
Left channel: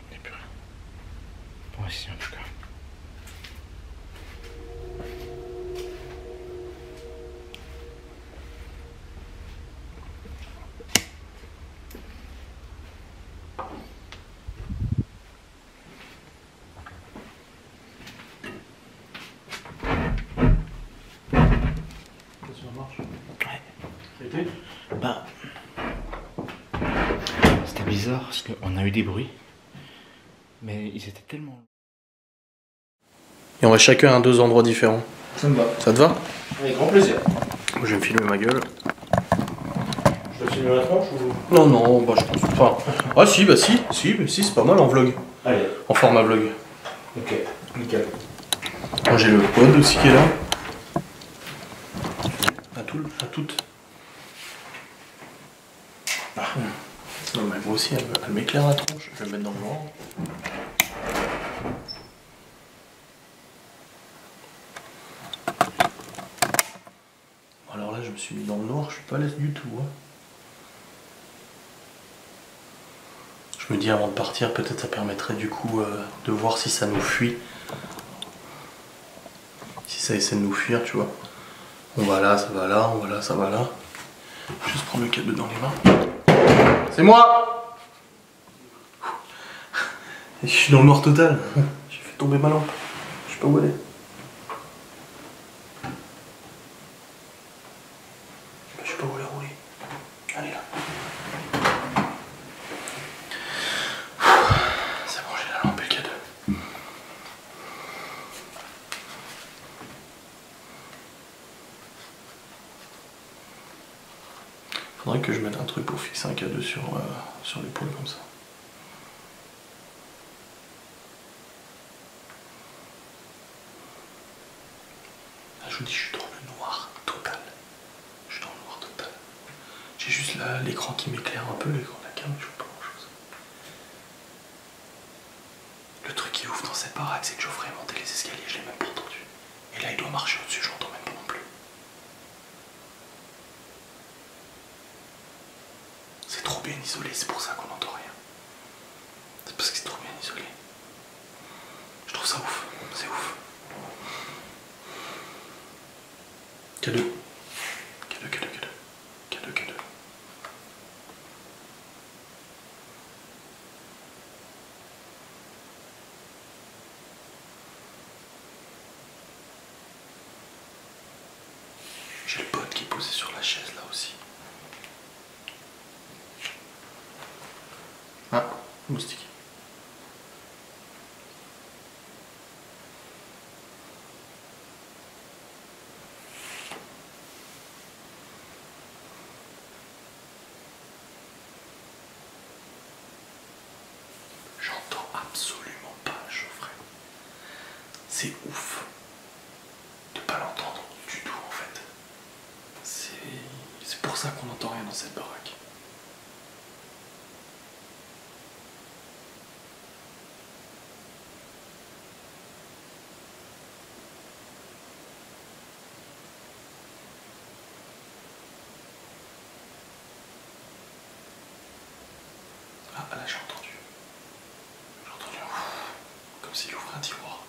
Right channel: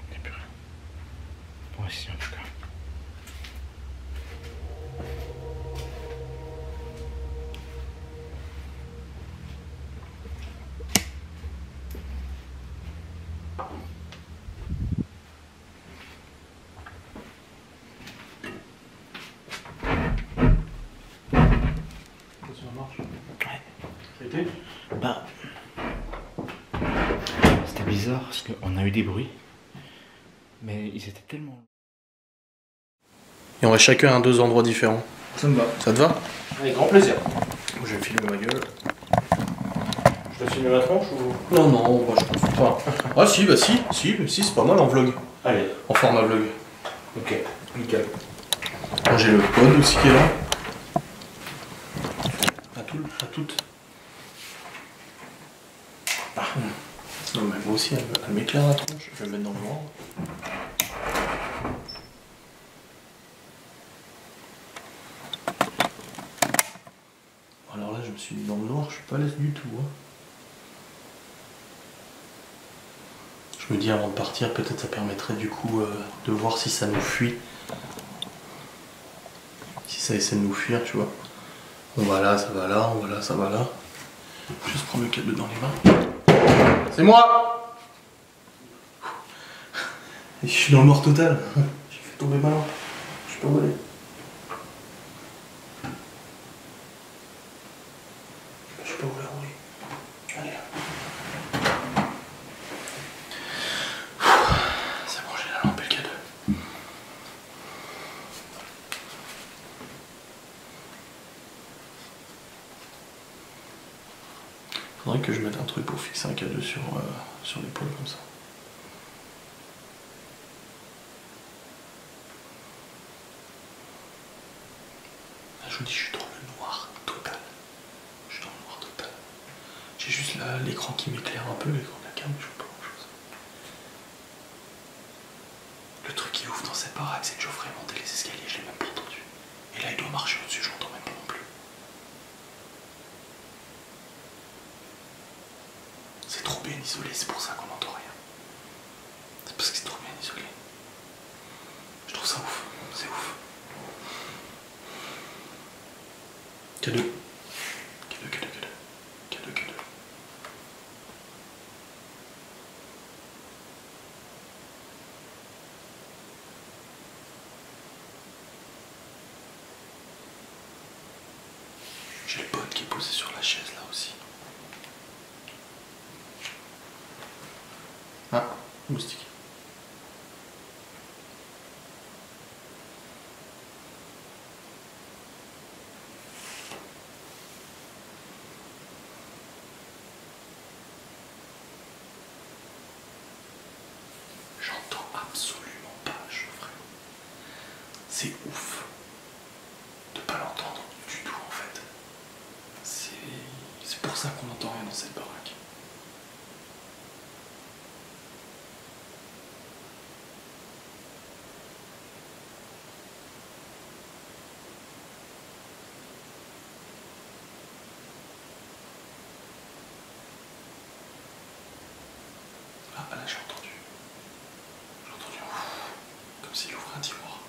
Il n'y a plus rien. Bon, ici en tout cas. Ça marche. Ouais. Ça a été? Bah. C'était bizarre parce qu'on a eu des bruits. Mais ils étaient tellement. Et on va chacun à 2 endroits différents. Ça me va. Ça te va? Avec grand plaisir. Je vais me filmer ma gueule. Je dois filmer la tronche ou... Non, non, bah je pense pas. Ah si, bah si, c'est pas mal en vlog. Allez. En format vlog. Ok. Nickel. Moi j'ai le pod aussi qui est là. À toutes. Ah. Non mais moi aussi, elle m'éclaire la tronche. Je vais me mettre dans le noir. Alors là, je me suis mis dans le noir, je suis pas à l'aise du tout. Hein. Je me dis avant de partir, peut-être ça permettrait du coup de voir si ça nous fuit. Si ça essaie de nous fuir, tu vois. On va là, ça va là, on va là, ça va là. Je vais juste prendre le câble dans les mains. C'est moi! Et je suis dans le noir total. J'ai fait tomber ma lampe. Je sais pas où elle est. Je sais pas où elle est roulée. Elle est là. C'est bon, j'ai la lampe et le câble. Faudrait que je mette un truc pour fixer un K2 sur l'épaule comme ça. Là, je vous dis, je suis dans le noir total. Je suis dans le noir total. J'ai juste l'écran qui m'éclaire un peu, l'écran de la cam, je vois pas grand chose. Le truc qui ouf dans cette baraque, c'est que Geoffrey est monté les escaliers, je l'ai même pas entendu. Et là, il doit marcher au-dessus, je l'entends même pas non plus. C'est trop bien isolé, c'est pour ça qu'on n'entend rien. C'est parce que c'est trop bien isolé. Je trouve ça ouf, c'est ouf. Cadeau. Cadeau, cadeau, cadeau. Cadeau, cadeau. J'ai le pote qui est posé sur la chaise là aussi. Ah, moustique. J'entends absolument pas Geoffrey. C'est ouf de pas l'entendre du tout en fait. C'est pour ça qu'on n'entend rien dans cette baraque. Ah là j'ai entendu. J'ai entendu un ouf, comme s'il ouvrait un tiroir.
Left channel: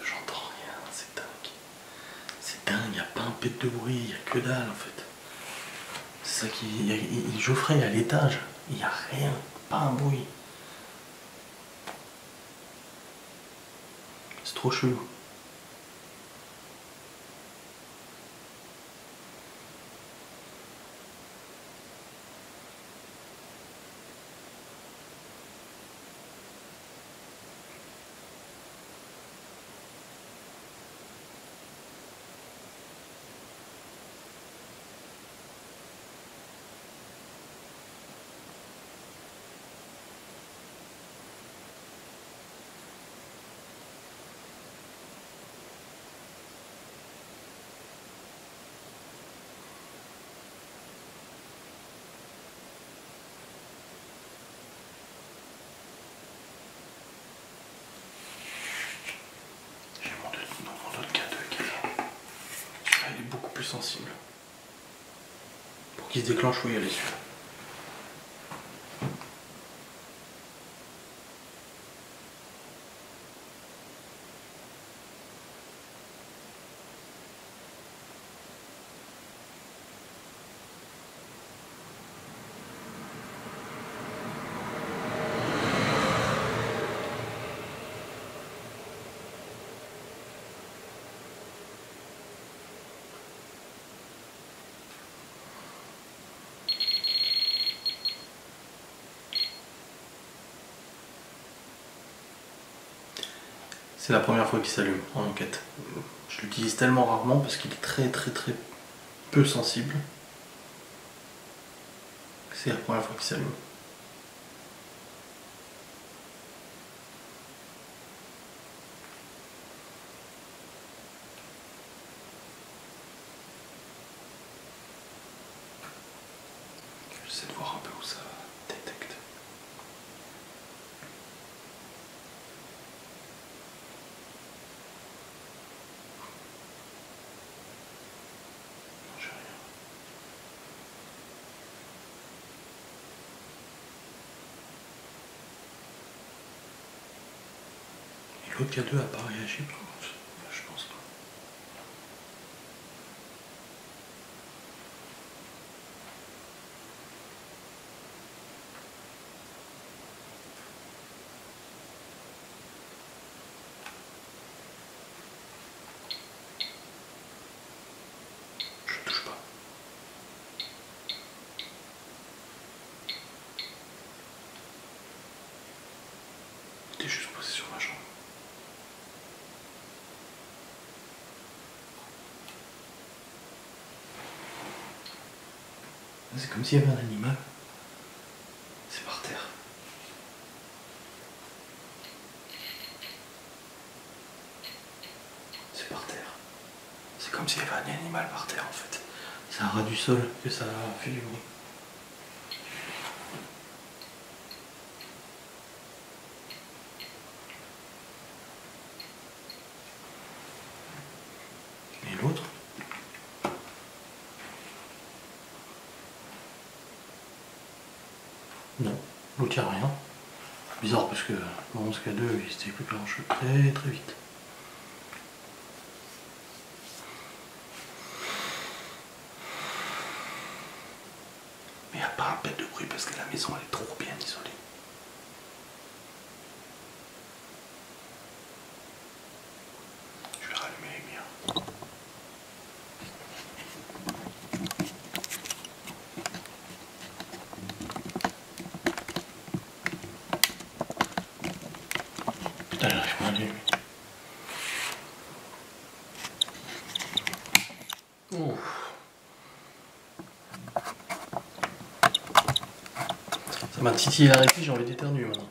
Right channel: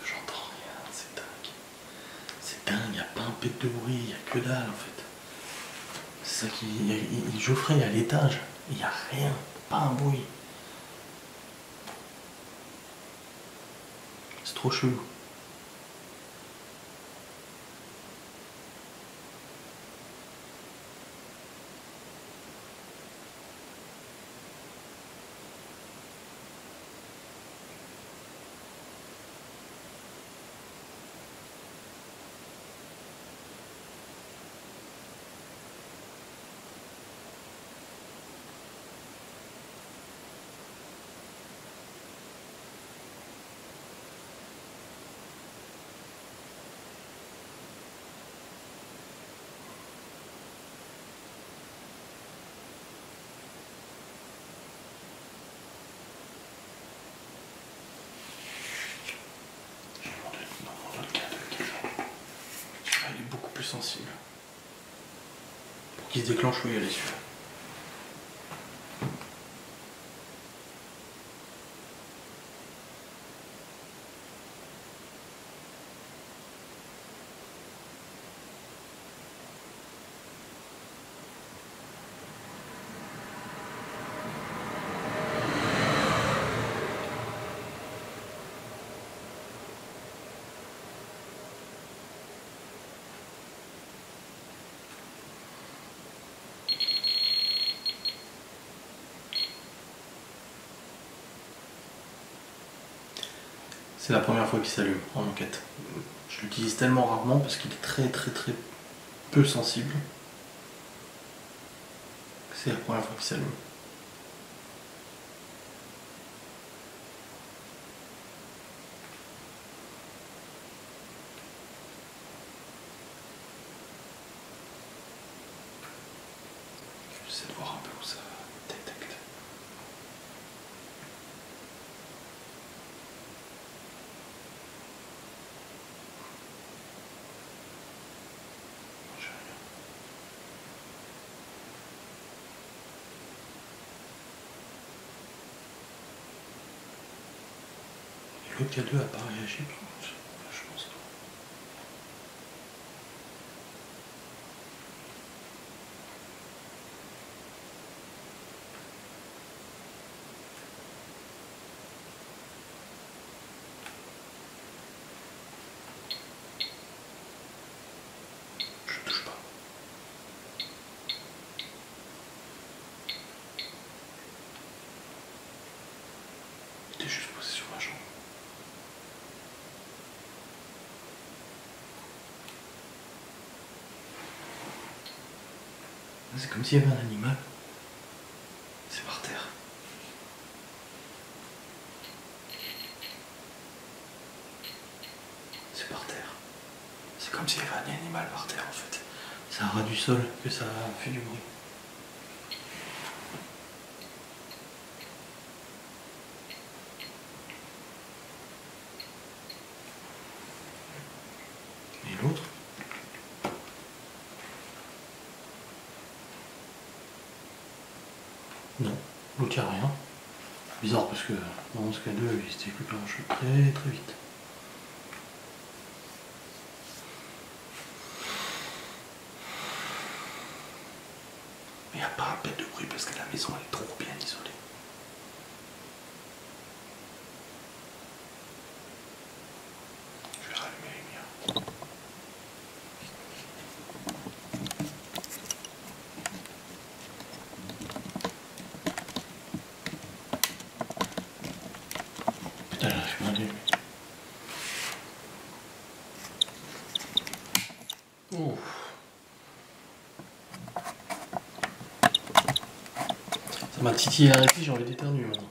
J'entends rien, c'est dingue. C'est dingue, y a pas un pet de bruit, y a que dalle en fait. C'est ça qui. Geoffrey est à l'étage, y a rien, pas un bruit. C'est trop chelou. J'ai mon autre cadeau qui est là. Celui-là, il est beaucoup plus sensible. Pour qu'il se déclenche, faut y aller celui-là. C'est la première fois qu'il s'allume en enquête. Je l'utilise tellement rarement parce qu'il est très peu sensible. C'est la première fois qu'il s'allume. J'essaie de voir un peu où ça détecte. L'autre K2 a pas réagi, par contre. Enfin, je pense pas. Je touche pas. J'étais juste posé sur ma jambe. C'est comme s'il y avait un animal. C'est par terre. C'est par terre. C'est comme s'il y avait un animal par terre en fait. C'est un ras du sol que ça a fait du bruit. Et l'autre? Non, l'autre il n'y a rien. Bizarre parce que dans ce cas 2 il s'était coupé en cheveux très très vite. Mais il n'y a pas un pet de bruit parce que la maison elle est trop bien isolée. Je vais rallumer les lumières. Putain, j'arrive pas à allumer. Oh. Ça m'a titillé la rétine, j'ai envie d'éternuer maintenant.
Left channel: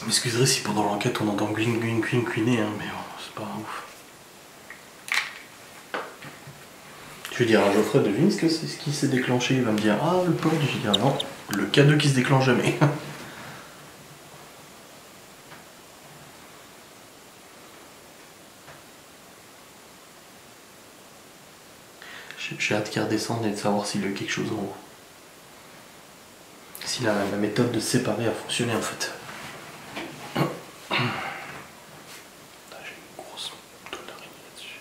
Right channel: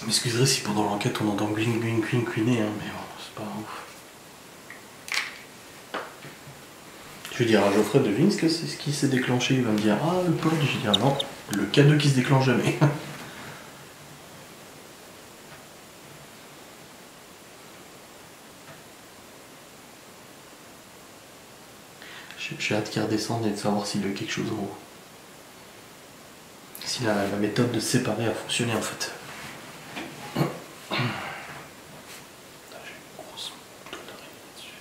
Vous m'excuserez si pendant l'enquête on entend gling gling gling gouiner, hein, mais bon, c'est pas ouf. Je vais dire à Geoffrey devine ce que c'est ce qui s'est déclenché, il va me dire ah le pod, je vais dire non, le K2 qui se déclenche jamais. J'ai hâte qu'il redescende et de savoir s'il y a eu quelque chose en haut. Si la méthode de se séparer a fonctionné en fait. J'ai une grosse toile d'araignée là-dessus.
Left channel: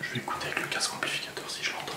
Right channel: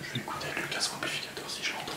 Je vais écouter avec le casque amplificateur si je l'entends.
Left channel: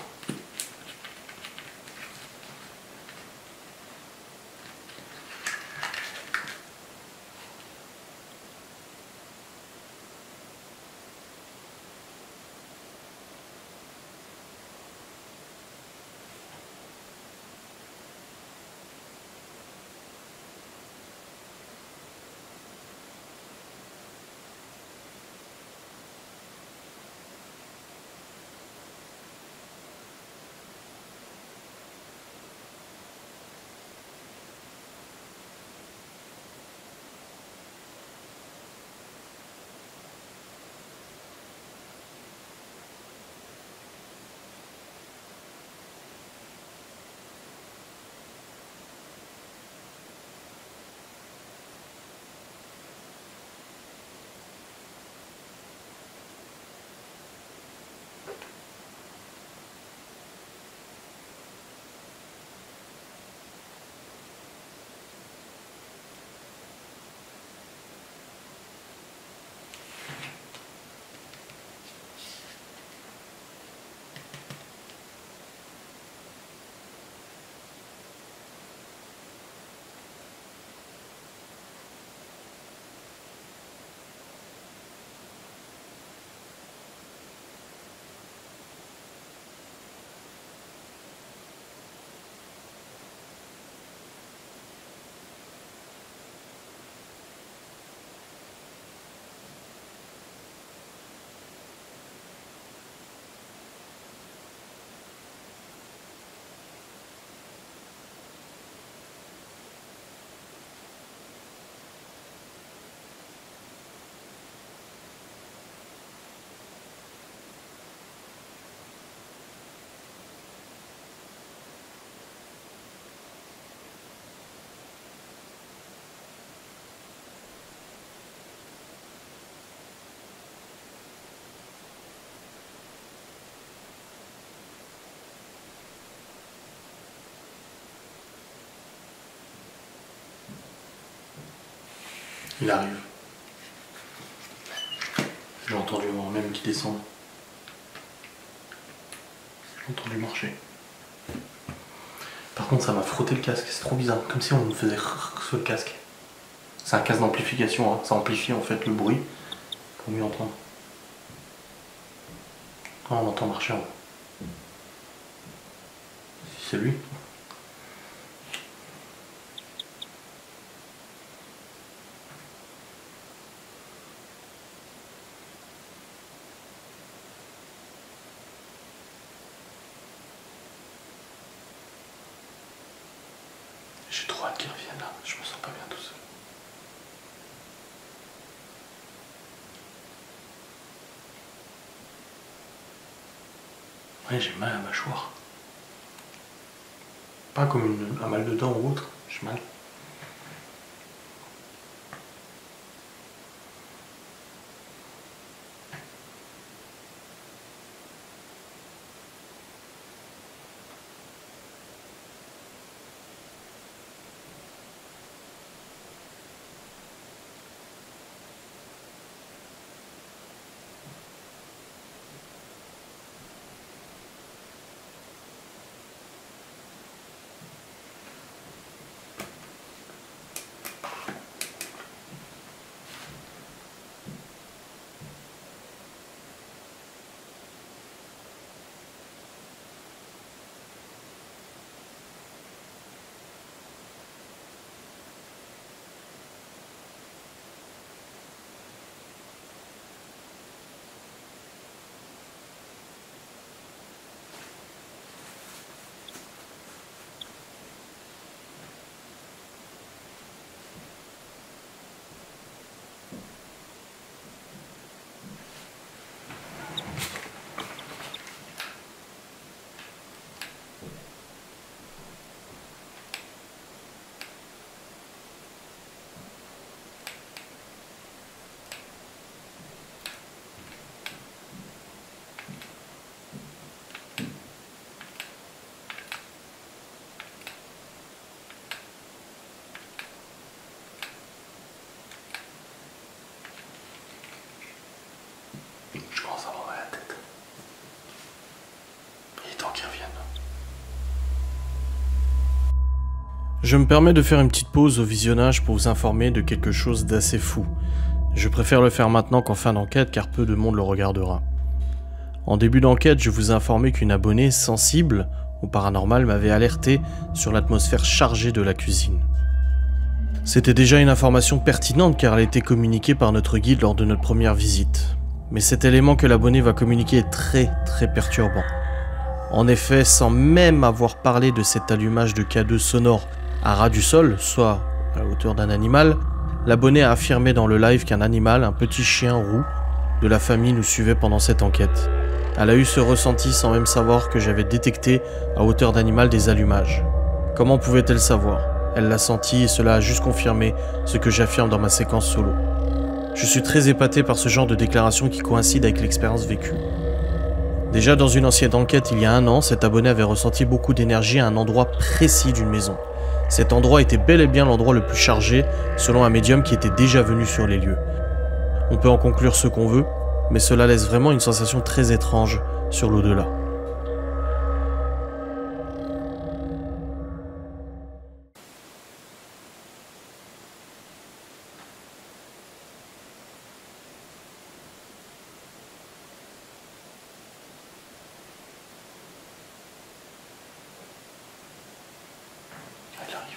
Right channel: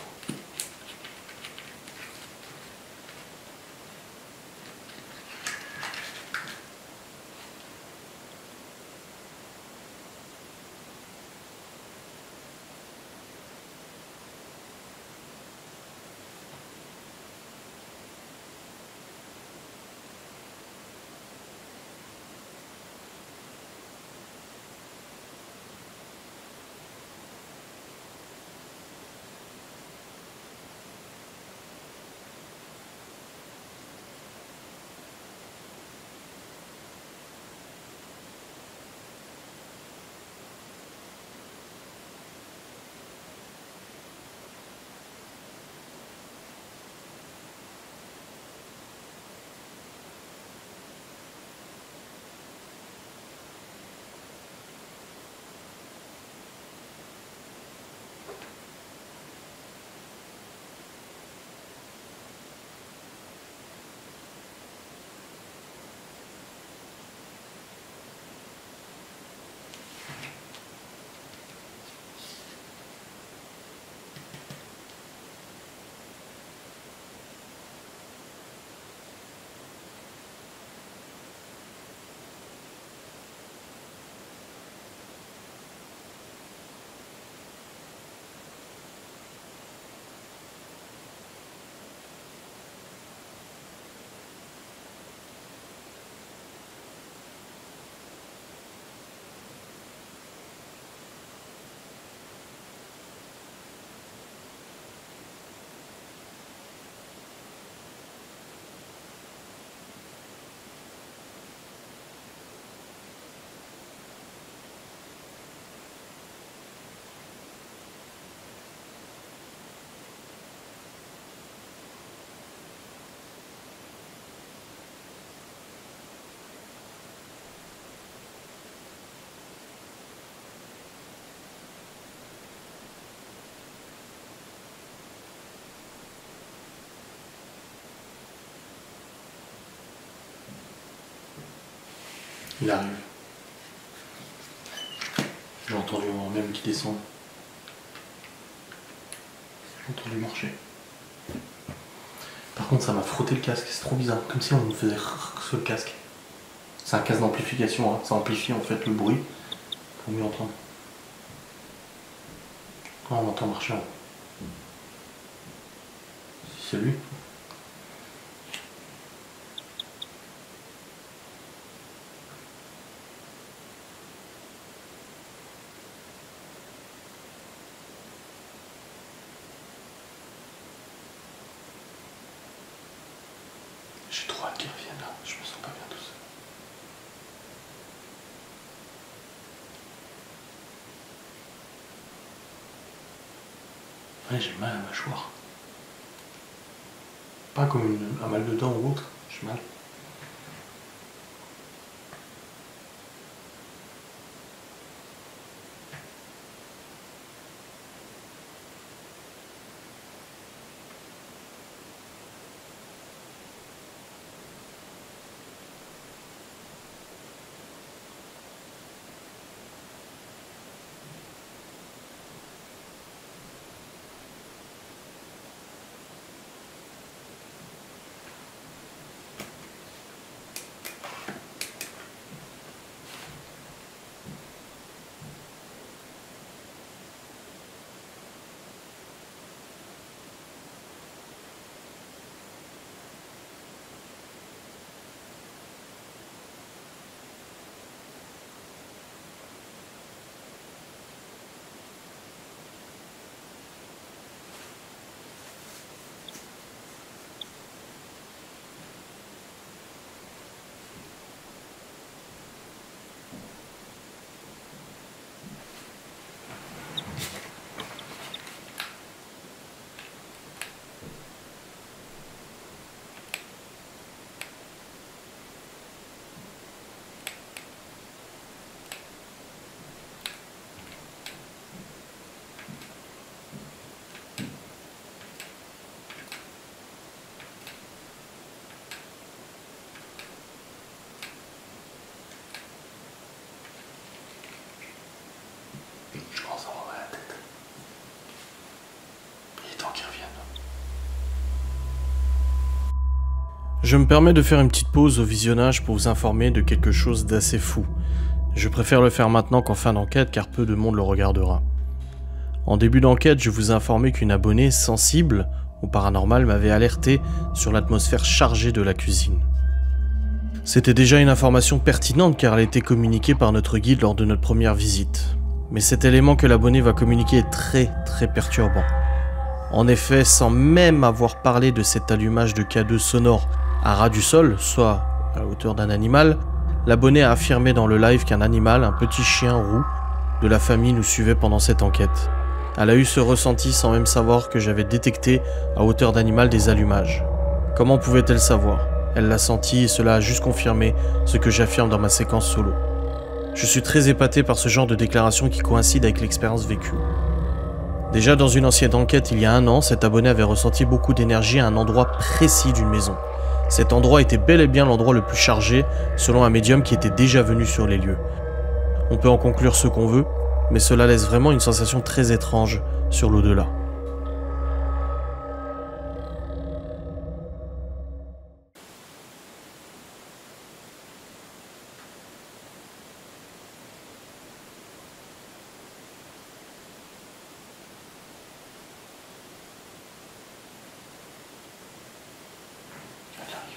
Il arrive. J'ai entendu moi-même qui descend. J'ai entendu marcher. Par contre, ça m'a frotté le casque, c'est trop bizarre, comme si on me faisait sur le casque. C'est un casque d'amplification, hein. Ça amplifie en fait le bruit pour mieux entendre. Ah, on entend marcher en haut. Si c'est lui. J'ai trop hâte qu'il revienne là, je me sens pas bien tout seul. Ouais, j'ai mal à la mâchoire. Pas comme un mal de dents ou autre, j'ai mal. Je commence à avoir mal à la tête. Il est temps qu'il revienne. Je me permets de faire une petite pause au visionnage pour vous informer de quelque chose d'assez fou. Je préfère le faire maintenant qu'en fin d'enquête car peu de monde le regardera. En début d'enquête, je vous ai informé qu'une abonnée sensible au paranormal m'avait alerté sur l'atmosphère chargée de la cuisine. C'était déjà une information pertinente car elle a été communiquée par notre guide lors de notre première visite. Mais cet élément que l'abonné va communiquer est très perturbant. En effet, sans même avoir parlé de cet allumage de K2 sonore à ras du sol, soit à la hauteur d'un animal, l'abonné a affirmé dans le live qu'un animal, un petit chien roux, de la famille nous suivait pendant cette enquête. Elle a eu ce ressenti sans même savoir que j'avais détecté à hauteur d'animal des allumages. Comment pouvait-elle savoir? Elle l'a senti et cela a juste confirmé ce que j'affirme dans ma séquence solo. Je suis très épaté par ce genre de déclaration qui coïncide avec l'expérience vécue. Déjà dans une ancienne enquête il y a 1 an, cet abonné avait ressenti beaucoup d'énergie à un endroit précis d'une maison. Cet endroit était bel et bien l'endroit le plus chargé, selon un médium qui était déjà venu sur les lieux. On peut en conclure ce qu'on veut, mais cela laisse vraiment une sensation très étrange sur l'au-delà. Il arrive.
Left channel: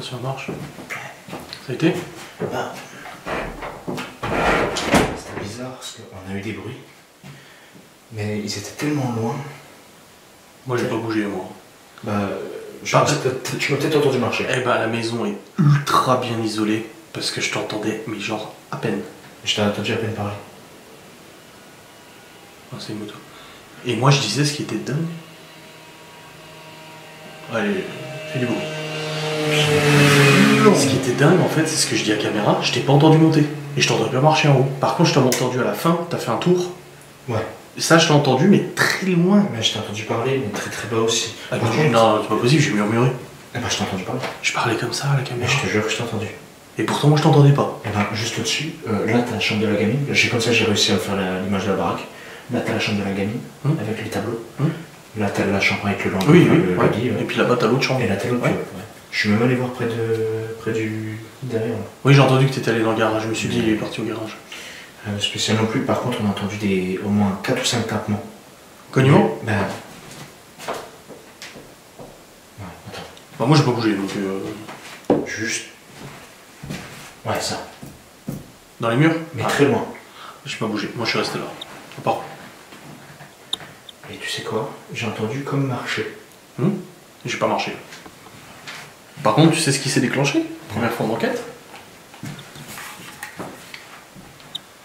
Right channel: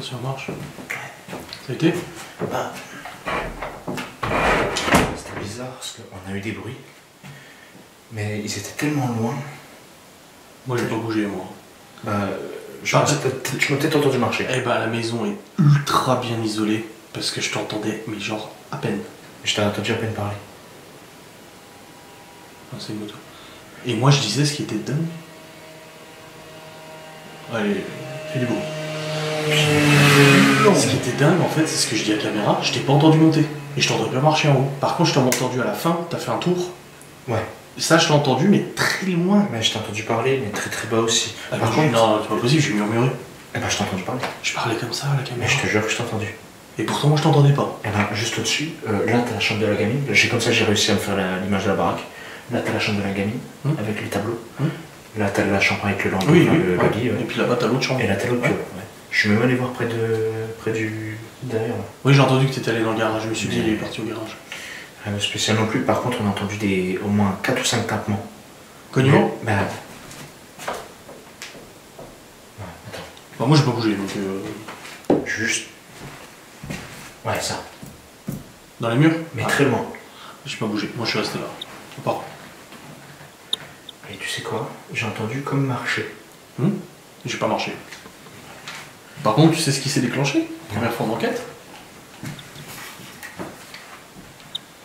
Attention, marche. Ça a été? Ah. C'était bizarre parce qu'on a eu des bruits. Mais ils étaient tellement loin. Moi, j'ai pas bougé, moi. Bah, tu m'as peut-être entendu marcher. Eh ben, la maison est ultra bien isolée parce que je t'entendais, mais genre à peine. Je t'ai entendu à peine parler. Ah, c'est une moto. Et moi, je disais ce qui était dingue. Allez, fais du bruit. Ce qui était dingue, en fait, c'est ce que je dis à la caméra, je t'ai pas entendu monter. Et je t'entendais pas marcher en haut. Par contre, je t'ai entendu à la fin, t'as fait un tour. Ouais. Et ça, je t'ai entendu, mais très loin. Mais je t'ai entendu parler, mais très très bas aussi. Ah, Par mais contre, non, c'est pas possible, j'ai murmuré. eh ben, je t'ai entendu parler. Je parlais comme ça à la Mais caméra. je te jure que je t'ai entendu. Et pourtant, moi, je t'entendais pas. Et ben, juste au-dessus, là t'as la chambre de la gamine. Comme ça j'ai réussi à me faire l'image de la baraque. Là t'as la chambre de la gamine, avec les tableaux. Là t'as la chambre avec le lampe, Oui, le ouais. lit. Ouais. Et puis là-bas, t'as l'autre chambre. Et là t'as l'autre. Ouais. Ouais. Je suis même allé voir près du derrière. Là. Oui, j'ai entendu que t'étais allé dans le garage. Je me suis dit, il est parti au garage. Spécial non plus, par contre on a entendu au moins 4 ou 5 tapements. Cognement? Ben. Ouais, attends. Bah, moi, j'ai pas bougé, donc. Juste. Ouais, ça. Dans les murs? Mais très loin. J'ai pas bougé. Moi, je suis resté là. Pas. Et tu sais quoi? J'ai entendu comme marcher. J'ai pas marché. Par contre, tu sais ce qui s'est déclenché? Première fois d'enquête?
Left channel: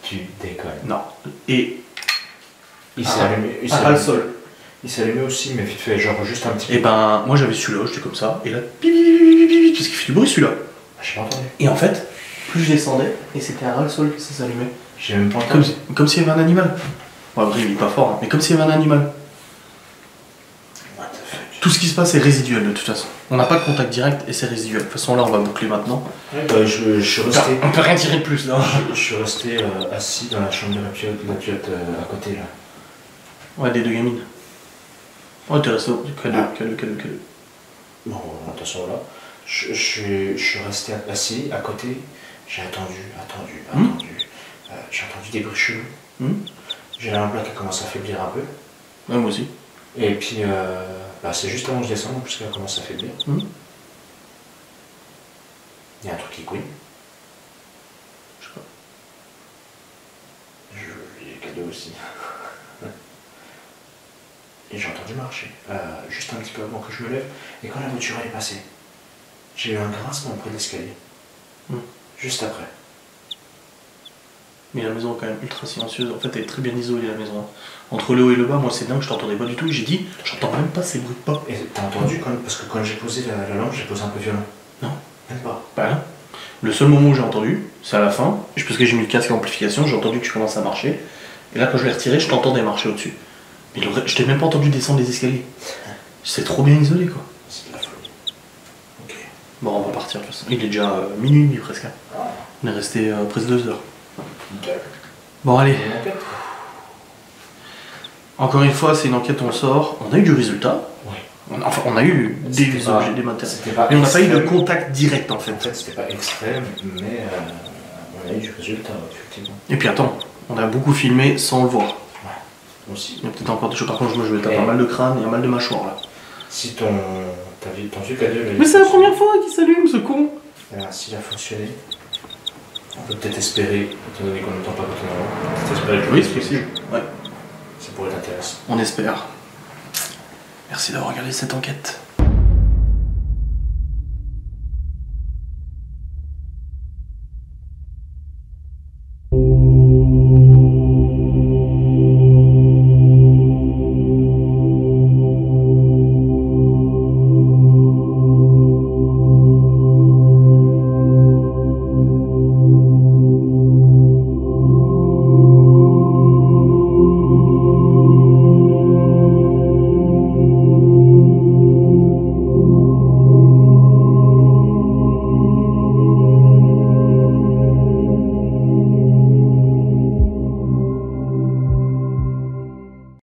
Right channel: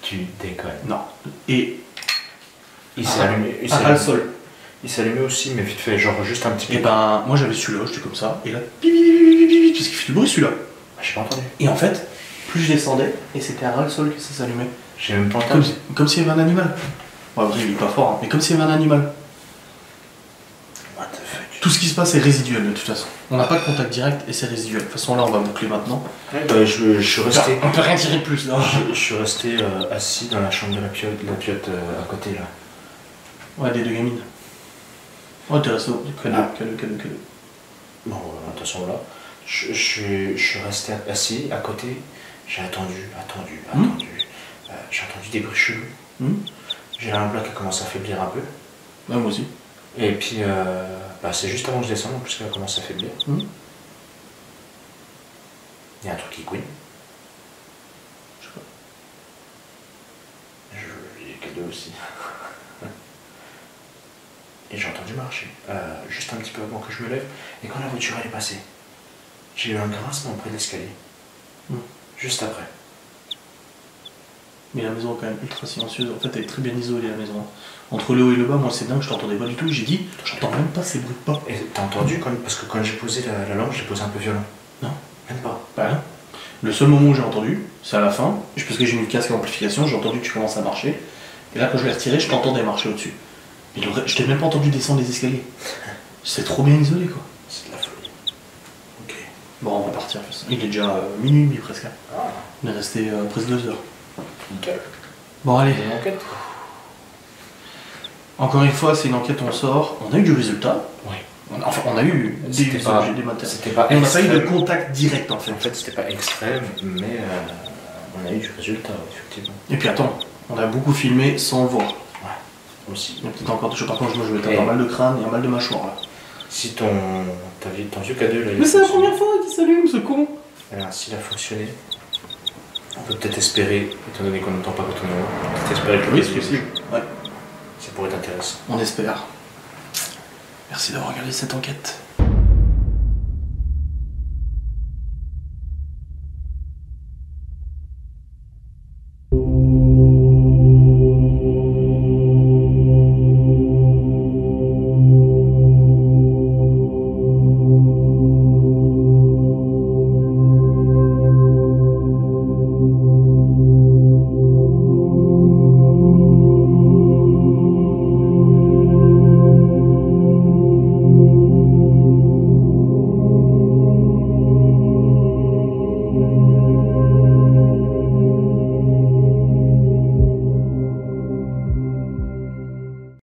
Tu déconnes. Non. Et. Il s'est allumé. le sol. Il s'est allumé aussi, mais vite fait, genre juste un petit peu. Et ben, moi j'avais celui-là, j'étais comme ça, et là, parce qu'il fait du bruit celui-là. J'ai pas entendu. Et en fait, plus je descendais, et c'était à ras le sol que ça s'allumait. J'ai même pas entendu. Comme s'il y avait un animal. Bon, après, il est pas fort, hein, mais comme s'il y avait un animal. What the fuck? Tout ce qui se passe est résiduel de toute façon. On n'a pas de contact direct et c'est résiduel. De toute façon, là, on va boucler maintenant. Ouais, bah, je suis resté. On peut rien tirer de plus là. Je suis resté assis dans la chambre de la pilote à côté là. Ouais, des deux gamines. Ouais, t'es resté calme. Bon, attention là. Je suis resté assis à côté. J'ai attendu. J'ai entendu des bruits chelous. J'ai un bloc qui commence à faiblir un peu. Ouais, moi aussi. Et puis, c'est juste avant que je descende, en plus qu'elle commence à faiblir. Il y a un truc qui couine. Je sais pas. Il y a cadeau aussi. Et j'ai entendu marcher, juste un petit peu avant que je me lève. Et quand la voiture elle est passée, j'ai eu un grincement près de l'escalier. Juste après. Mais la maison est quand même ultra silencieuse. En fait, elle est très bien isolée la maison. Entre le haut et le bas, moi c'est dingue, je t'entendais pas du tout. J'ai dit, j'entends même pas ces bruits de pas. Et t'as entendu parce que quand j'ai posé la lampe, j'ai posé un peu violent. Non. Même pas. Bah non. Le seul moment où j'ai entendu, c'est à la fin, parce que j'ai mis le casque à amplification, j'ai entendu que tu commences à marcher. Et là, quand je l'ai retiré, je t'entendais marcher au-dessus. Mais je t'ai même pas entendu descendre les escaliers. C'est trop bien isolé quoi. C'est de la folie. Ok. Bon, on va partir de toute façon. Il est déjà minuit et demi presque. On est resté presque 2 heures. Nickel. Bon, allez. Une enquête quoi. Encore une fois, c'est une enquête, on sort. On a eu du résultat. Ouais. On a eu des C'était pas- objets, des matériaux. C'était pas Et on n'a pas eu de extrême. contact direct en fait. En fait, c'était pas extrême, mais on a eu du résultat, effectivement. Et puis attends, on a beaucoup filmé sans le voir. Aussi. Il y a peut-être encore des choses. Par contre, moi je vais Et- taper un mal de crâne et un mal de mâchoire là. Si ton vieux cadeau là, Mais c'est la première fois qu'il s'allume ce con. Alors, s'il a fonctionné, on peut peut-être espérer, étant donné qu'on n'entend pas quand on est en haut, peut-être espérer que Oui, c'est possible. Ouais. ça pourrait être intéressant. On espère. Merci d'avoir regardé cette enquête.